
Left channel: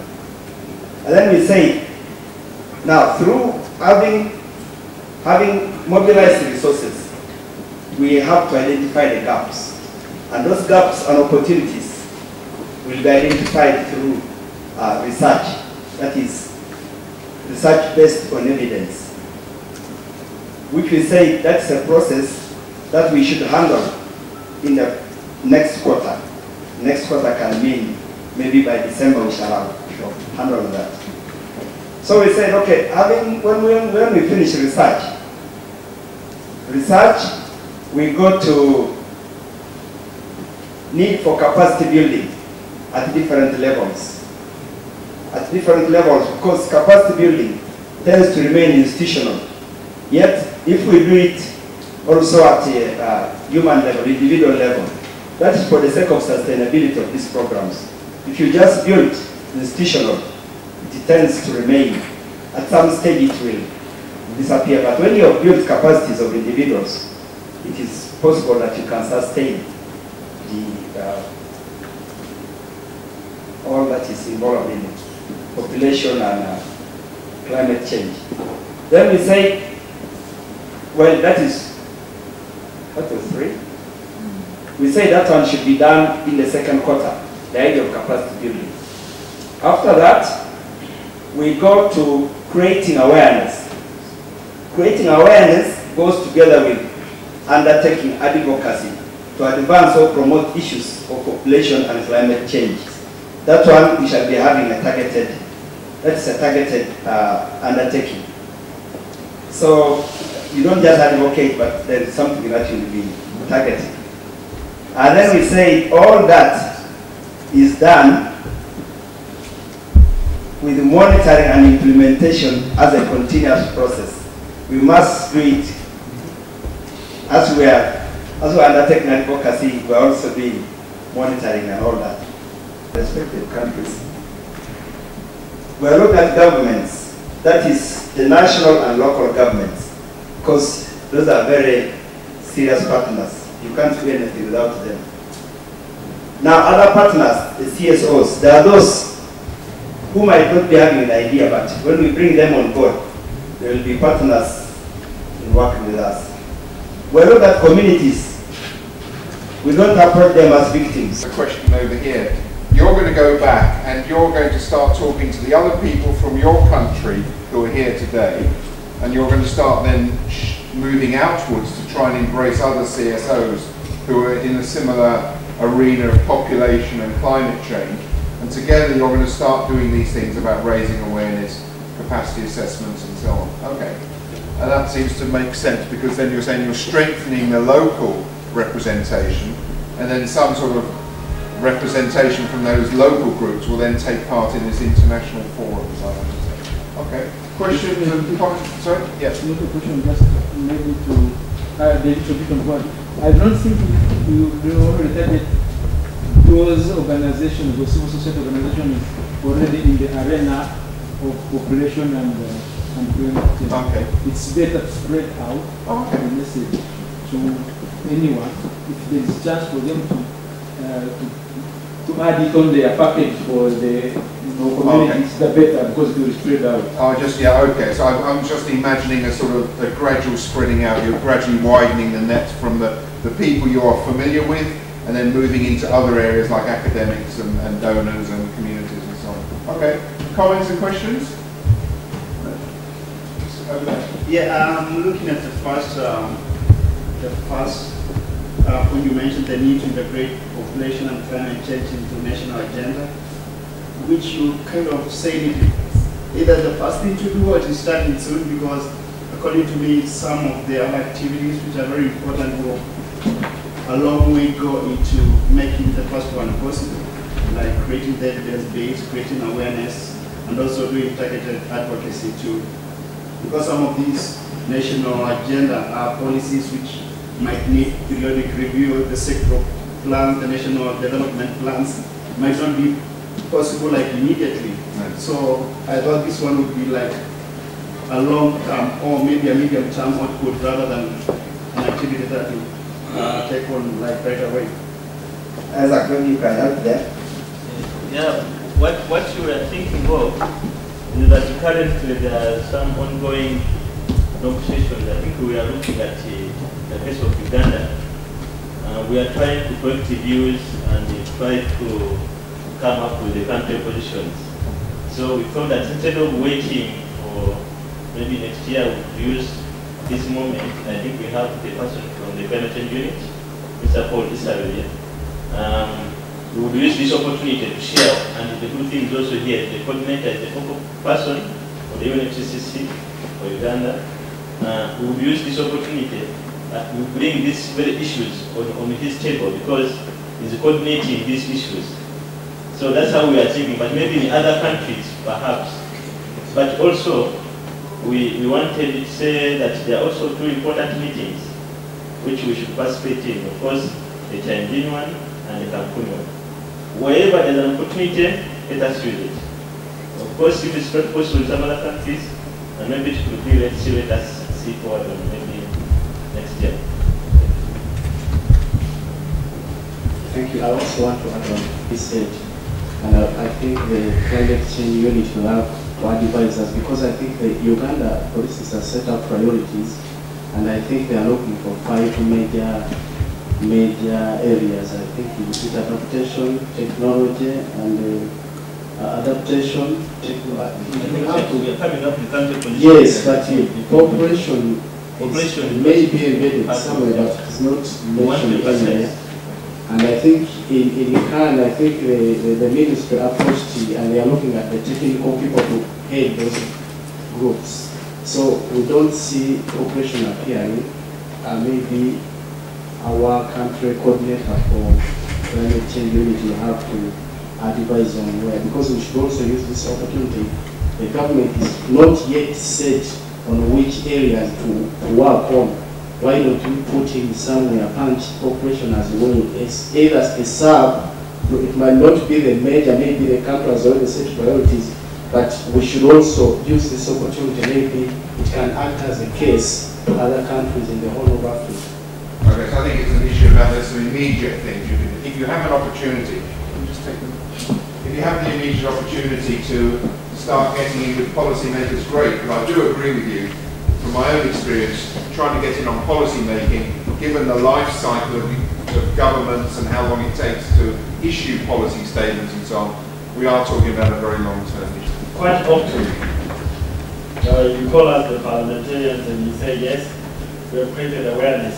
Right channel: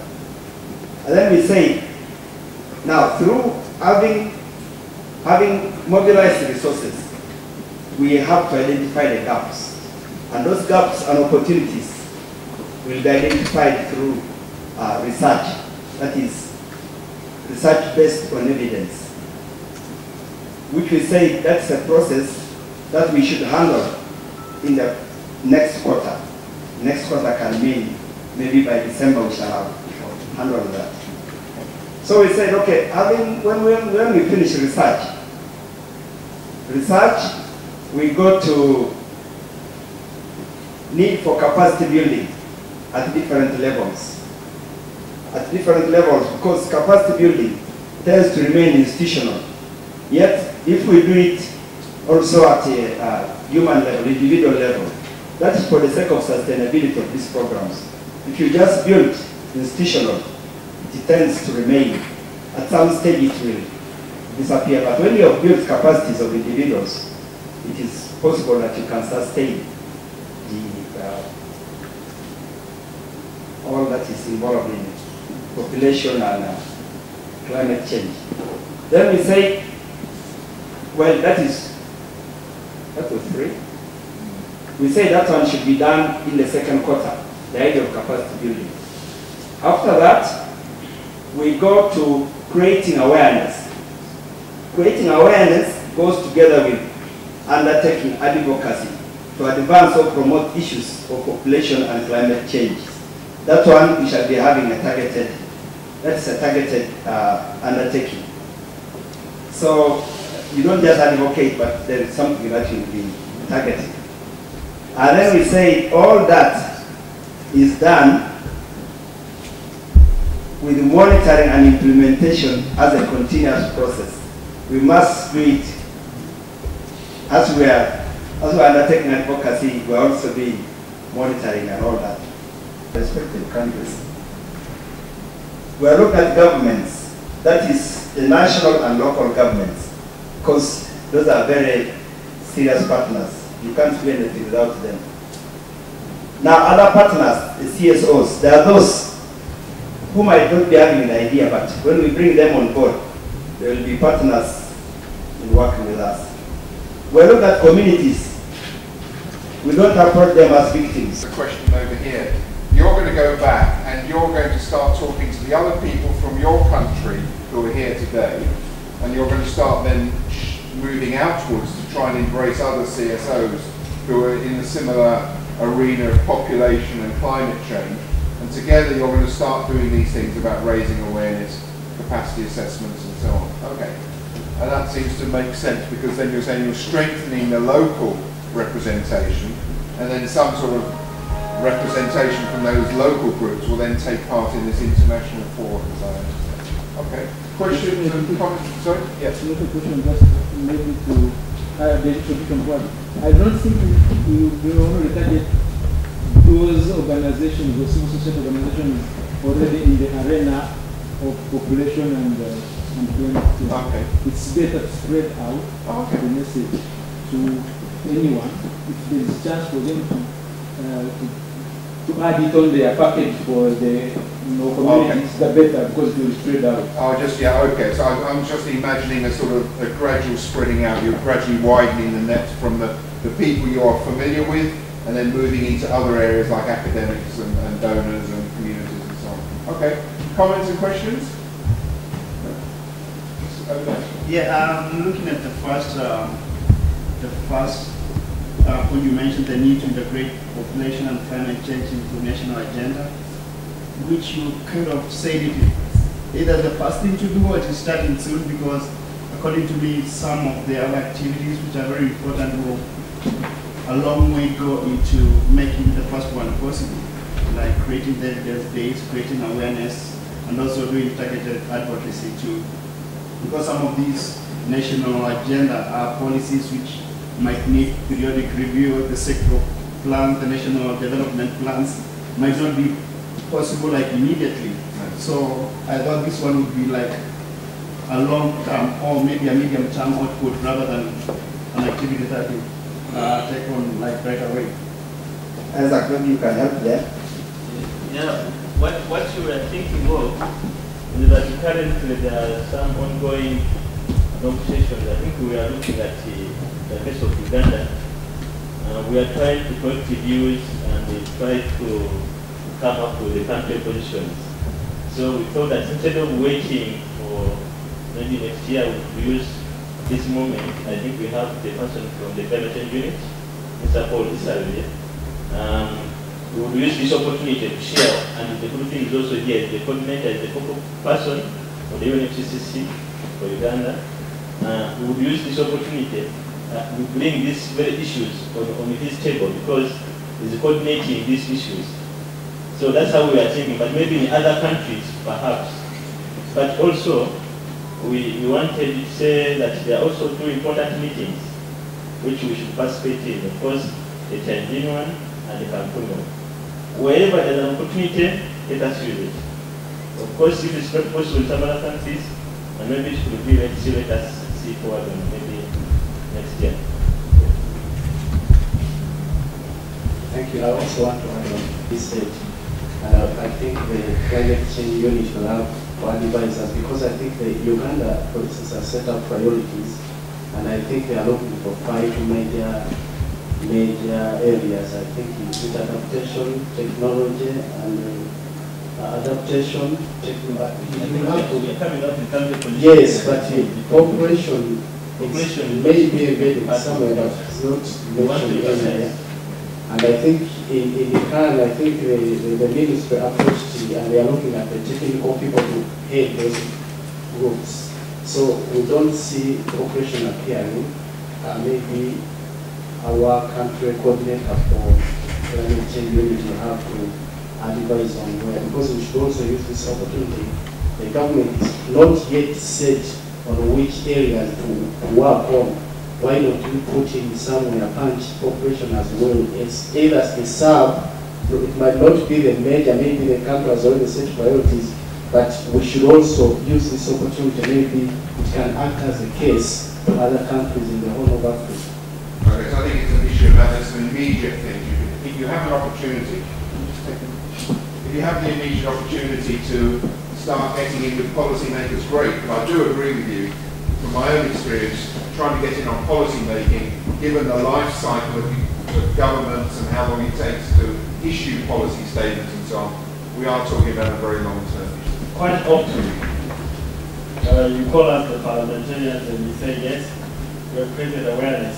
And then we say, now through having mobilized the resources, we have to identify the gaps. And those gaps and opportunities will be identified through research, that is, research based on evidence, which we say that's a process that we should handle in the next quarter. Next quarter can mean maybe by December we shall have handle that. So we said, okay, when we finish research, we go to need for capacity building at different levels. At different levels, because capacity building tends to remain institutional. Yet, if we do it also at a human level, individual level, that is for the sake of sustainability of these programs. If you just build institutional, it tends to remain. At some stage it will disappear. But when you have built capacities of individuals, it is possible that you can sustain all that is involved in population and climate change. Then we say, well, that is, what was 3? We say that one should be done in the second quarter, the idea of capacity building. After that, we go to creating awareness. Creating awareness goes together with undertaking advocacy to advance or promote issues of population and climate change. That one we shall be having a targeted, that's a targeted undertaking. So you don't just advocate, but there is something that will be targeted. And then we say all that is done with monitoring and implementation as a continuous process. We must do it as we are undertaking advocacy, we are also doing monitoring and all that. Respective countries. We are looking at governments, that is the national and local governments, because those are very serious partners. You can't do anything without them. Now other partners, the CSOs, there are those who might not be having the idea, but when we bring them on board, they will be partners in working with us. We look at communities. We don't approach them as victims. A question over here. You're going to go back and you're going to start talking to the other people from your country who are here today, and you're going to start then moving outwards to try and embrace other CSOs who are in a similar arena of population and climate change, And together you're going to start doing these things about raising awareness, capacity assessments and so on. Okay. And that seems to make sense, because then you're saying you're strengthening the local representation, and then some sort of representation from those local groups will then take part in this international forum, as I understand. Okay. Questions and comments? Sorry? Yes. Make a question just maybe to David a bit on what. I don't think you only target those organizations, those civil society organizations already in the arena of population and climate. Okay. It's better to spread out the message to anyone. If there is a chance for them to add it on their package for the communities, the better, because it will spread out. Oh, just, yeah, okay. So I'm just imagining a sort of a gradual spreading out. You're gradually widening the net from the people you're familiar with, and then moving into other areas like academics and donors and communities and so on. Okay. Comments and questions? Yeah, I'm looking at the first when you mentioned the need to integrate population and climate change into national agenda, which you kind of said it either the first thing to do or it is starting soon, because according to me, some of the other activities which are very important will a long way go into making the first one possible, like creating the evidence base, creating awareness, and also doing targeted advocacy too. Because some of these national agenda are policies which might need periodic review, the sector plans, the national development plans might not be possible like immediately. Right. So I thought this one would be like a long term or maybe a medium term output rather than an activity that will take on like right away. Isaac, maybe you can help there. Yeah, what we are thinking of is that currently there are some ongoing negotiations. I think we are looking at the case of Uganda. We are trying to collect views and we try to come up with the country positions. So we thought that instead of waiting for maybe next year, we use this moment. I think we have the person from the climate change unit, Mr. Paul Isaria. We will use this opportunity to share, and the good thing is also here, the coordinator is the focal person for the UNFCCC for Uganda. We will use this opportunity to bring these very issues on his table, because he's coordinating these issues. So that's how we are thinking, but maybe in other countries, perhaps. But also, we wanted to say that there are also two important meetings which we should participate in. Of course, the Tanzania one and the Cancun one. Wherever there's an opportunity, let us use it. Of course, if it's not possible in some other countries, and maybe it should be, let us see forward on maybe next year. Thank you. I also want to add on this stage, and I think the climate change unit will have to advise us, because I think the Uganda, for instance, has set up priorities, and I think they are looking for 5 major areas. I think it's adaptation, technology, and adaptation. I think we are coming up in terms of position. Yes, but population may be embedded somewhere, but it's not mentioned anywhere. And I think in Uganda, I think the ministry approached it, and they are looking at the technical people to head those groups. So we don't see population appearing. Maybe our country coordinator for climate change unit will have to advise on where, because we should also use this opportunity. The government is not yet set on which areas to work on. Why don't we put in somewhere punch population as well? It's either a sub, it might not be the major, maybe the country has already set priorities, but we should also use this opportunity. Maybe it can act as a case to other countries in the whole of Africa. Okay, so I think it's an issue about there's some immediate things. If you have an opportunity, if you have the immediate opportunity to start getting in with policymakers, great, but I do agree with you, from my own experience, trying to get in on policy making, given the life cycle of governments and how long it takes to issue policy statements and so on, we are talking about a very long term issue. Quite often, you call out the parliamentarians and you say, yes, you have created awareness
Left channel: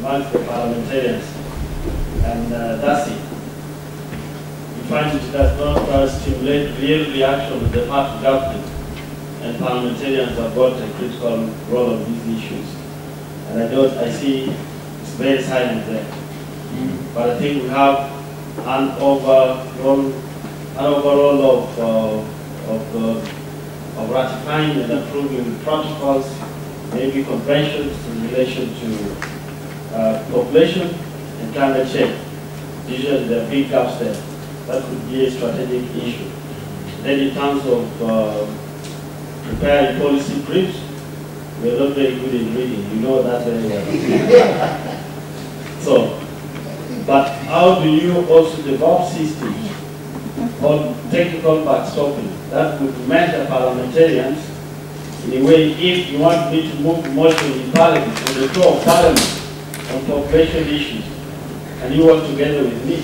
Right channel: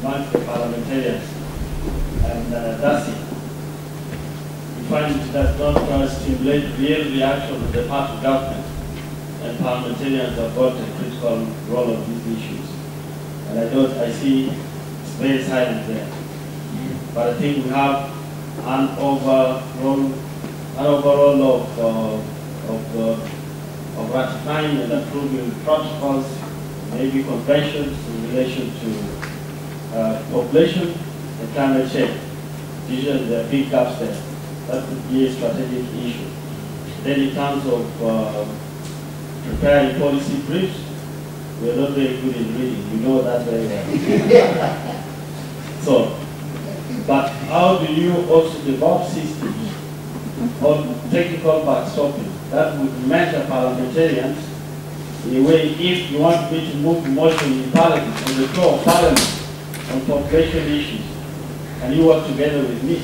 among the parliamentarians, and that's it. find it does not stimulate real reaction with the part of government, and parliamentarians have got a critical role of these issues. And I see it's very silent there. But I think we have an overall of ratifying and approving protocols, maybe conventions in relation to population and climate change. Usually there are big gaps there. That could be a strategic issue. Then in terms of preparing policy briefs, we're not very good in reading. We know that very well. So, but how do you also develop systems on technical backstopping that would mentor parliamentarians in a way, if you want me to move motion in parliament, on the floor of parliament, on population issues, and you work together with me,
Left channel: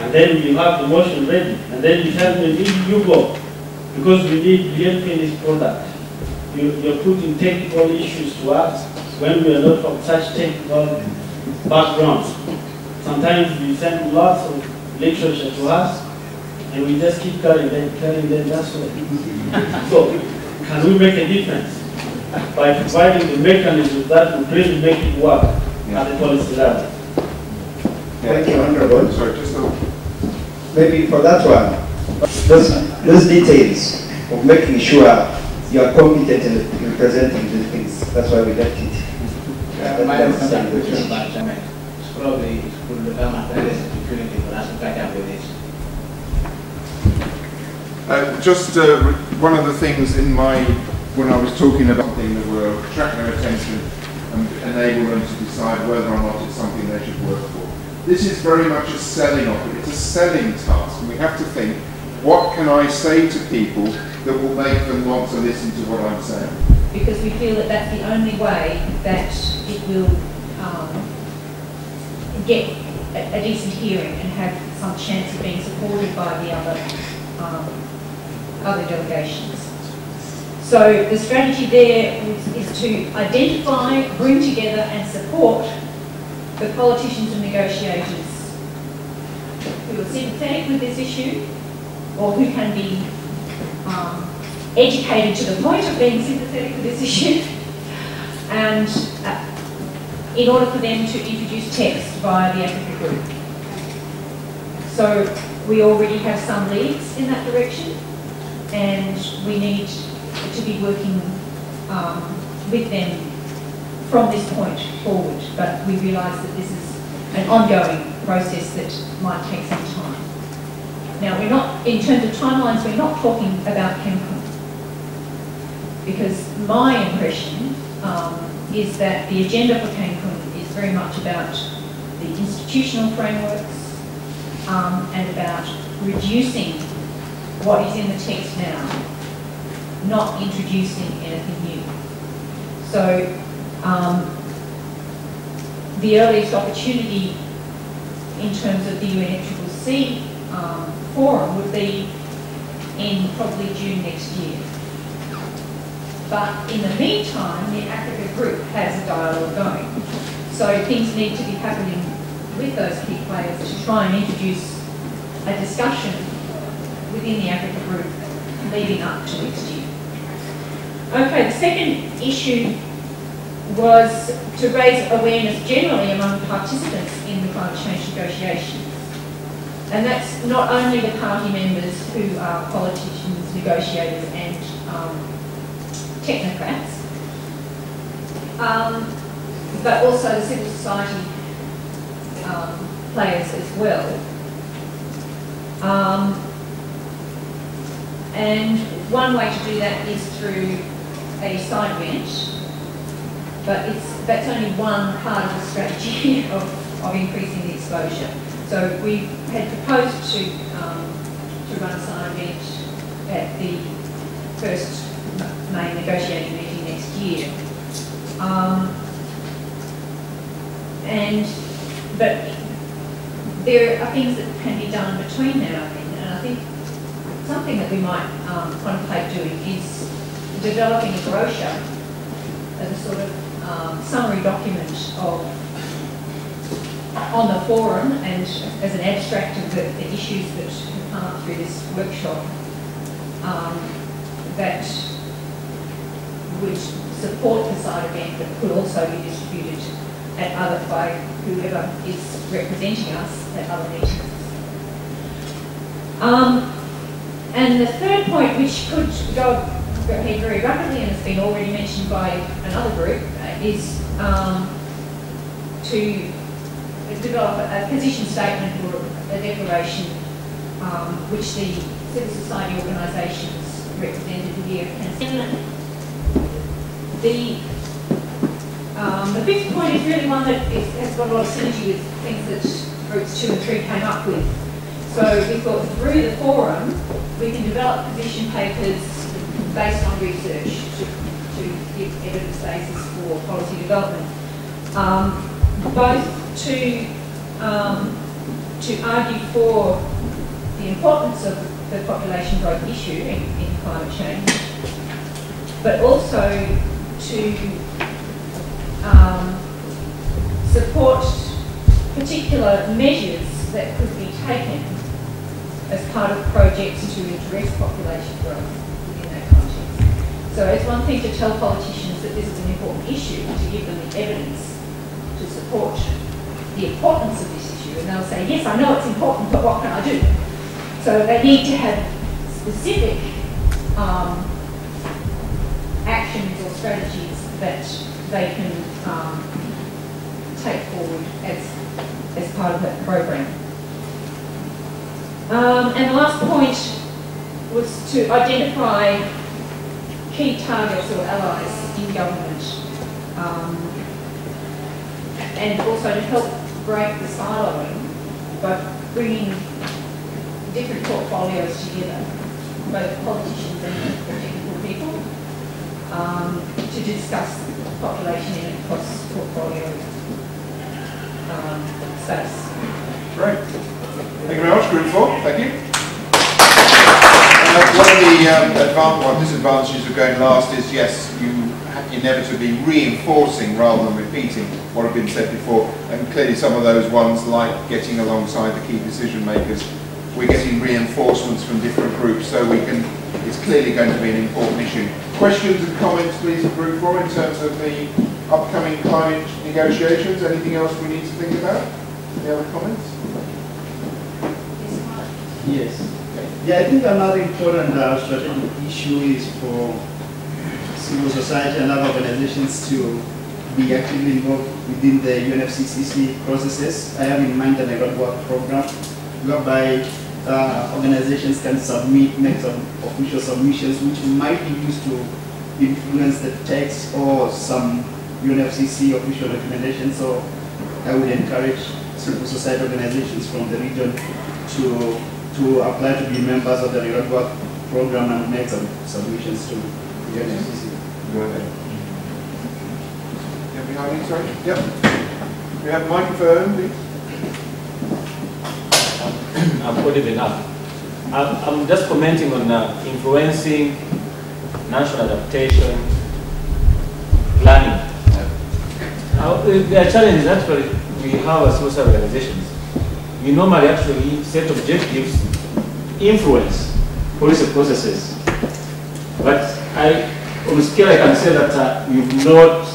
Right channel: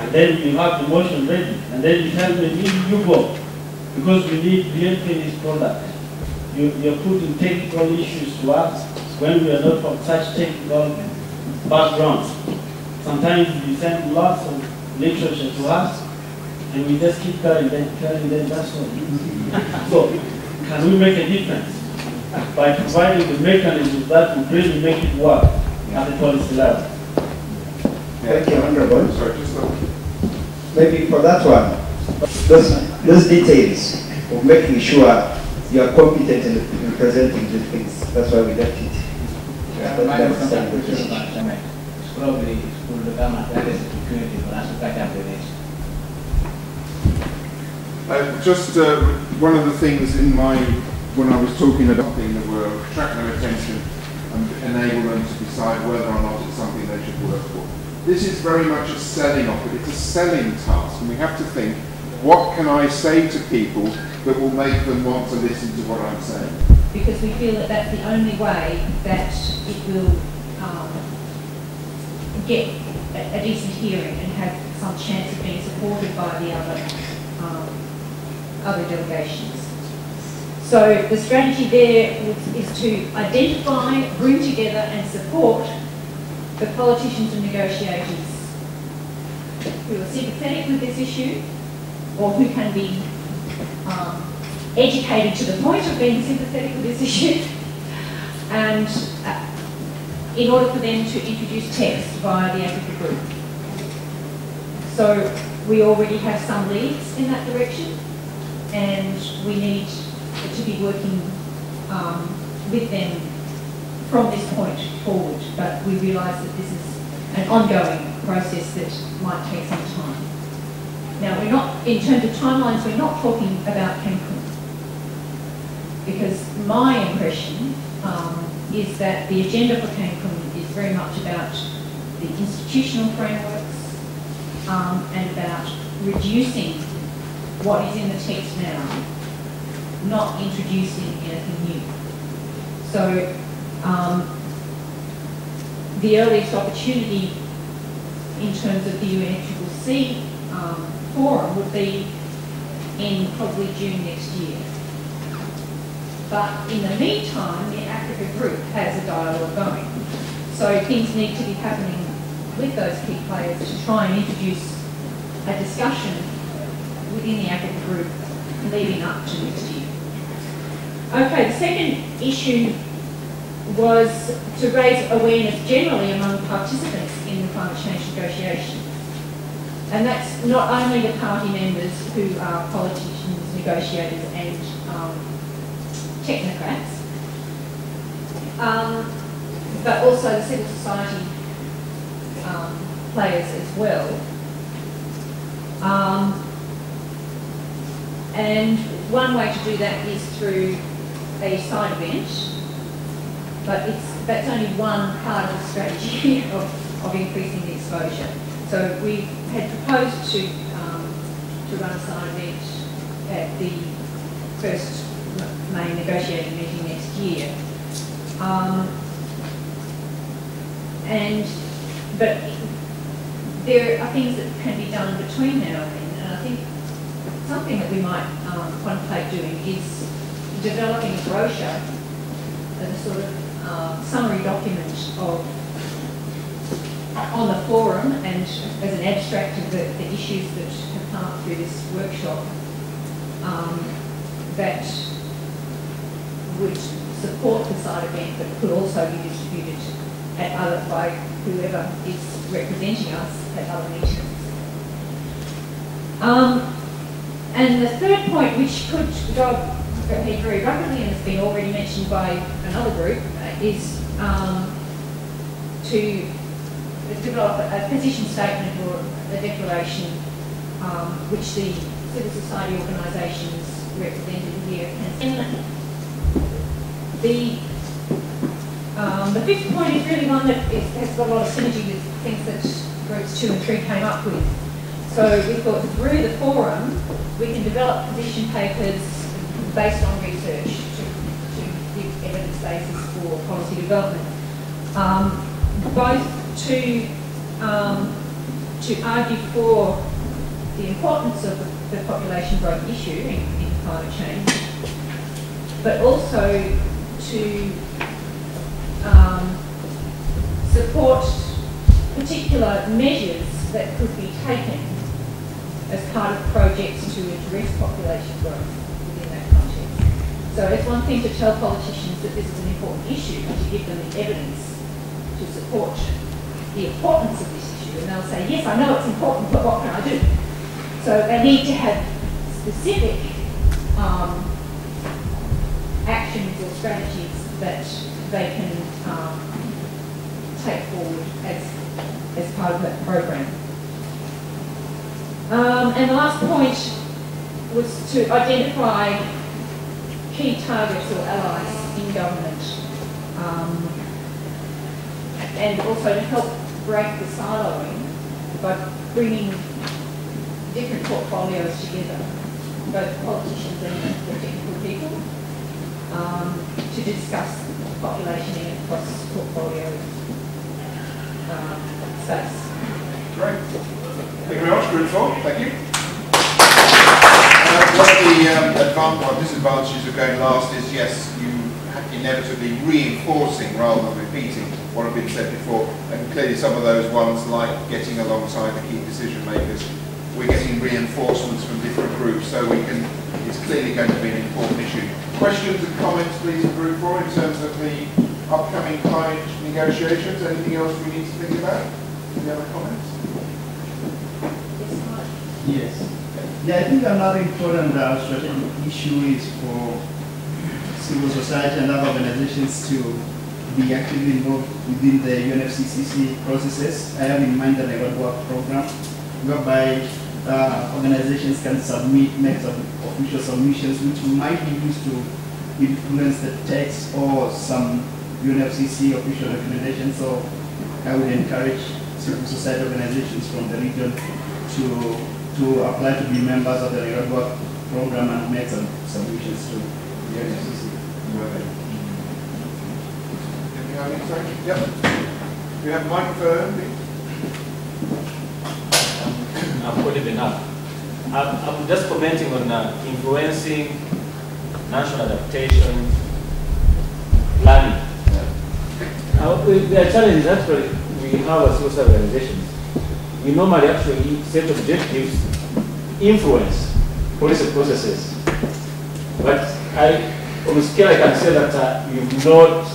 and then you have the motion ready, and then you tell me, you go, because we need real finished product. You're putting technical issues to us when we are not from such technical backgrounds. Sometimes you send lots of literature to us, and we just keep telling them that's what. So, can we make a difference by providing the mechanisms that would really make it work at the policy level? Thank you, Honorable. Maybe for that one, those details of making sure you are competent in representing these things. That's why we left it. Probably will become a greatest opportunity for us to catch up with it. One of the things when I was talking about something that will attract their attention and enable them to decide whether or not it's something they should work for. This is very much a selling offer. It's a selling task, and we have to think, what can I say to people that will make them want to listen to what I'm saying? Because we feel that that's the only way that it will get a decent hearing and have some chance of being supported by the other delegations. So the strategy there is to identify, bring together and support the politicians and negotiators who are sympathetic with this issue or who can be educated to the point of being sympathetic with this issue, and in order for them to introduce text via the Africa group. So we already have some leads in that direction, and we need to be working with them from this point forward. But we realise that this is an ongoing process that might take some time. Now, we're not, in terms of timelines, we're not talking about Cancun, because my impression is that the agenda for Cancun is very much about the institutional frameworks and about reducing what is in the text now, not introducing anything new. So the earliest opportunity in terms of the UNFCCC forum would be in probably June next year. But in the meantime, the Africa group has a dialogue going. So things need to be happening with those key players to try and introduce a discussion within the Africa group leading up to next year. Okay, the second issue was to raise awareness generally among participants in the climate change negotiations. And that's not only the party members who are politicians, negotiators and technocrats, but also the civil society players as well. And one way to do that is through a side event, but that's only one part of the strategy of increasing the exposure. So we had proposed to run a side event at the first main negotiating meeting next year. But there are things that can be done between now and then, and I think something that we might contemplate doing is developing a brochure, a sort of summary document of on the forum and as an abstract of the issues that come up through this workshop that would support the side event but could also be distributed by whoever is representing us at other meetings. And the third point, which could go ahead very rapidly and has been already mentioned by another group, is to develop a position statement or a declaration which the civil society organisations represented here can send. The fifth point is really one that has got a lot of synergy with things that groups 2 and 3 came up with. So we thought through the forum we can develop position papers based on research to give evidence basis for policy development. Both to argue for the importance of the population growth issue in climate change, but also to support particular measures that could be taken as part of projects to address population growth within that context. So it's one thing to tell politicians that this is an important issue, to give them the evidence to support the importance of this issue, and they'll say, yes, I know it's important, but what can I do? So they need to have specific actions or strategies that they can take forward as part of that program. And the last point was to identify key targets or allies in government, and also to help break the siloing by bringing different portfolios together, both politicians and technical people, to discuss population in a cross-portfolio space. Great. Thank you very much, Group 4. Thank you. One of the disadvantages of going last is, yes, you inevitably reinforcing rather than repeating what had been said before, and clearly some of those ones, like getting alongside the key decision makers, we're getting reinforcements from different groups, so it's clearly going to be an important issue. Questions and comments, please, Group 4, in terms of the upcoming climate negotiations? Anything else we need to think about? Any other comments? Yes. Yeah, I think another important strategic issue is for civil society and other organizations to be actively involved within the UNFCCC processes. I have in mind the Nairobi Work Program, whereby organizations can make some official submissions which might be used to influence the text or some UNFCCC official recommendations. So I would encourage civil society organizations from the region to apply to be members of the Nairobi Work Program and make some submissions to the UNFCCC. Yep. We have a microphone, please. I've put it enough. I'm just commenting on influencing national adaptation planning. The challenge is actually we have as social organizations. We normally actually set objectives, influence policy processes. But on a scale I can say that we've not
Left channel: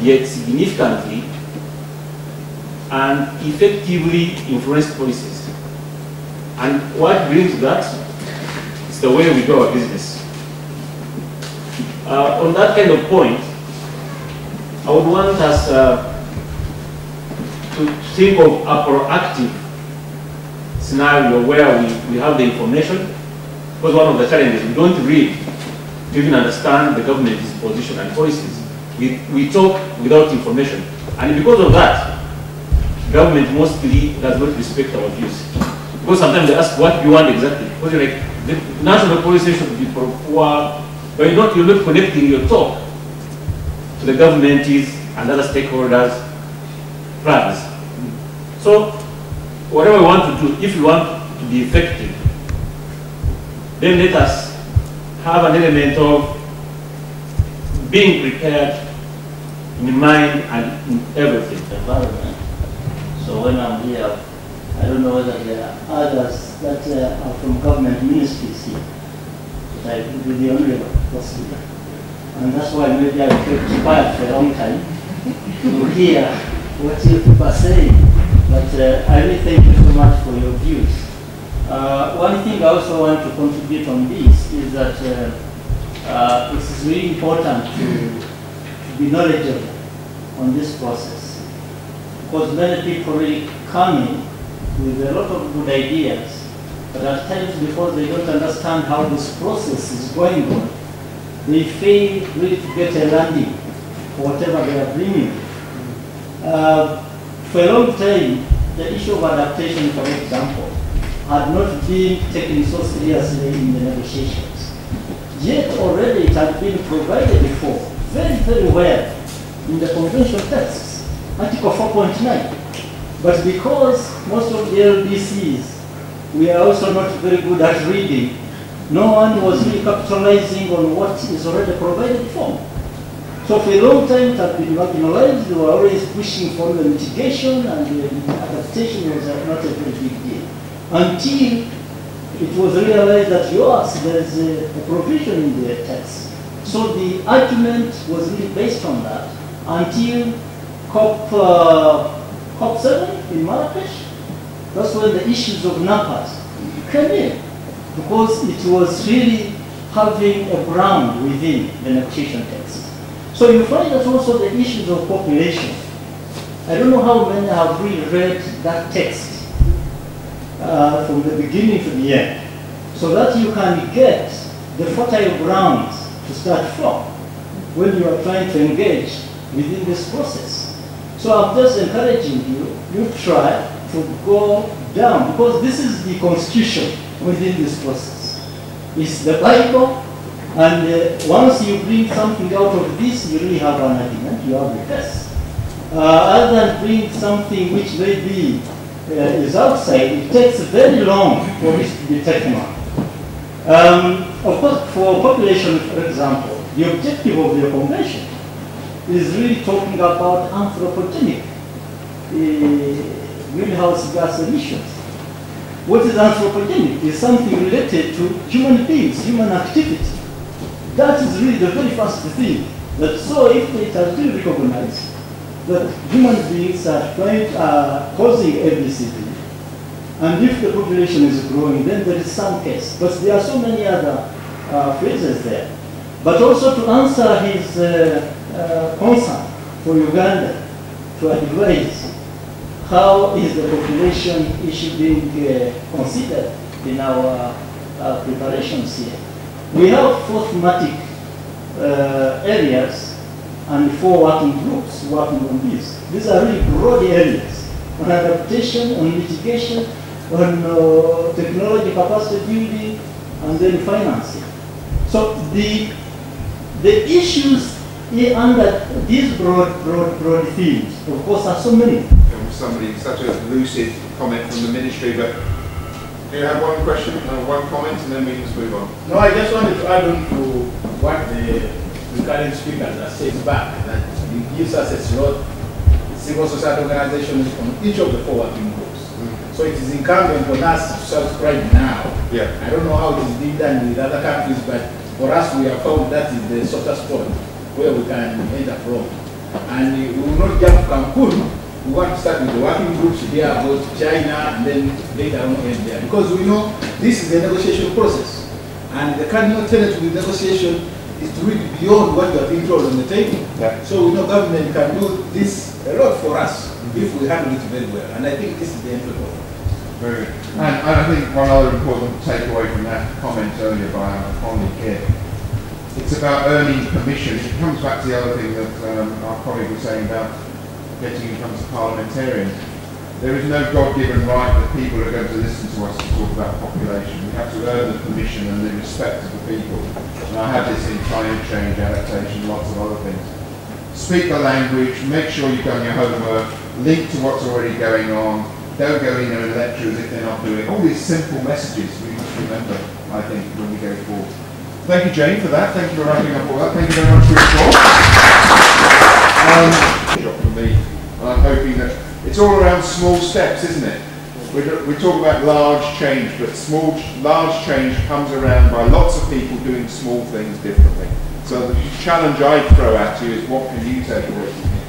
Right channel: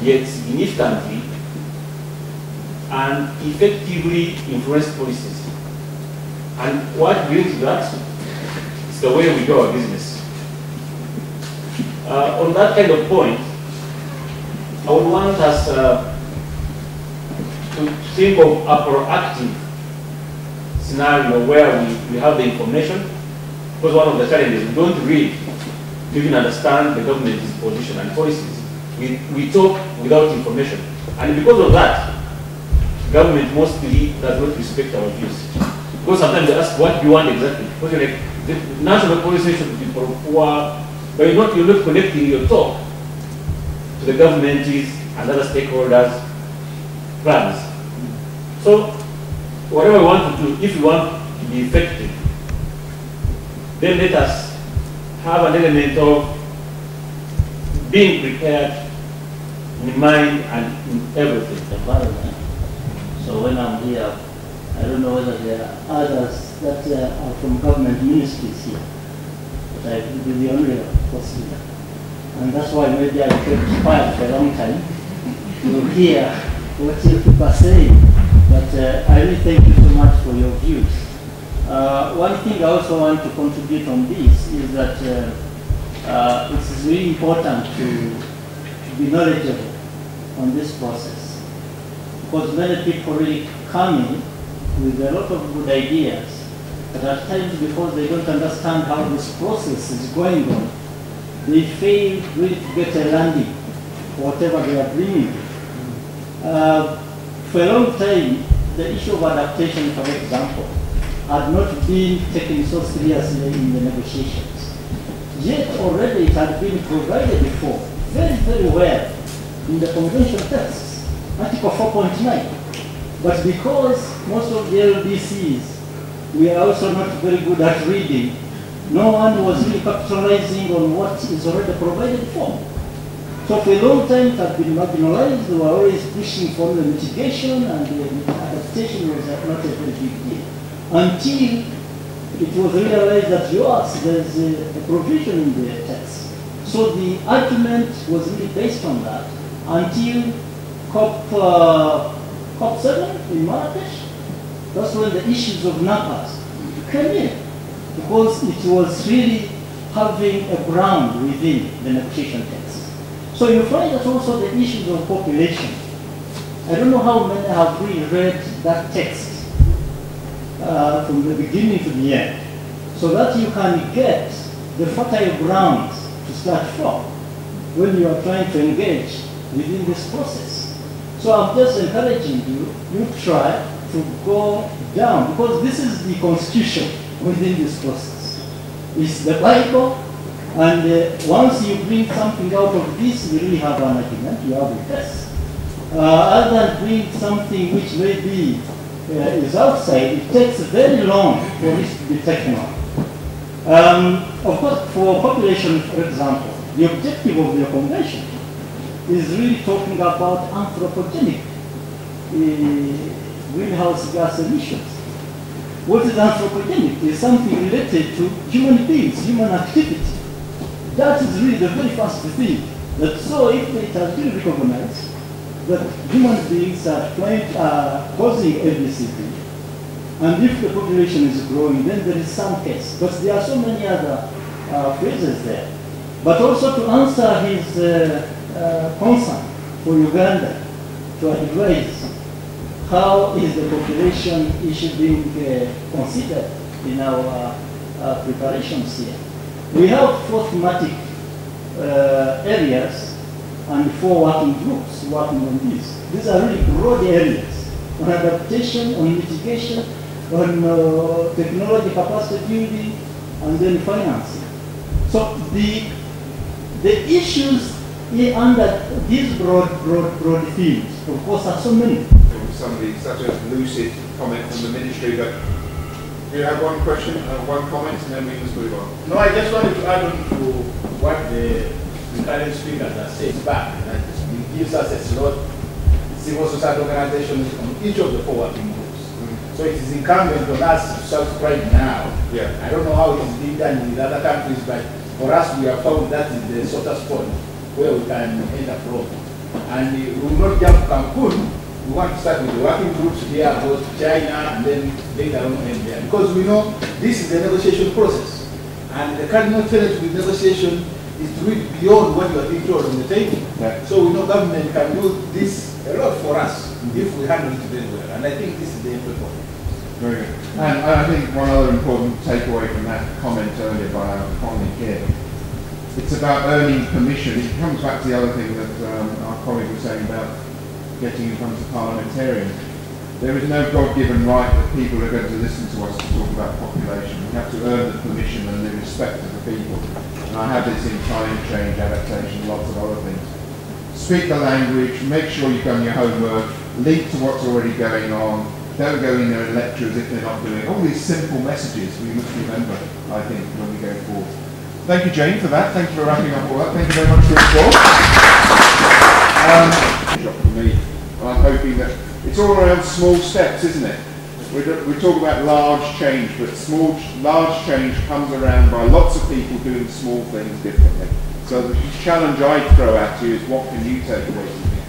yet significantly and effectively influenced policies. And what brings that is the way we do our business. On that kind of point, I would want us to think of a proactive scenario where we have the information, because one of the challenges, we don't read to even understand the government's position and policies. We talk without information. And because of that, government mostly does not respect our views. Because sometimes they ask, what do you want exactly? Because you're like, the national policy should be for poor, but you're not connecting your talk to the government and other stakeholders' plans. So, whatever we want to do, if we want to be effective, then let us have an element of being prepared in mind and in everything. So when I'm here, I don't know whether there are others that are from government ministries here, but I will be the only one possible. And that's why maybe I kept quiet for a long time to hear what you people are saying. But I really thank you so much for your views. One thing I also want to contribute on this is that it is really important to be knowledgeable on this process, because many people really come in with a lot of good ideas, but at times before they don't understand how this process is going on, they fail really to get a landing for whatever they are bringing. For a long time, the issue of adaptation, for example, had not been taken so seriously in the negotiations. Yet already it had been provided for very, very well in the convention texts, Article 4.9. But because most of the LDCs, we are also not very good at reading, no one was really capitalizing on what is already provided for. So for a long time it had been marginalized. We were always pushing for the mitigation, and the adaptation was not a very big deal. Until it was realized that yes, there's a provision in the text. So the argument was really based on that until COP7 in Marrakesh. That's when the issues of NAPAS came in, because it was really having a ground within the negotiation text. So you find that also the issues of population. I don't know how many have really read that text from the beginning to the end, so that you can get the fertile grounds to start from when you are trying to engage within this process. So I'm just encouraging you try to go down, because this is the constitution within this process. It's the Bible, and once you bring something out of this, you really have an argument, you have a test. Other than bring something which may be is outside, it takes very long for this to be taken on. Of course, for population, for example, the objective of the convention is really talking about anthropogenic greenhouse gas emissions. What is anthropogenic? Is something related to human beings, human activity. That is really the very first thing. That so if it has been recognized that human beings are causing ABCD, and if the population is growing, then there is some case. But there are so many other phrases there. But also to answer his concern for Uganda, to advise how is the population issue being considered in our preparations here. We have 4 thematic areas and 4 working groups working on this. These are really broad areas on adaptation, on mitigation, on technology capacity building, and then financing. So the issues under these broad themes, of course, are so many. Somebody, such a lucid comment from the ministry, but do you have one question or one comment, and then we can move on? No, I just wanted to add on to what the current speaker has said back, that it gives us a slot, civil society organizations from each of the 4 working groups. So it is incumbent on us to subscribe now. Yeah. I don't know how it is being done with other countries, but for us we have found that is the softest spot where we can enter from. And we will not jump Cancun. We want to start with the working groups here about China, and then later on end there. Because we know this is a negotiation process. And the cardinal tenet of the negotiation is to read beyond what you are being told on the table. Yeah. So we know government can do this a lot for us if we handle it very well. And I think this is the end result. Very good. And I think one other important takeaway from that comment earlier by our colleague here, it's about earning permission. It comes back to the other thing that our colleague was saying about getting in front of parliamentarians. There is no God-given right that people are going to listen to us to talk about population. We have to earn the permission and the respect of the people. And I have this in climate change, adaptation, lots of other things. Speak the language, make sure you've done your homework, link to what's already going on, don't go in there and lecture as if they're not doing it. All these simple messages we must remember, I think, when we go forward. Thank you, Jane, for that. Thank you for wrapping up all that. Thank you very much for your talk. For me, I'm hoping that it's all around small steps, isn't it? We talk about large change, but large change comes around by lots of people doing small things differently. So the challenge I'd throw at you is, what can you take away from here?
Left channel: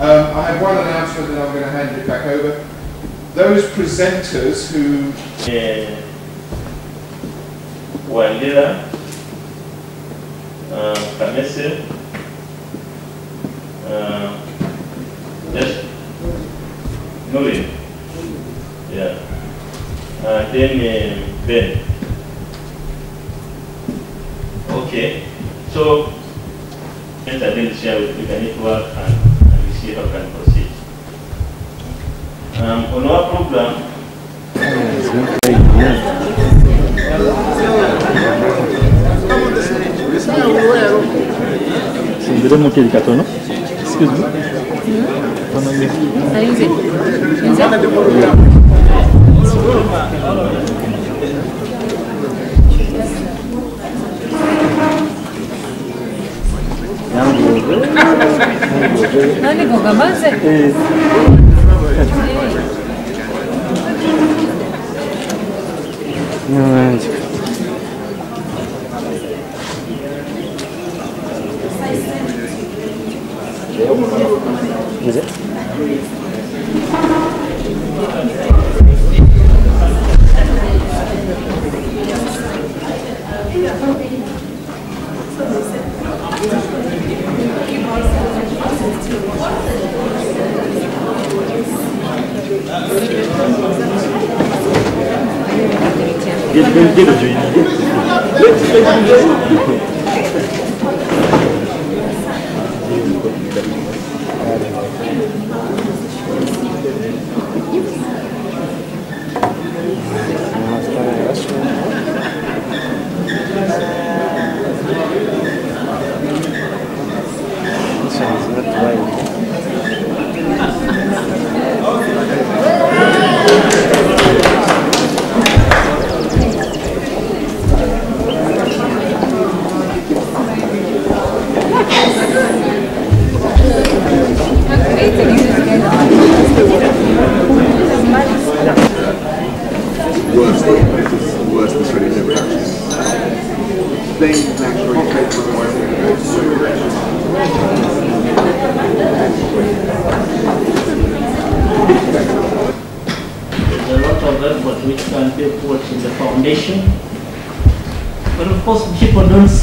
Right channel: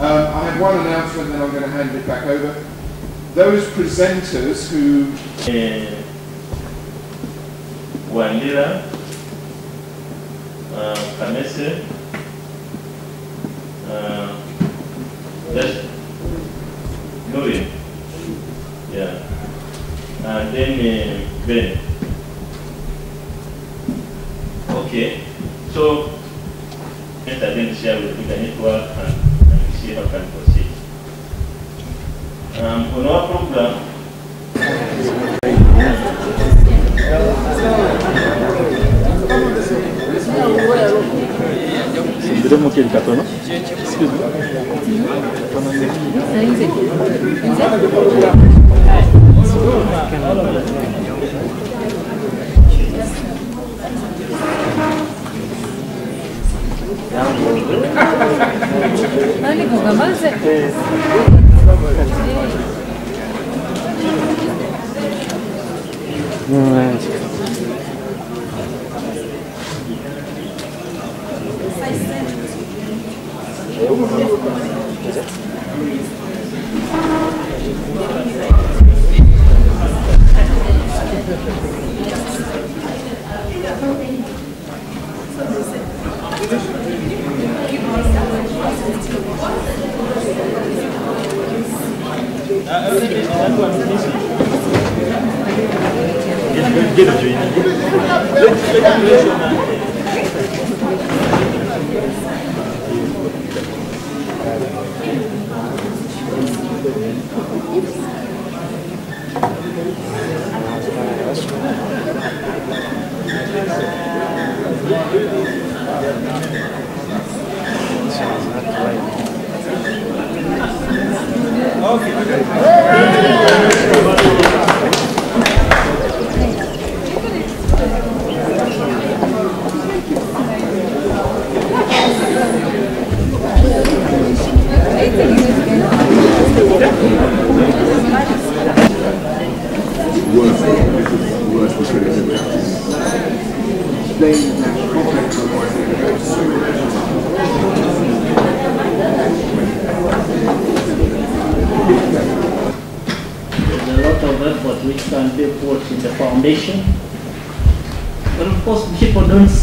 I have one announcement, and I'm going to hand it back over. Those presenters who... Wandila, Kamese, yes, Noel, yeah, and then Ben. Okay, so and then share with the network and see how can proceed. On our program, come on this way. This way over where?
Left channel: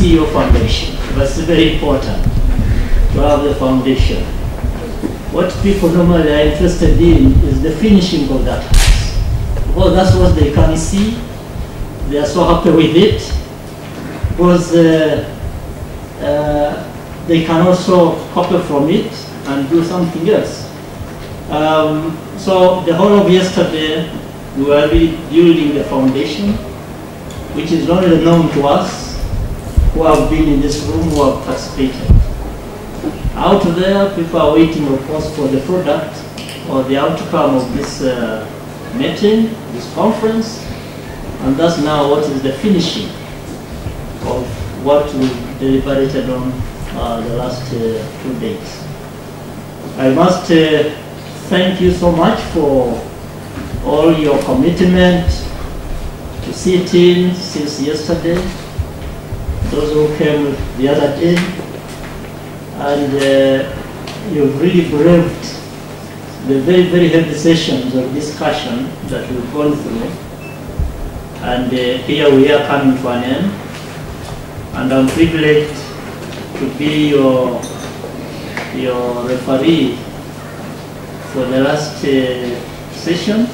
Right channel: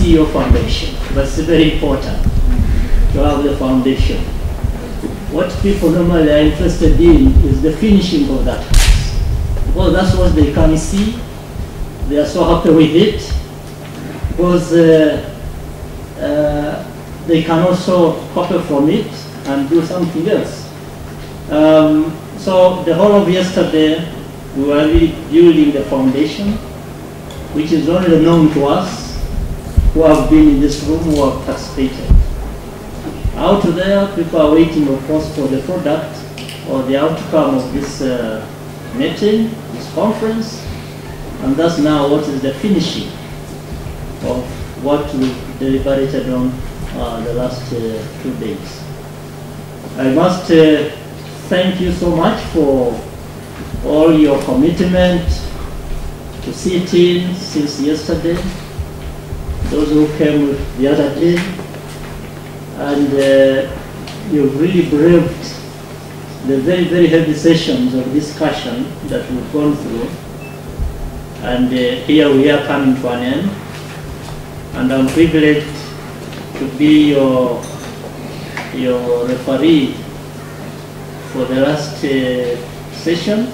Your foundation. That's very important to have the foundation. What people normally are interested in is the finishing of that house. Because that's what they can see. They are so happy with it. Because they can also copy from it and do something else. So the whole of yesterday, we were rebuilding the foundation, which is not really known to us who have been in this room, who have participated. Out there, people are waiting, of course, for the product or the outcome of this meeting, this conference, and that's now what is the finishing of what we deliberated on the last 2 days. I must thank you so much for all your commitment to sit in since yesterday, those who came the other day, and you've really braved the very, very heavy sessions of discussion that we've gone through. And here we are coming to an end. And I'm privileged to be your referee for the last session.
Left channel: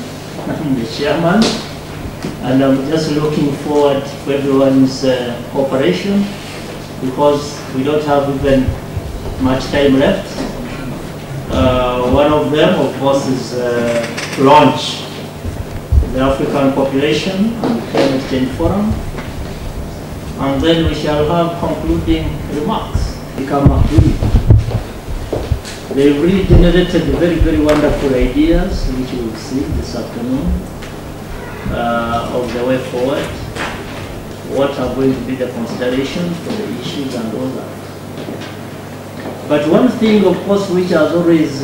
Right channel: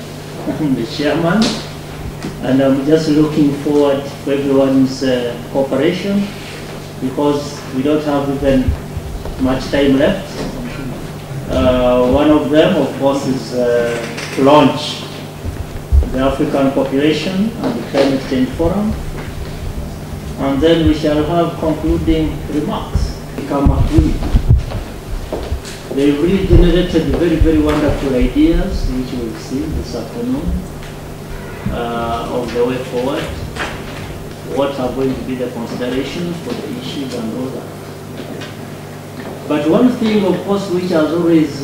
I'm the chairman. And I'm just looking forward to everyone's cooperation, because we don't have even much time left. One of them, of course, is to launch the African Population and the Climate Change Forum. And then we shall have concluding remarks. Become agreed. They really generated very, very wonderful ideas, which we'll see this afternoon. Of the way forward, what are going to be the considerations for the issues and all that. But one thing, of course, which has always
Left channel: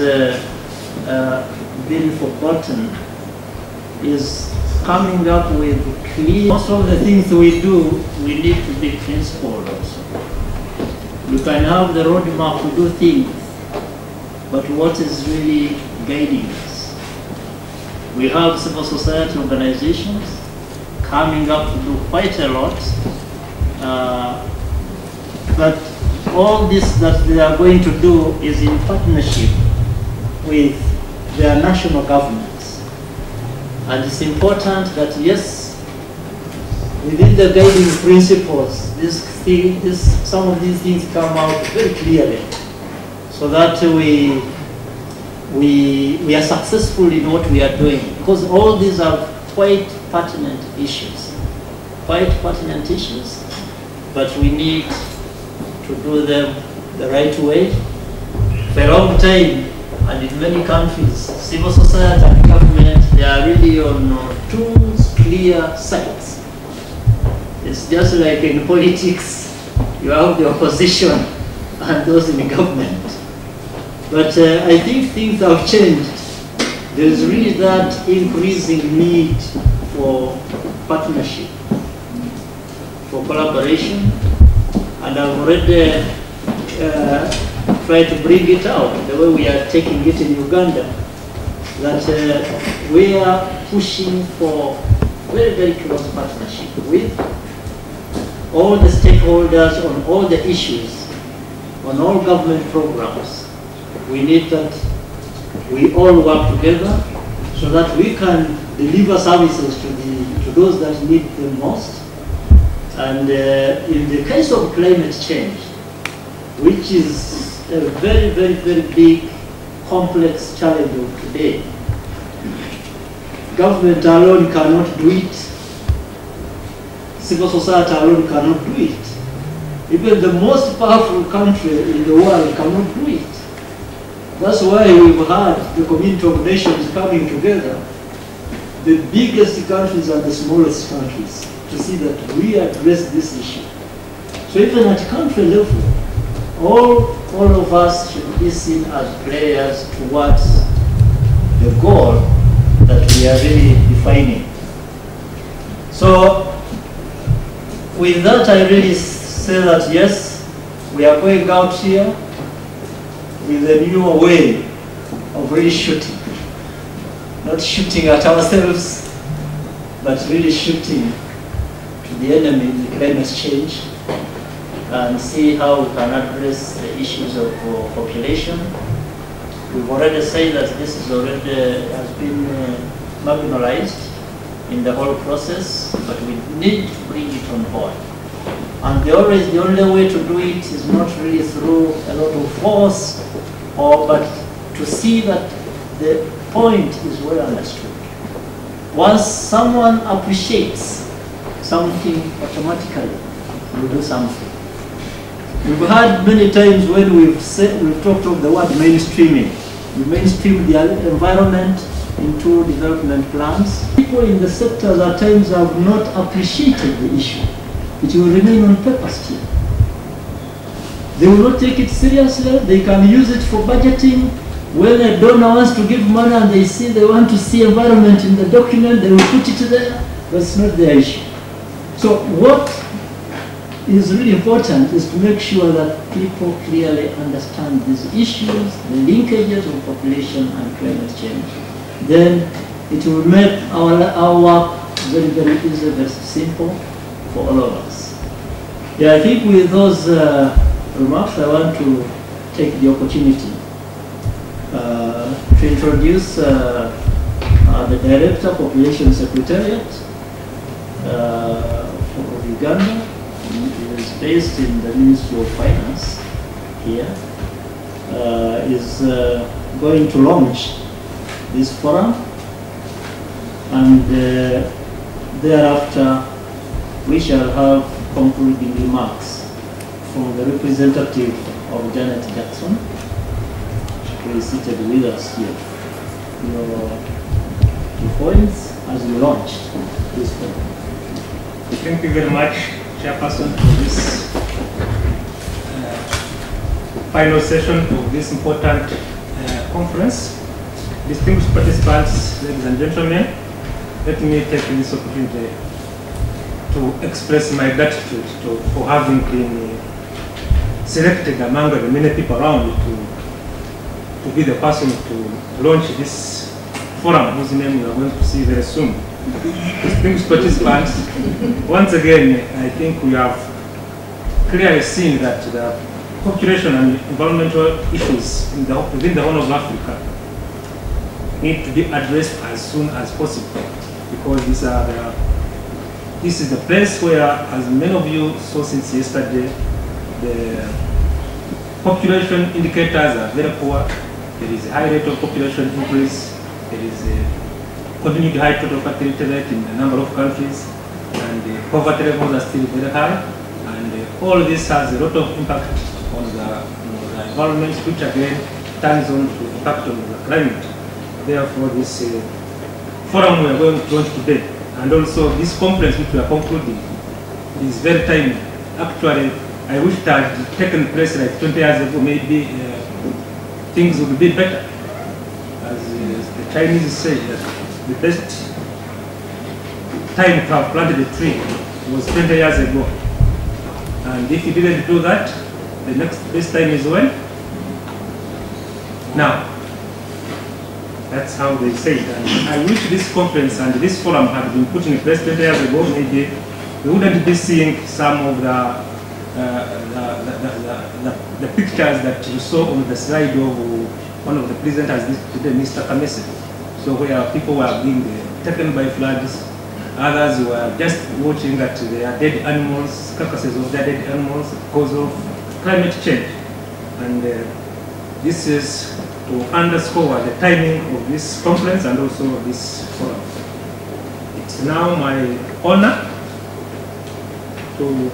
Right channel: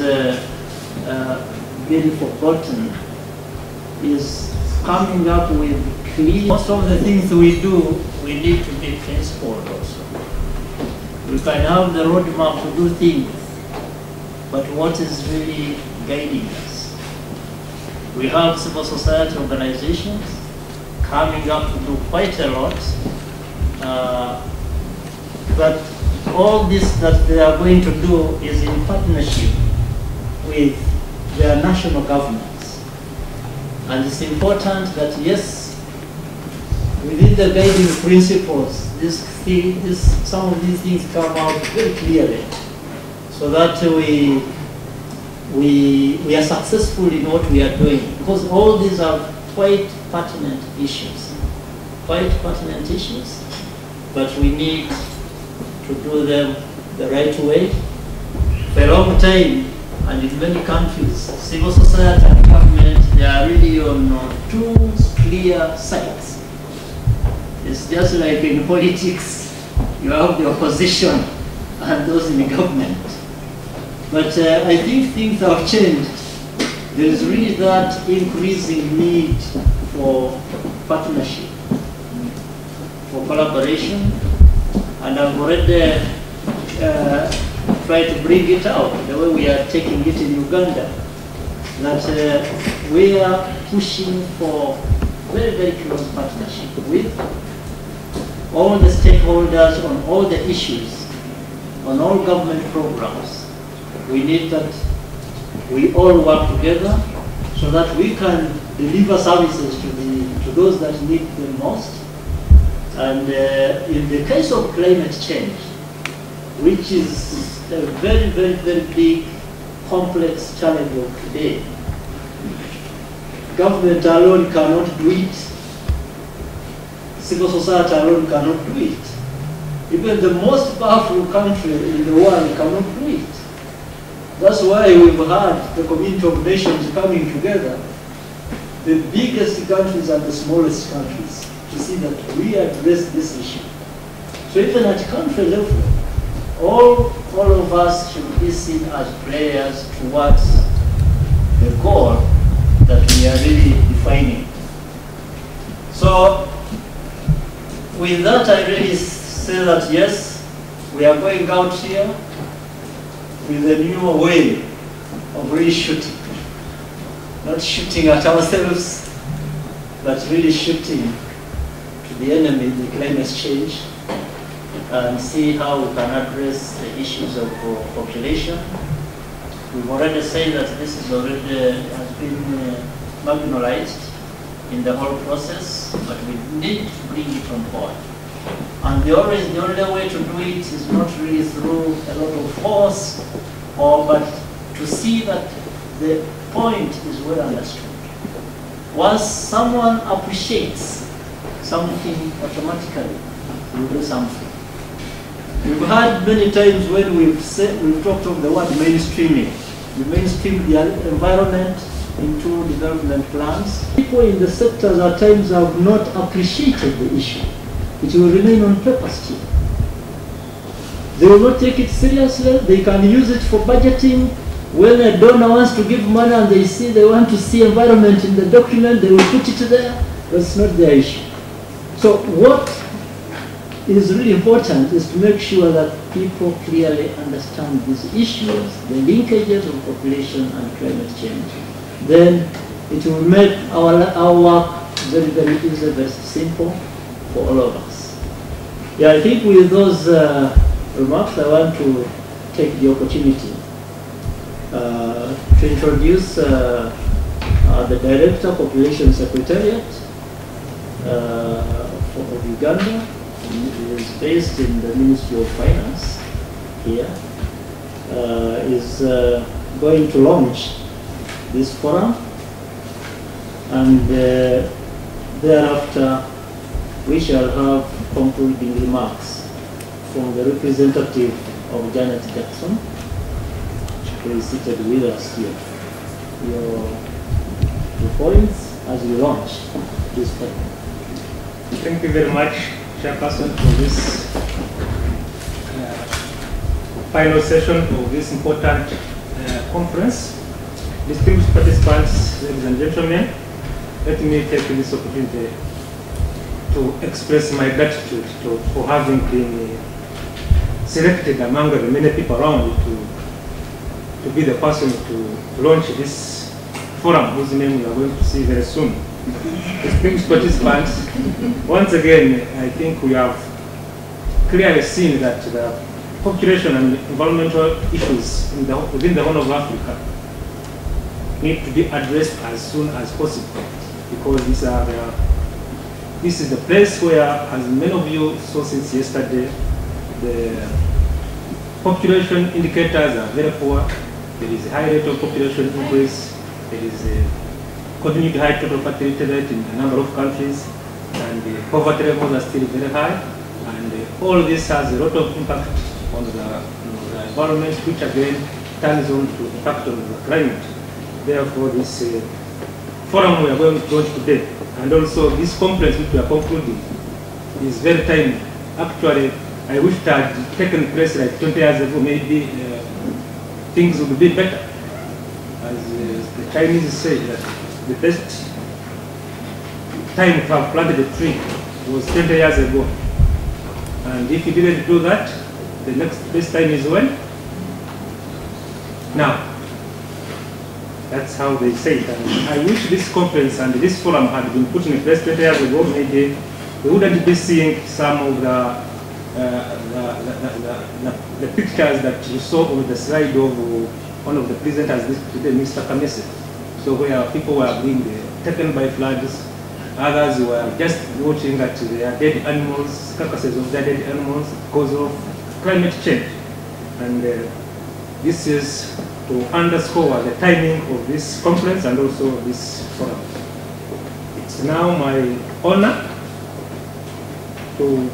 been forgotten is coming up with clear. Most of the things we do, we need to be principled also. You can have the roadmap to do things, but what is really guiding us? We have civil society organizations coming up to do quite a lot. That all this that they are going to do is in partnership with their national governments. And it's important that, yes, within the guiding principles, some of these things come out very clearly, so that we are successful in what we are doing. Because all these are quite pertinent issues. But we need to do them the right way. For a long time, and in many countries, civil society and government, they are really on two clear sides. It's just like in politics, you have the opposition and those in the government. But I think things have changed. There is really that increasing need for partnership, for collaboration, and I've already tried to bring it out the way we are taking it in Uganda, that we are pushing for very, very close partnership with all the stakeholders on all the issues, on all government programs. We need that we all work together so that we can deliver services to those that need them most. And in the case of climate change, which is a very, very, very big, complex challenge of today, government alone cannot do it. Civil society alone cannot do it. Even the most powerful country in the world cannot do it. That's why we've had the Community of Nations coming together, the biggest countries and the smallest countries, to see that we address this issue. So even at country level, all of us should be seen as players towards the goal that we are really defining. So with that, I really say that yes, we are going out here with a new way of really shooting. Not shooting at ourselves, but really shooting to the enemy in climate change, and see how we can address the issues of population. We've already said that this is already has been marginalized in the whole process, but we need to bring it on board. And the only way to do it is not really through a lot of force, but to see that the point is well understood. Once someone appreciates something, automatically we do something. We've had many times when we've talked of the word mainstreaming. We mainstream the environment into development plans. People in the sector at times have not appreciated the issue. It will remain on paper still. They will not take it seriously. They can use it for budgeting. When a donor wants to give money and they want to see environment in the document, they will put it there, but it's not their issue. So what is really important is to make sure that people clearly understand these issues, the linkages of population and climate change. Then it will make our work very, very easy, very simple for all of us. Yeah, I think with those remarks, I want to take the opportunity to introduce the Director of Population Secretariat of Uganda. He is based in the Ministry of Finance here. Is going to launch this forum, and thereafter we shall have concluding remarks from the representative of Janet Jackson, who is seated with us here. Your points as you launch this forum. Thank you very much, Chairperson, for this final session of this important conference. Distinguished participants, ladies and gentlemen, let me take this opportunity to express my gratitude for having been selected among the many people around to be the person to launch this forum, whose name we are going to see very soon. Distinguished participants, once again, I think we have clearly seen that the population and environmental issues within the Horn of Africa need to be addressed as soon as possible, because this is the place where, as many of you saw since yesterday, the population indicators are very poor. There is a high rate of population increase. There is a continued high total fertility rate in a number of countries, and the poverty levels are still very high. And all this has a lot of impact on the environment, which again turns on to impact on the climate. Therefore, this forum we are going to launch today, and also this conference which we are concluding, is very timely. Actually, I wish it had taken place like 20 years ago. Maybe things would be better. As the Chinese say, that the best time to have planted a tree was 20 years ago. And if you didn't do that, the next best time is when? Now. That's how they say it. And I wish this conference and this forum had been put in place 20 years ago. Maybe we wouldn't be seeing some of the pictures that you saw on the slide of one of the presenters today, Mr. Kamese. So where people were being taken by floods, others were just watching at their dead animals, carcasses of their dead animals because of climate change. And this is to underscore the timing of this conference and also this forum. It's now my honor to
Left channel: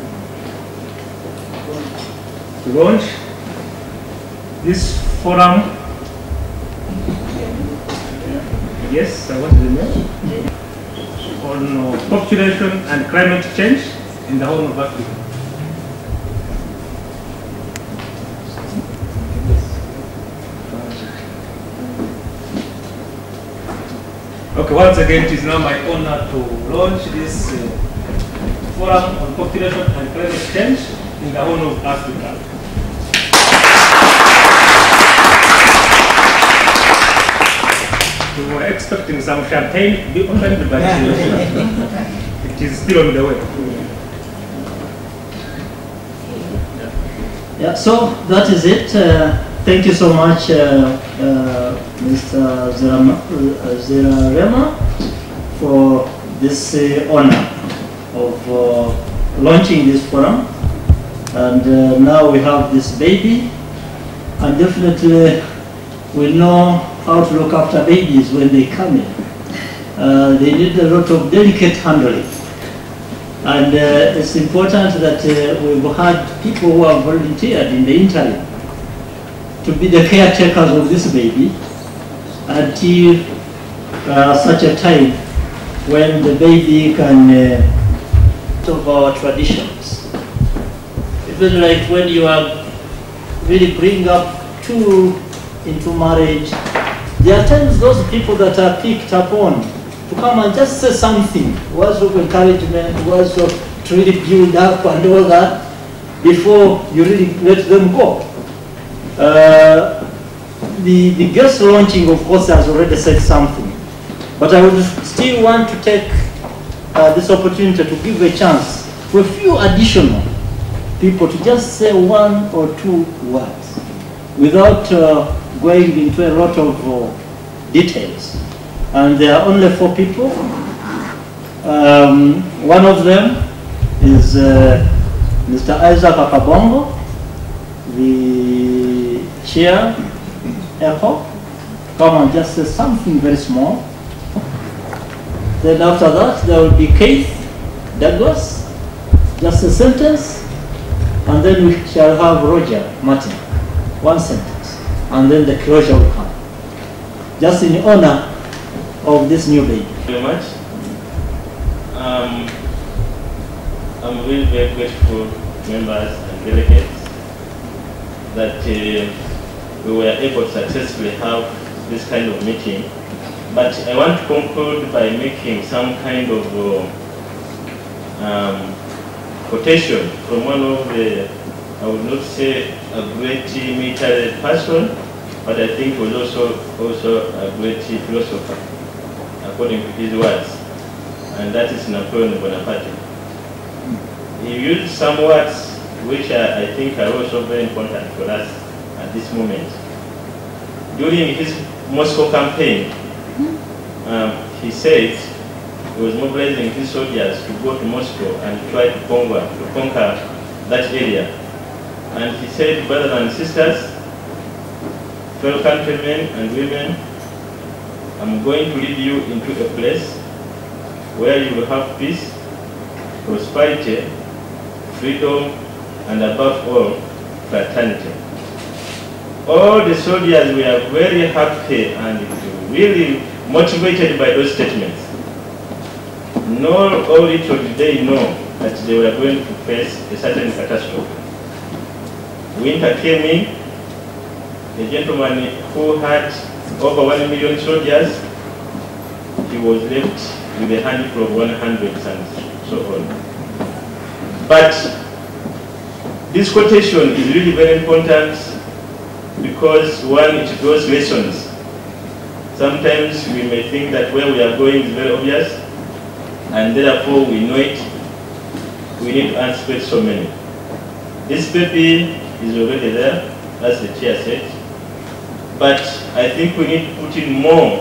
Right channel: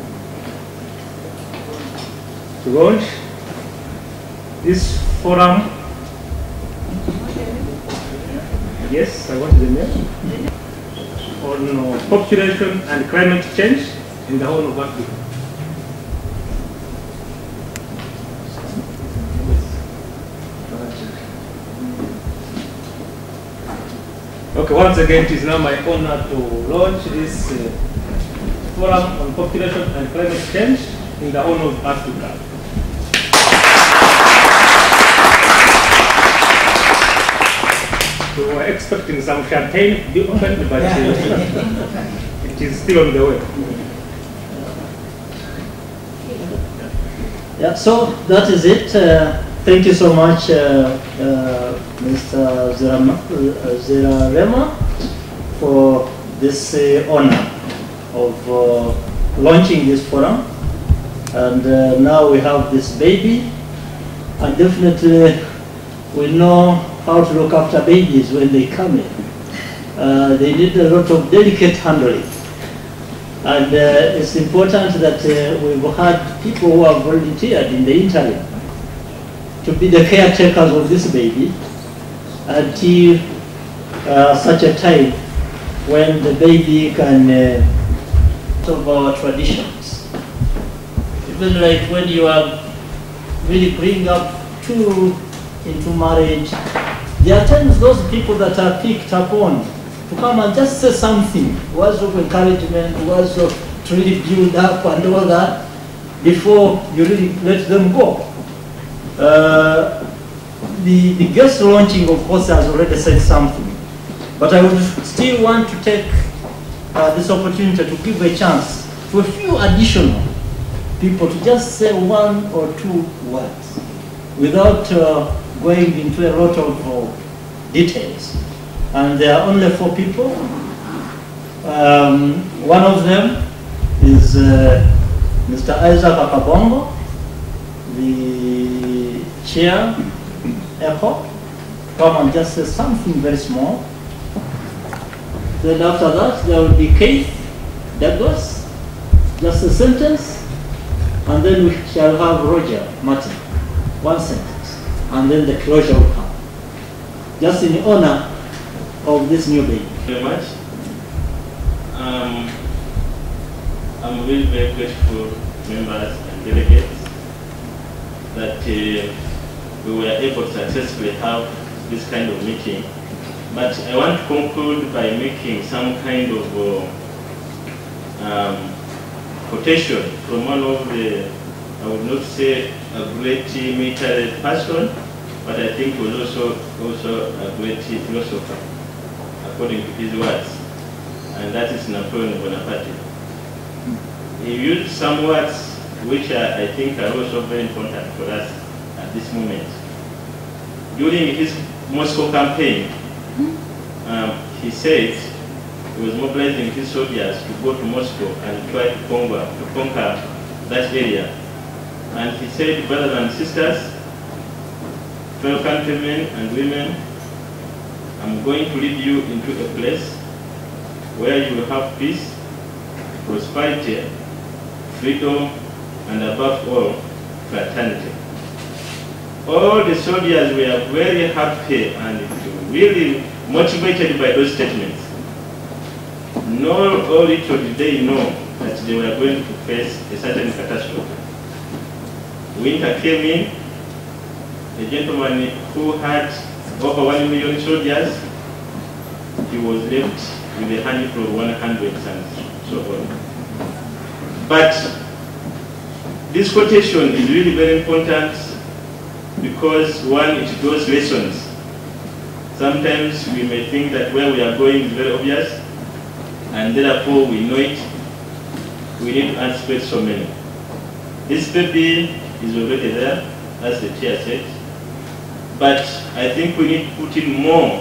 launch this forum. Yes, I want to remember on population and climate change in the whole of Africa. Okay, once again, it is now my honor to launch this forum on population and climate change in the whole of Africa. We were expecting some champagne to be opened, but it is still on the way. Yeah, so that is it. Thank you so much, Mr. Zerarema, for this honor of launching this forum. And now we have this baby, and definitely we know how to look after babies when they come in. They need a lot of delicate handling. And it's important that we've had people who have volunteered in the interim to be the caretakers of this baby until such a time when the baby can of our traditions. Even like when you are really bringing up two into marriage, there are times those people that are picked upon to come and just say something, words of encouragement, words of to really build up and all that before you really let them go. The guest launching, of course, has already said something, but I would still want to take this opportunity to give a chance for a few additional people to just say one or two words without going into a lot of details. And there are only 4 people. One of them is Mr. Isaac Akabongo, the chair, airport. Come and just say something very small. Then after that, there will be Keith Douglas, just a sentence, and then we shall have Roger Martin, 1 sentence, and then the closure will come. Just in honor of this new baby. Very much. I'm really very grateful, members and delegates, that we were able to successfully have this kind of meeting. But I want to conclude by making some kind of quotation from one of the, I would not say a great military person, but I think was also a great philosopher, according to his words, and that is Napoleon Bonaparte. He used some words which I think are also very important for us at this moment. During his Moscow campaign, he said he was mobilizing his soldiers to go to Moscow and try to conquer that area. And he said, brothers and sisters, fellow countrymen and women, I'm going to lead you into a place where you will have peace, prosperity, freedom, and above all, fraternity. All the soldiers were very happy and really motivated by those statements. Nor only did they know that they were going to face a certain catastrophe. Winter came in, a gentleman who had over 1 million soldiers, he was left with a handful of 100 and so on. But this quotation is really very important because, one, it draws lessons. Sometimes we may think that where we are going is very obvious, and therefore we know it. We need to anticipate so many. This PP is already there, as the chair said, but I think we need to put in more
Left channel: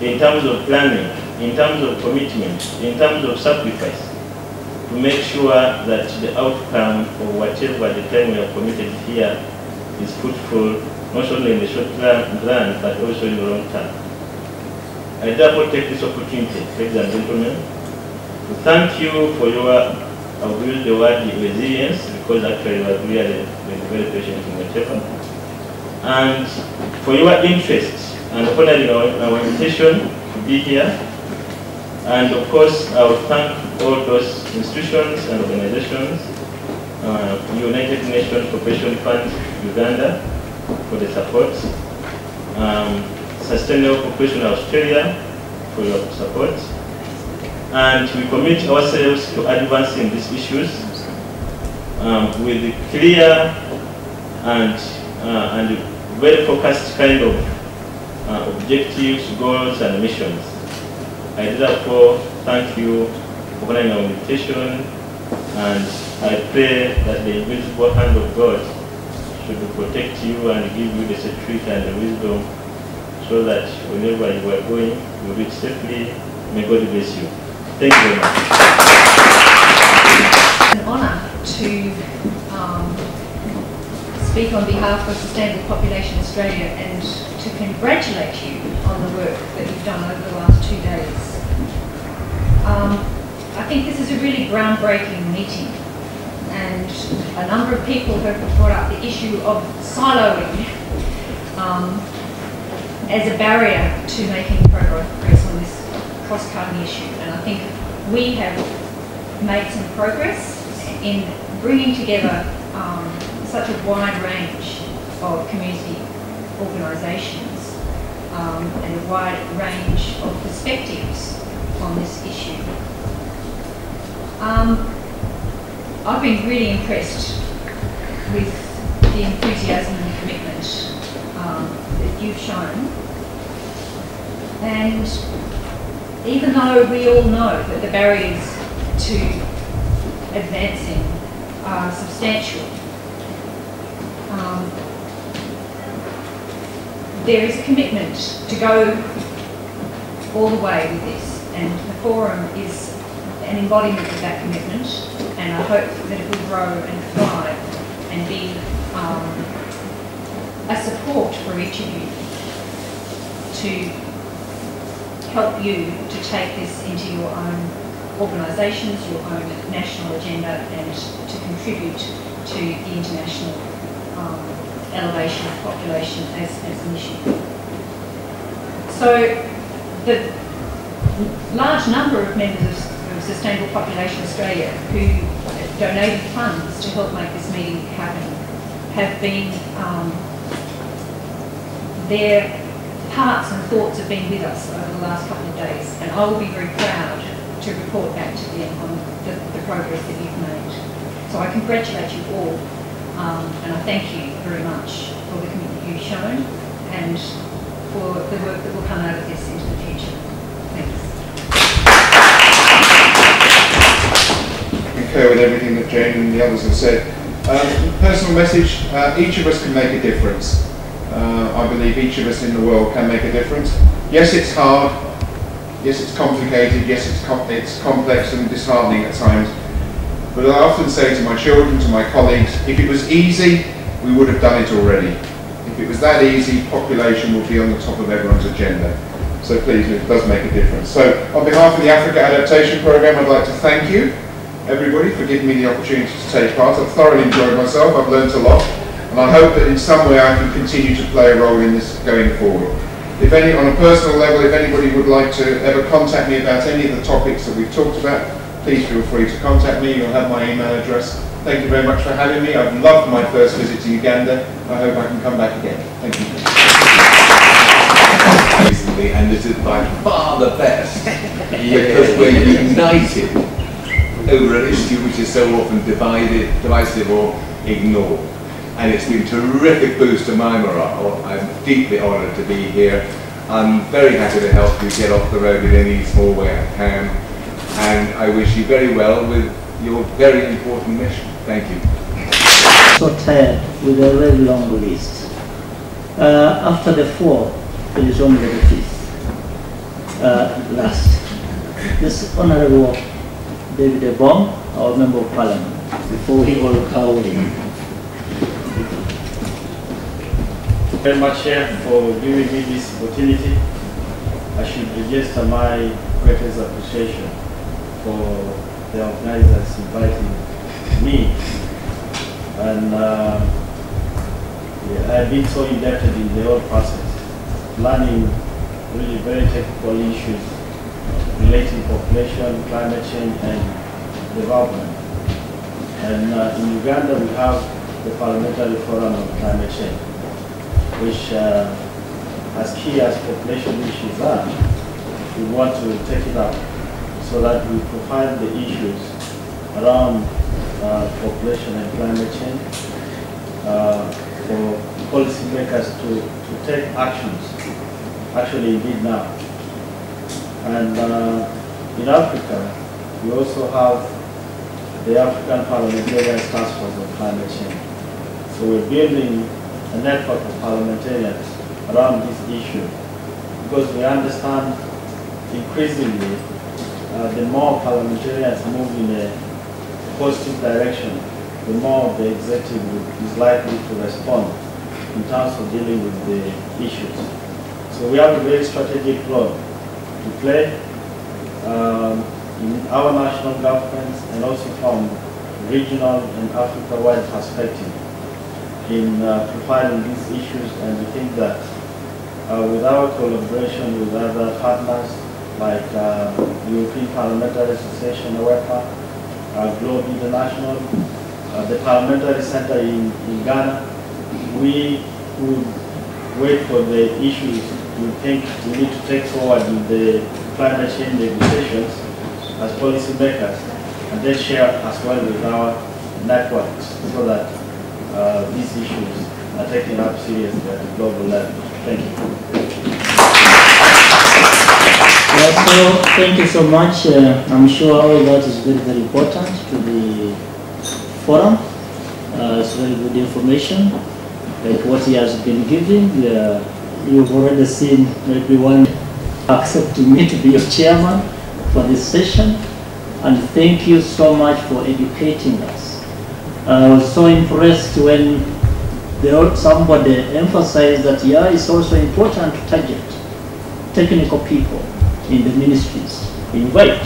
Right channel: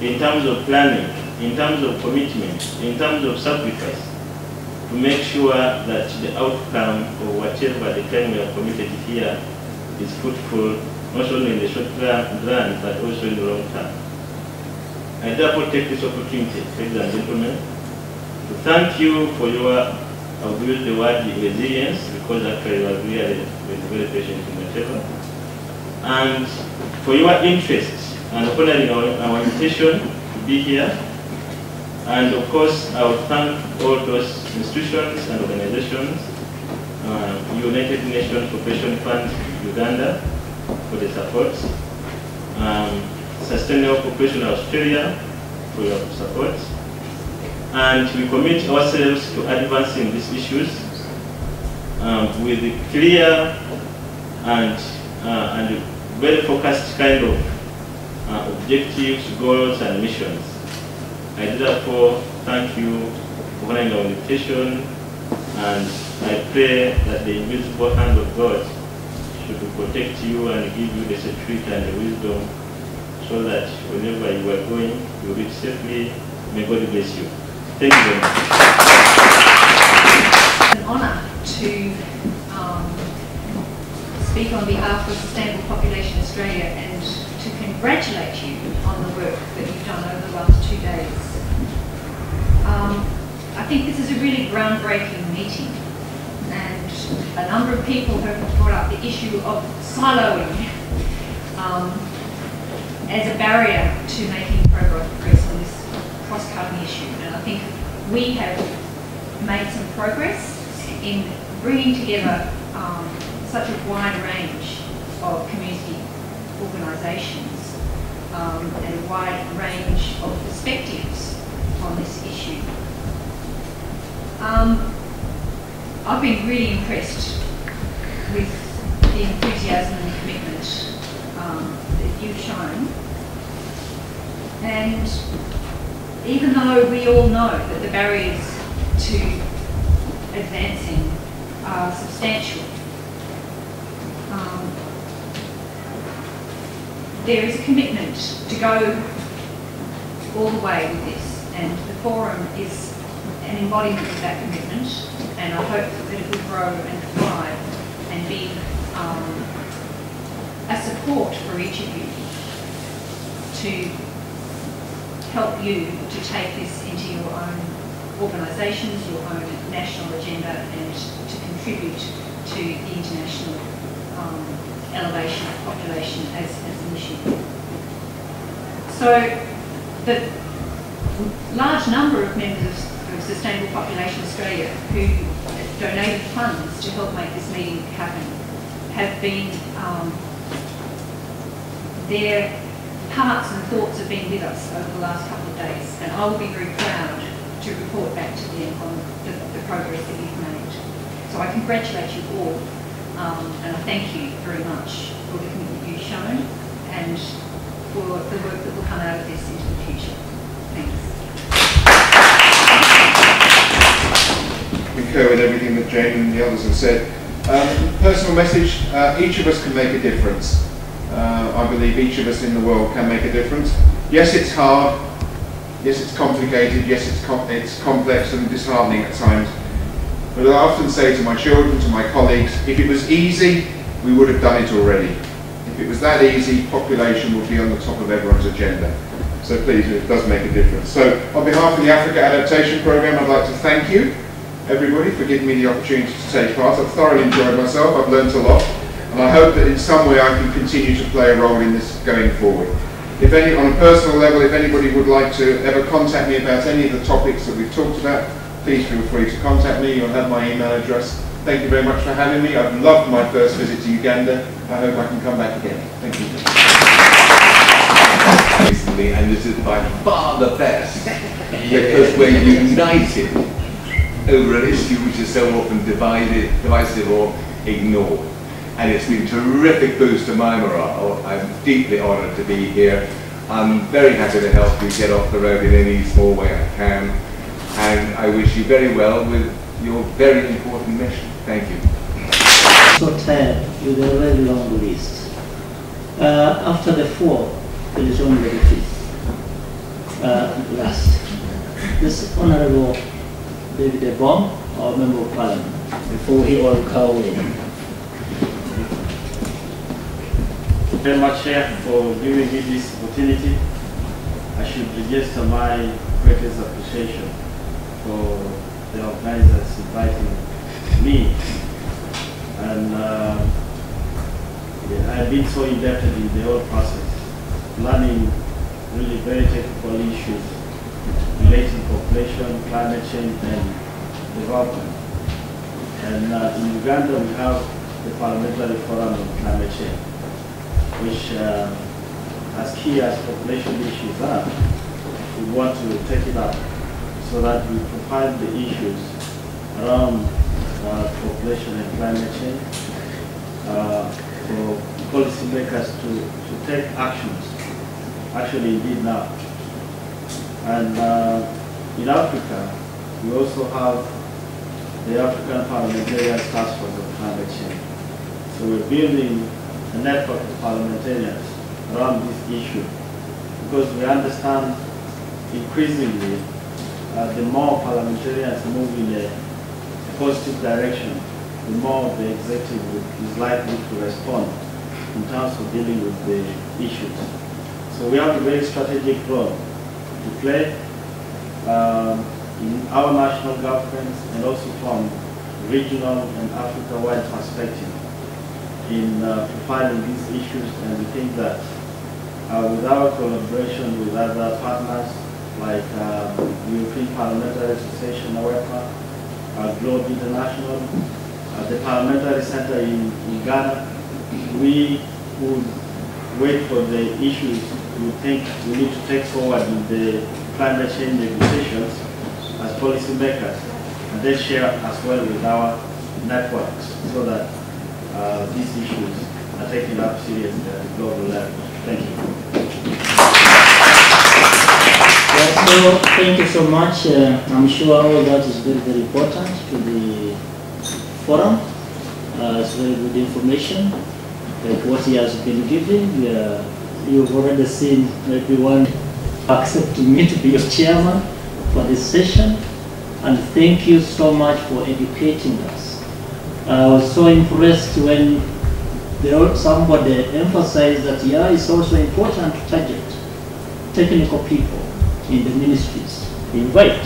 in terms of planning, in terms of commitment, in terms of sacrifice, to make sure that the outcome of whatever the time we are committed here is fruitful, not only in the short run, but also in the long term. I therefore take this opportunity, ladies and gentlemen, to thank you for your, I will use the word resilience, because actually you are really very patient in your paper, and for your interest and honoring our invitation to be here. And of course, I will thank all those institutions and organizations, United Nations Population Fund Uganda for the support, Sustainable Population Australia for your support, and we commit ourselves to advancing these issues with clear and very focused kind of objectives, goals, and missions. I therefore thank you for honoring our invitation, and I pray that the invisible hand of God should protect you and give you the security and the wisdom so that whenever you are going, you reach safely. May God bless you. Thank you very much. It's an honour to speak on behalf of Sustainable Population Australia and to congratulate you on the work that you've done over the last 2 days. I think this is a really groundbreaking meeting, and a number of people have brought up the issue of siloing as a barrier to making progress on this cost-cutting issue. And I think we have made some progress in bringing together such a wide range of community organisations and a wide range of perspectives on this issue. I've been really impressed with the enthusiasm and commitment that you've shown. And even though we all know that the barriers to advancing are substantial, there is a commitment to go all the way with this, and the forum is an embodiment of that commitment, and I hope that it will grow and thrive and be a support for each of you to help you to take this into your own organisations, your own national agenda, and to contribute to the international elevation of population as a mission. So the large number of members of Sustainable Population Australia who donated funds to help make this meeting happen have been there hearts and thoughts have been with us over the last couple of days, and I will be very proud to report back to them on the progress that we've made. So I congratulate you all, and I thank you very much for the commitment you've shown and for the work that will come out of this into the future. Thanks. I concur with everything that Jane and the others have said. Personal message, each of us can make a difference. I believe each of us in the world can make a difference. Yes, it's hard. Yes, it's complicated. Yes, it's complex and disheartening at times. But I often say to my children, to my colleagues, if it was easy, we would have done it already. If it was that easy, population would be on the top of everyone's agenda. So please, it does make a difference. So on behalf of the Africa Adaptation Programme, I'd like to thank you, everybody, for giving me the opportunity to take part. I've thoroughly enjoyed myself. I've learnt a lot. And I hope that in some way I can continue to play a role in this going forward. If any, on a personal level, if anybody would like to ever contact me about any of the topics that we've talked about, please feel free to contact me. You'll have my email address. Thank you very much for having me. I've loved my first visit to Uganda. I hope I can come back again. Thank you. Recently, and this is by far the best, because we're united over an issue which is so often divisive or ignored. And it's been a terrific boost to my morale. I'm deeply honoured to be here. I'm very happy to help you get off the road in any small way I can. And I wish you very well with your very important mission. Thank you. So tired with a very long list. After the four, it is only the fifth. Last. This Honourable David Ebong, our Member of Parliament, before he will call in. Very much, Chair, for giving me this opportunity. I should register my greatest appreciation for the organizers inviting me. And I've been so indebted in the whole process, learning really very technical issues relating to population, climate change, and development. And in Uganda, we have the Parliamentary Forum on Climate Change, which, as key as population issues are, we want to take it up so that we profile the issues around population and climate change for policymakers to take actions, actually indeed now. And in Africa, we also have the African Parliamentarian Task Force on Climate Change. So we're building a network of parliamentarians around this issue because we understand increasingly the more parliamentarians move in a positive direction, the more the executive is likely to respond in terms of dealing with the issues. So we have a very strategic role to play in our national governments and also from regional and Africa-wide perspective in profiling these issues, and we think that with our collaboration with other partners like European Parliamentary Association, AWEPA, Globe International, the Parliamentary Center in Ghana, we would wait for the issues we think we need to take forward in the climate change negotiations as policymakers, and then share as well with our networks so that these issues are taken up seriously at the global level. Thank you. So thank you so much. I'm sure all that is very, very important to the forum. It's very good information, like what he has been giving. You've already seen maybe one accepting me to be your chairman for this session, and thank you so much for educating us. I was so impressed when somebody emphasized that it's also important to target technical people in the ministries. Invite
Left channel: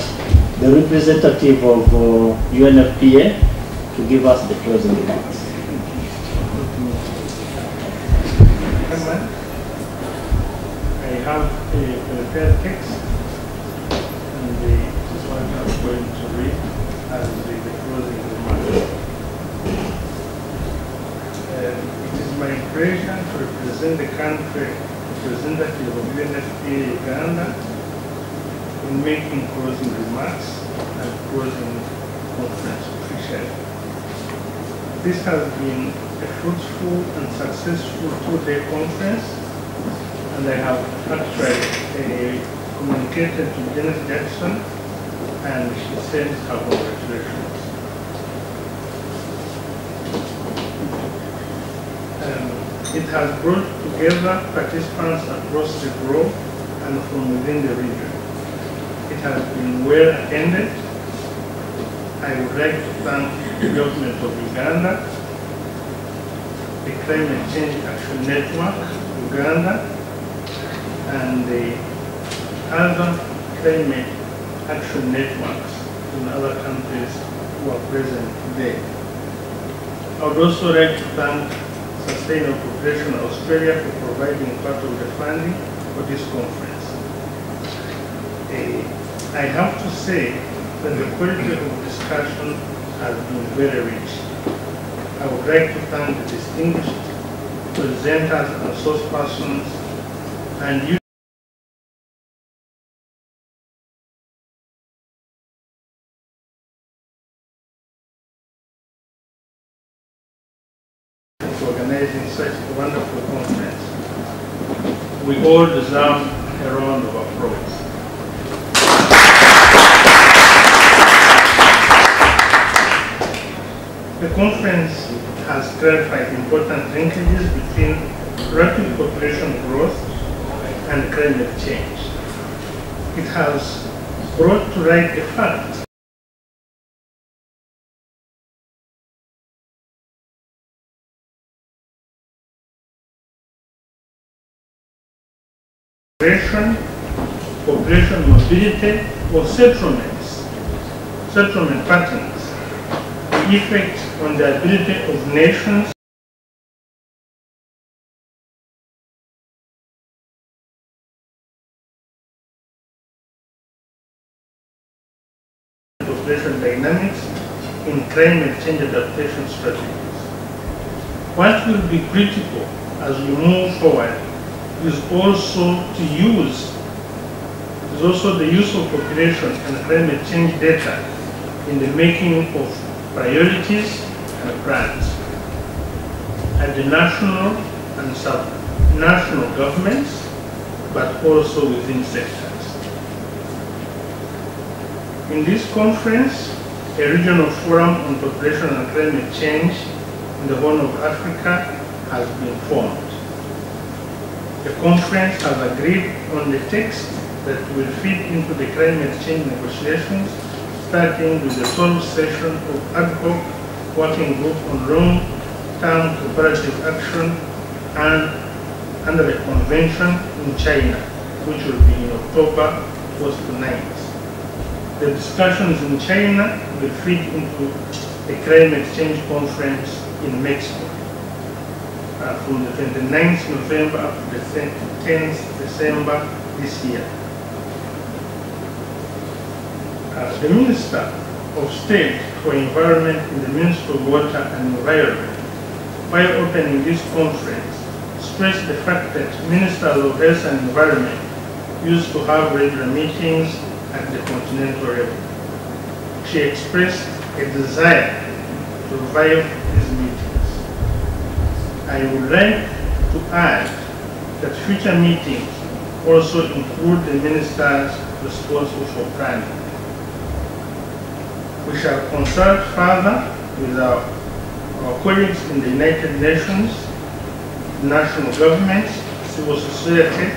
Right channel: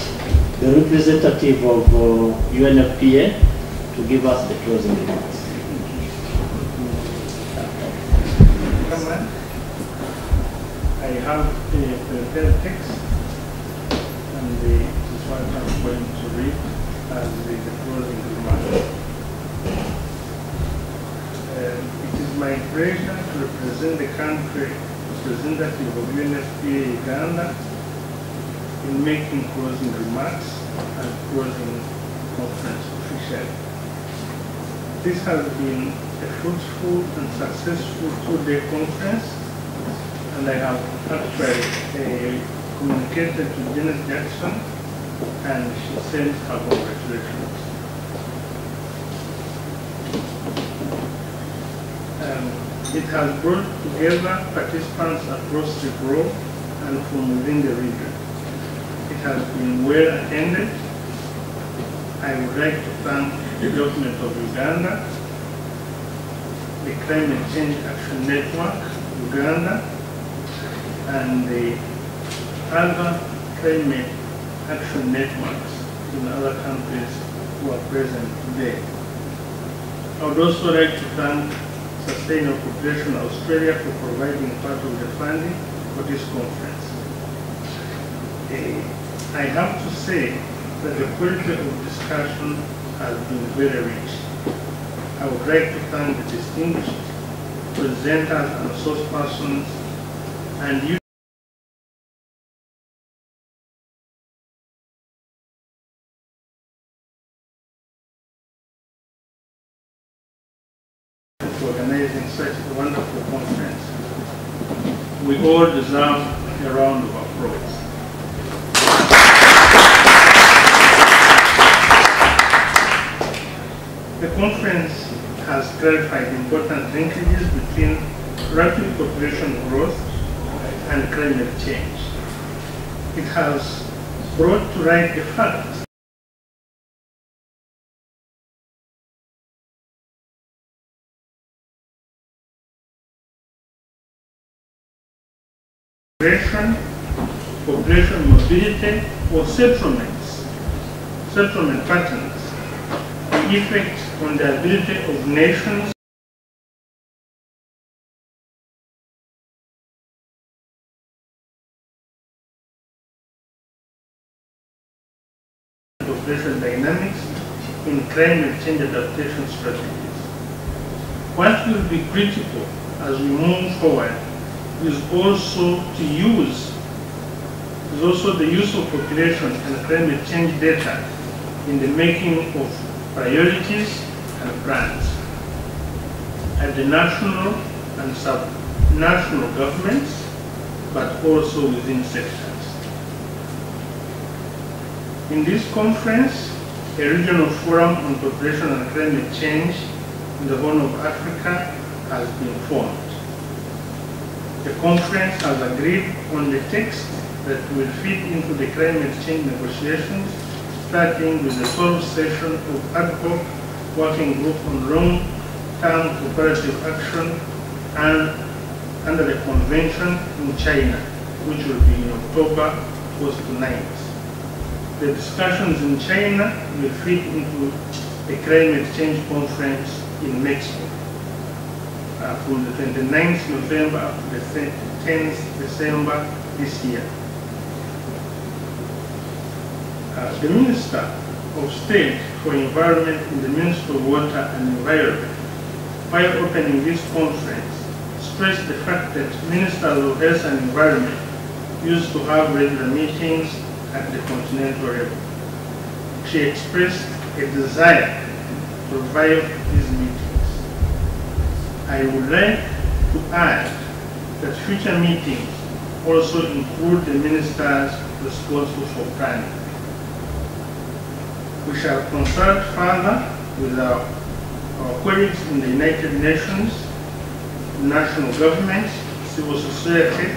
the representative of UNFPA to give us the closing remarks. I have a prepared text, and this one I'm going to read as the closing remarks. It is my pleasure to represent the country of representative of UNFPA Uganda in making closing remarks and closing conference officially. This has been a fruitful and successful two-day conference, and I have actually communicated to Janet Jackson, and she sent her congratulations. It has brought together participants across the globe and from within the region. It has been well attended. I would like to thank the government of Uganda, the Climate Change Action Network, Uganda, and the other climate action networks in other countries who are present today. I would also like to thank Sustainable Population Australia for providing part of the funding for this conference. I have to say that the quality of discussion has been very rich. I would like to thank the distinguished presenters and source persons and you for organizing such a wonderful conference. We all deserve a round of applause. The conference has clarified important linkages between rapid population growth and climate change. It has brought to light the fact population mobility or settlement patterns, the effect on the ability of nations population dynamics in climate change adaptation strategies. What will be critical as we move forward is also the use of population and climate change data in the making of priorities and plans at the national and sub-national governments, but also within sectors. In this conference, a regional forum on population and climate change in the Horn of Africa has been formed. The conference has agreed on the text that will feed into the climate change negotiations, starting with the 12th session of ad hoc working group on long-term cooperative action and under a convention in China, which will be in October 1st to 9th. The discussions in China will feed into a climate change conference in Mexico from the 29th November up to the 10th December this year. The Minister of State for Environment in the Ministry of Water and Environment, while opening this conference, stressed the fact that Ministers of Health and Environment used to have regular meetings at the continental level. She expressed a desire to revive these meetings. I would like to add that future meetings also include the ministers responsible for planning. We shall consult further with our colleagues in the United Nations, national governments, civil society,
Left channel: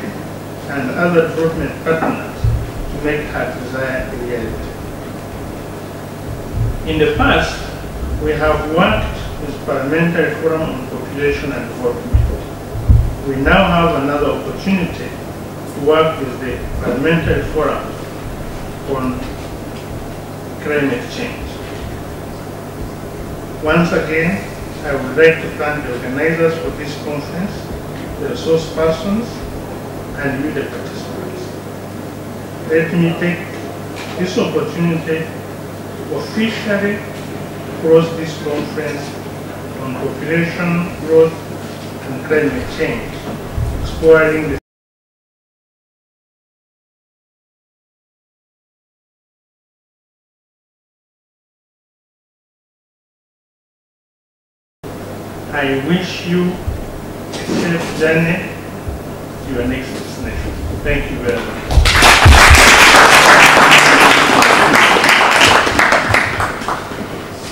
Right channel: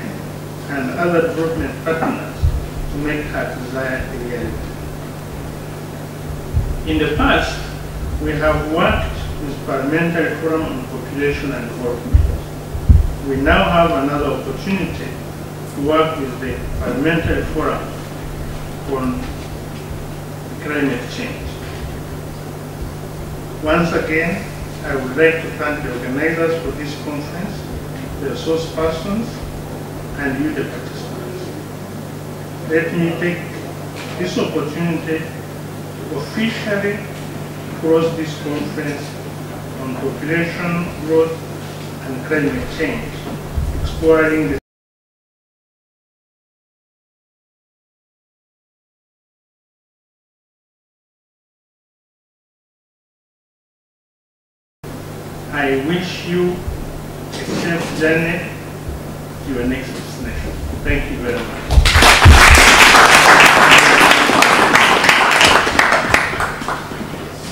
and other development partners to make her desire a reality. In the past, we have worked with Parliamentary Forum on Population and Development. We now have another opportunity to work with the Parliamentary Forum on climate change. Once again, I would like to thank the organizers for this conference, the resource persons, and you, the participants. Let me take this opportunity to officially close this conference on population growth and climate change, exploring the I wish you a safe journey to your next destination. Thank you very much.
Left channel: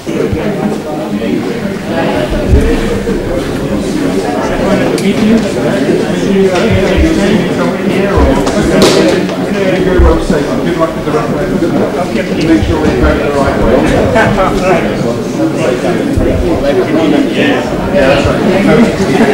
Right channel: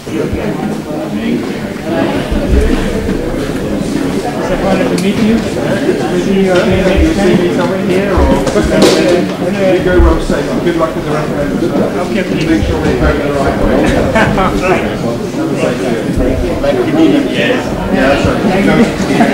It's a pleasure to meet you. Maybe you again next time somewhere here or anyway. You go well safe. Good luck with the referendum. Good luck. Make sure we have the right way. Yeah, that's right.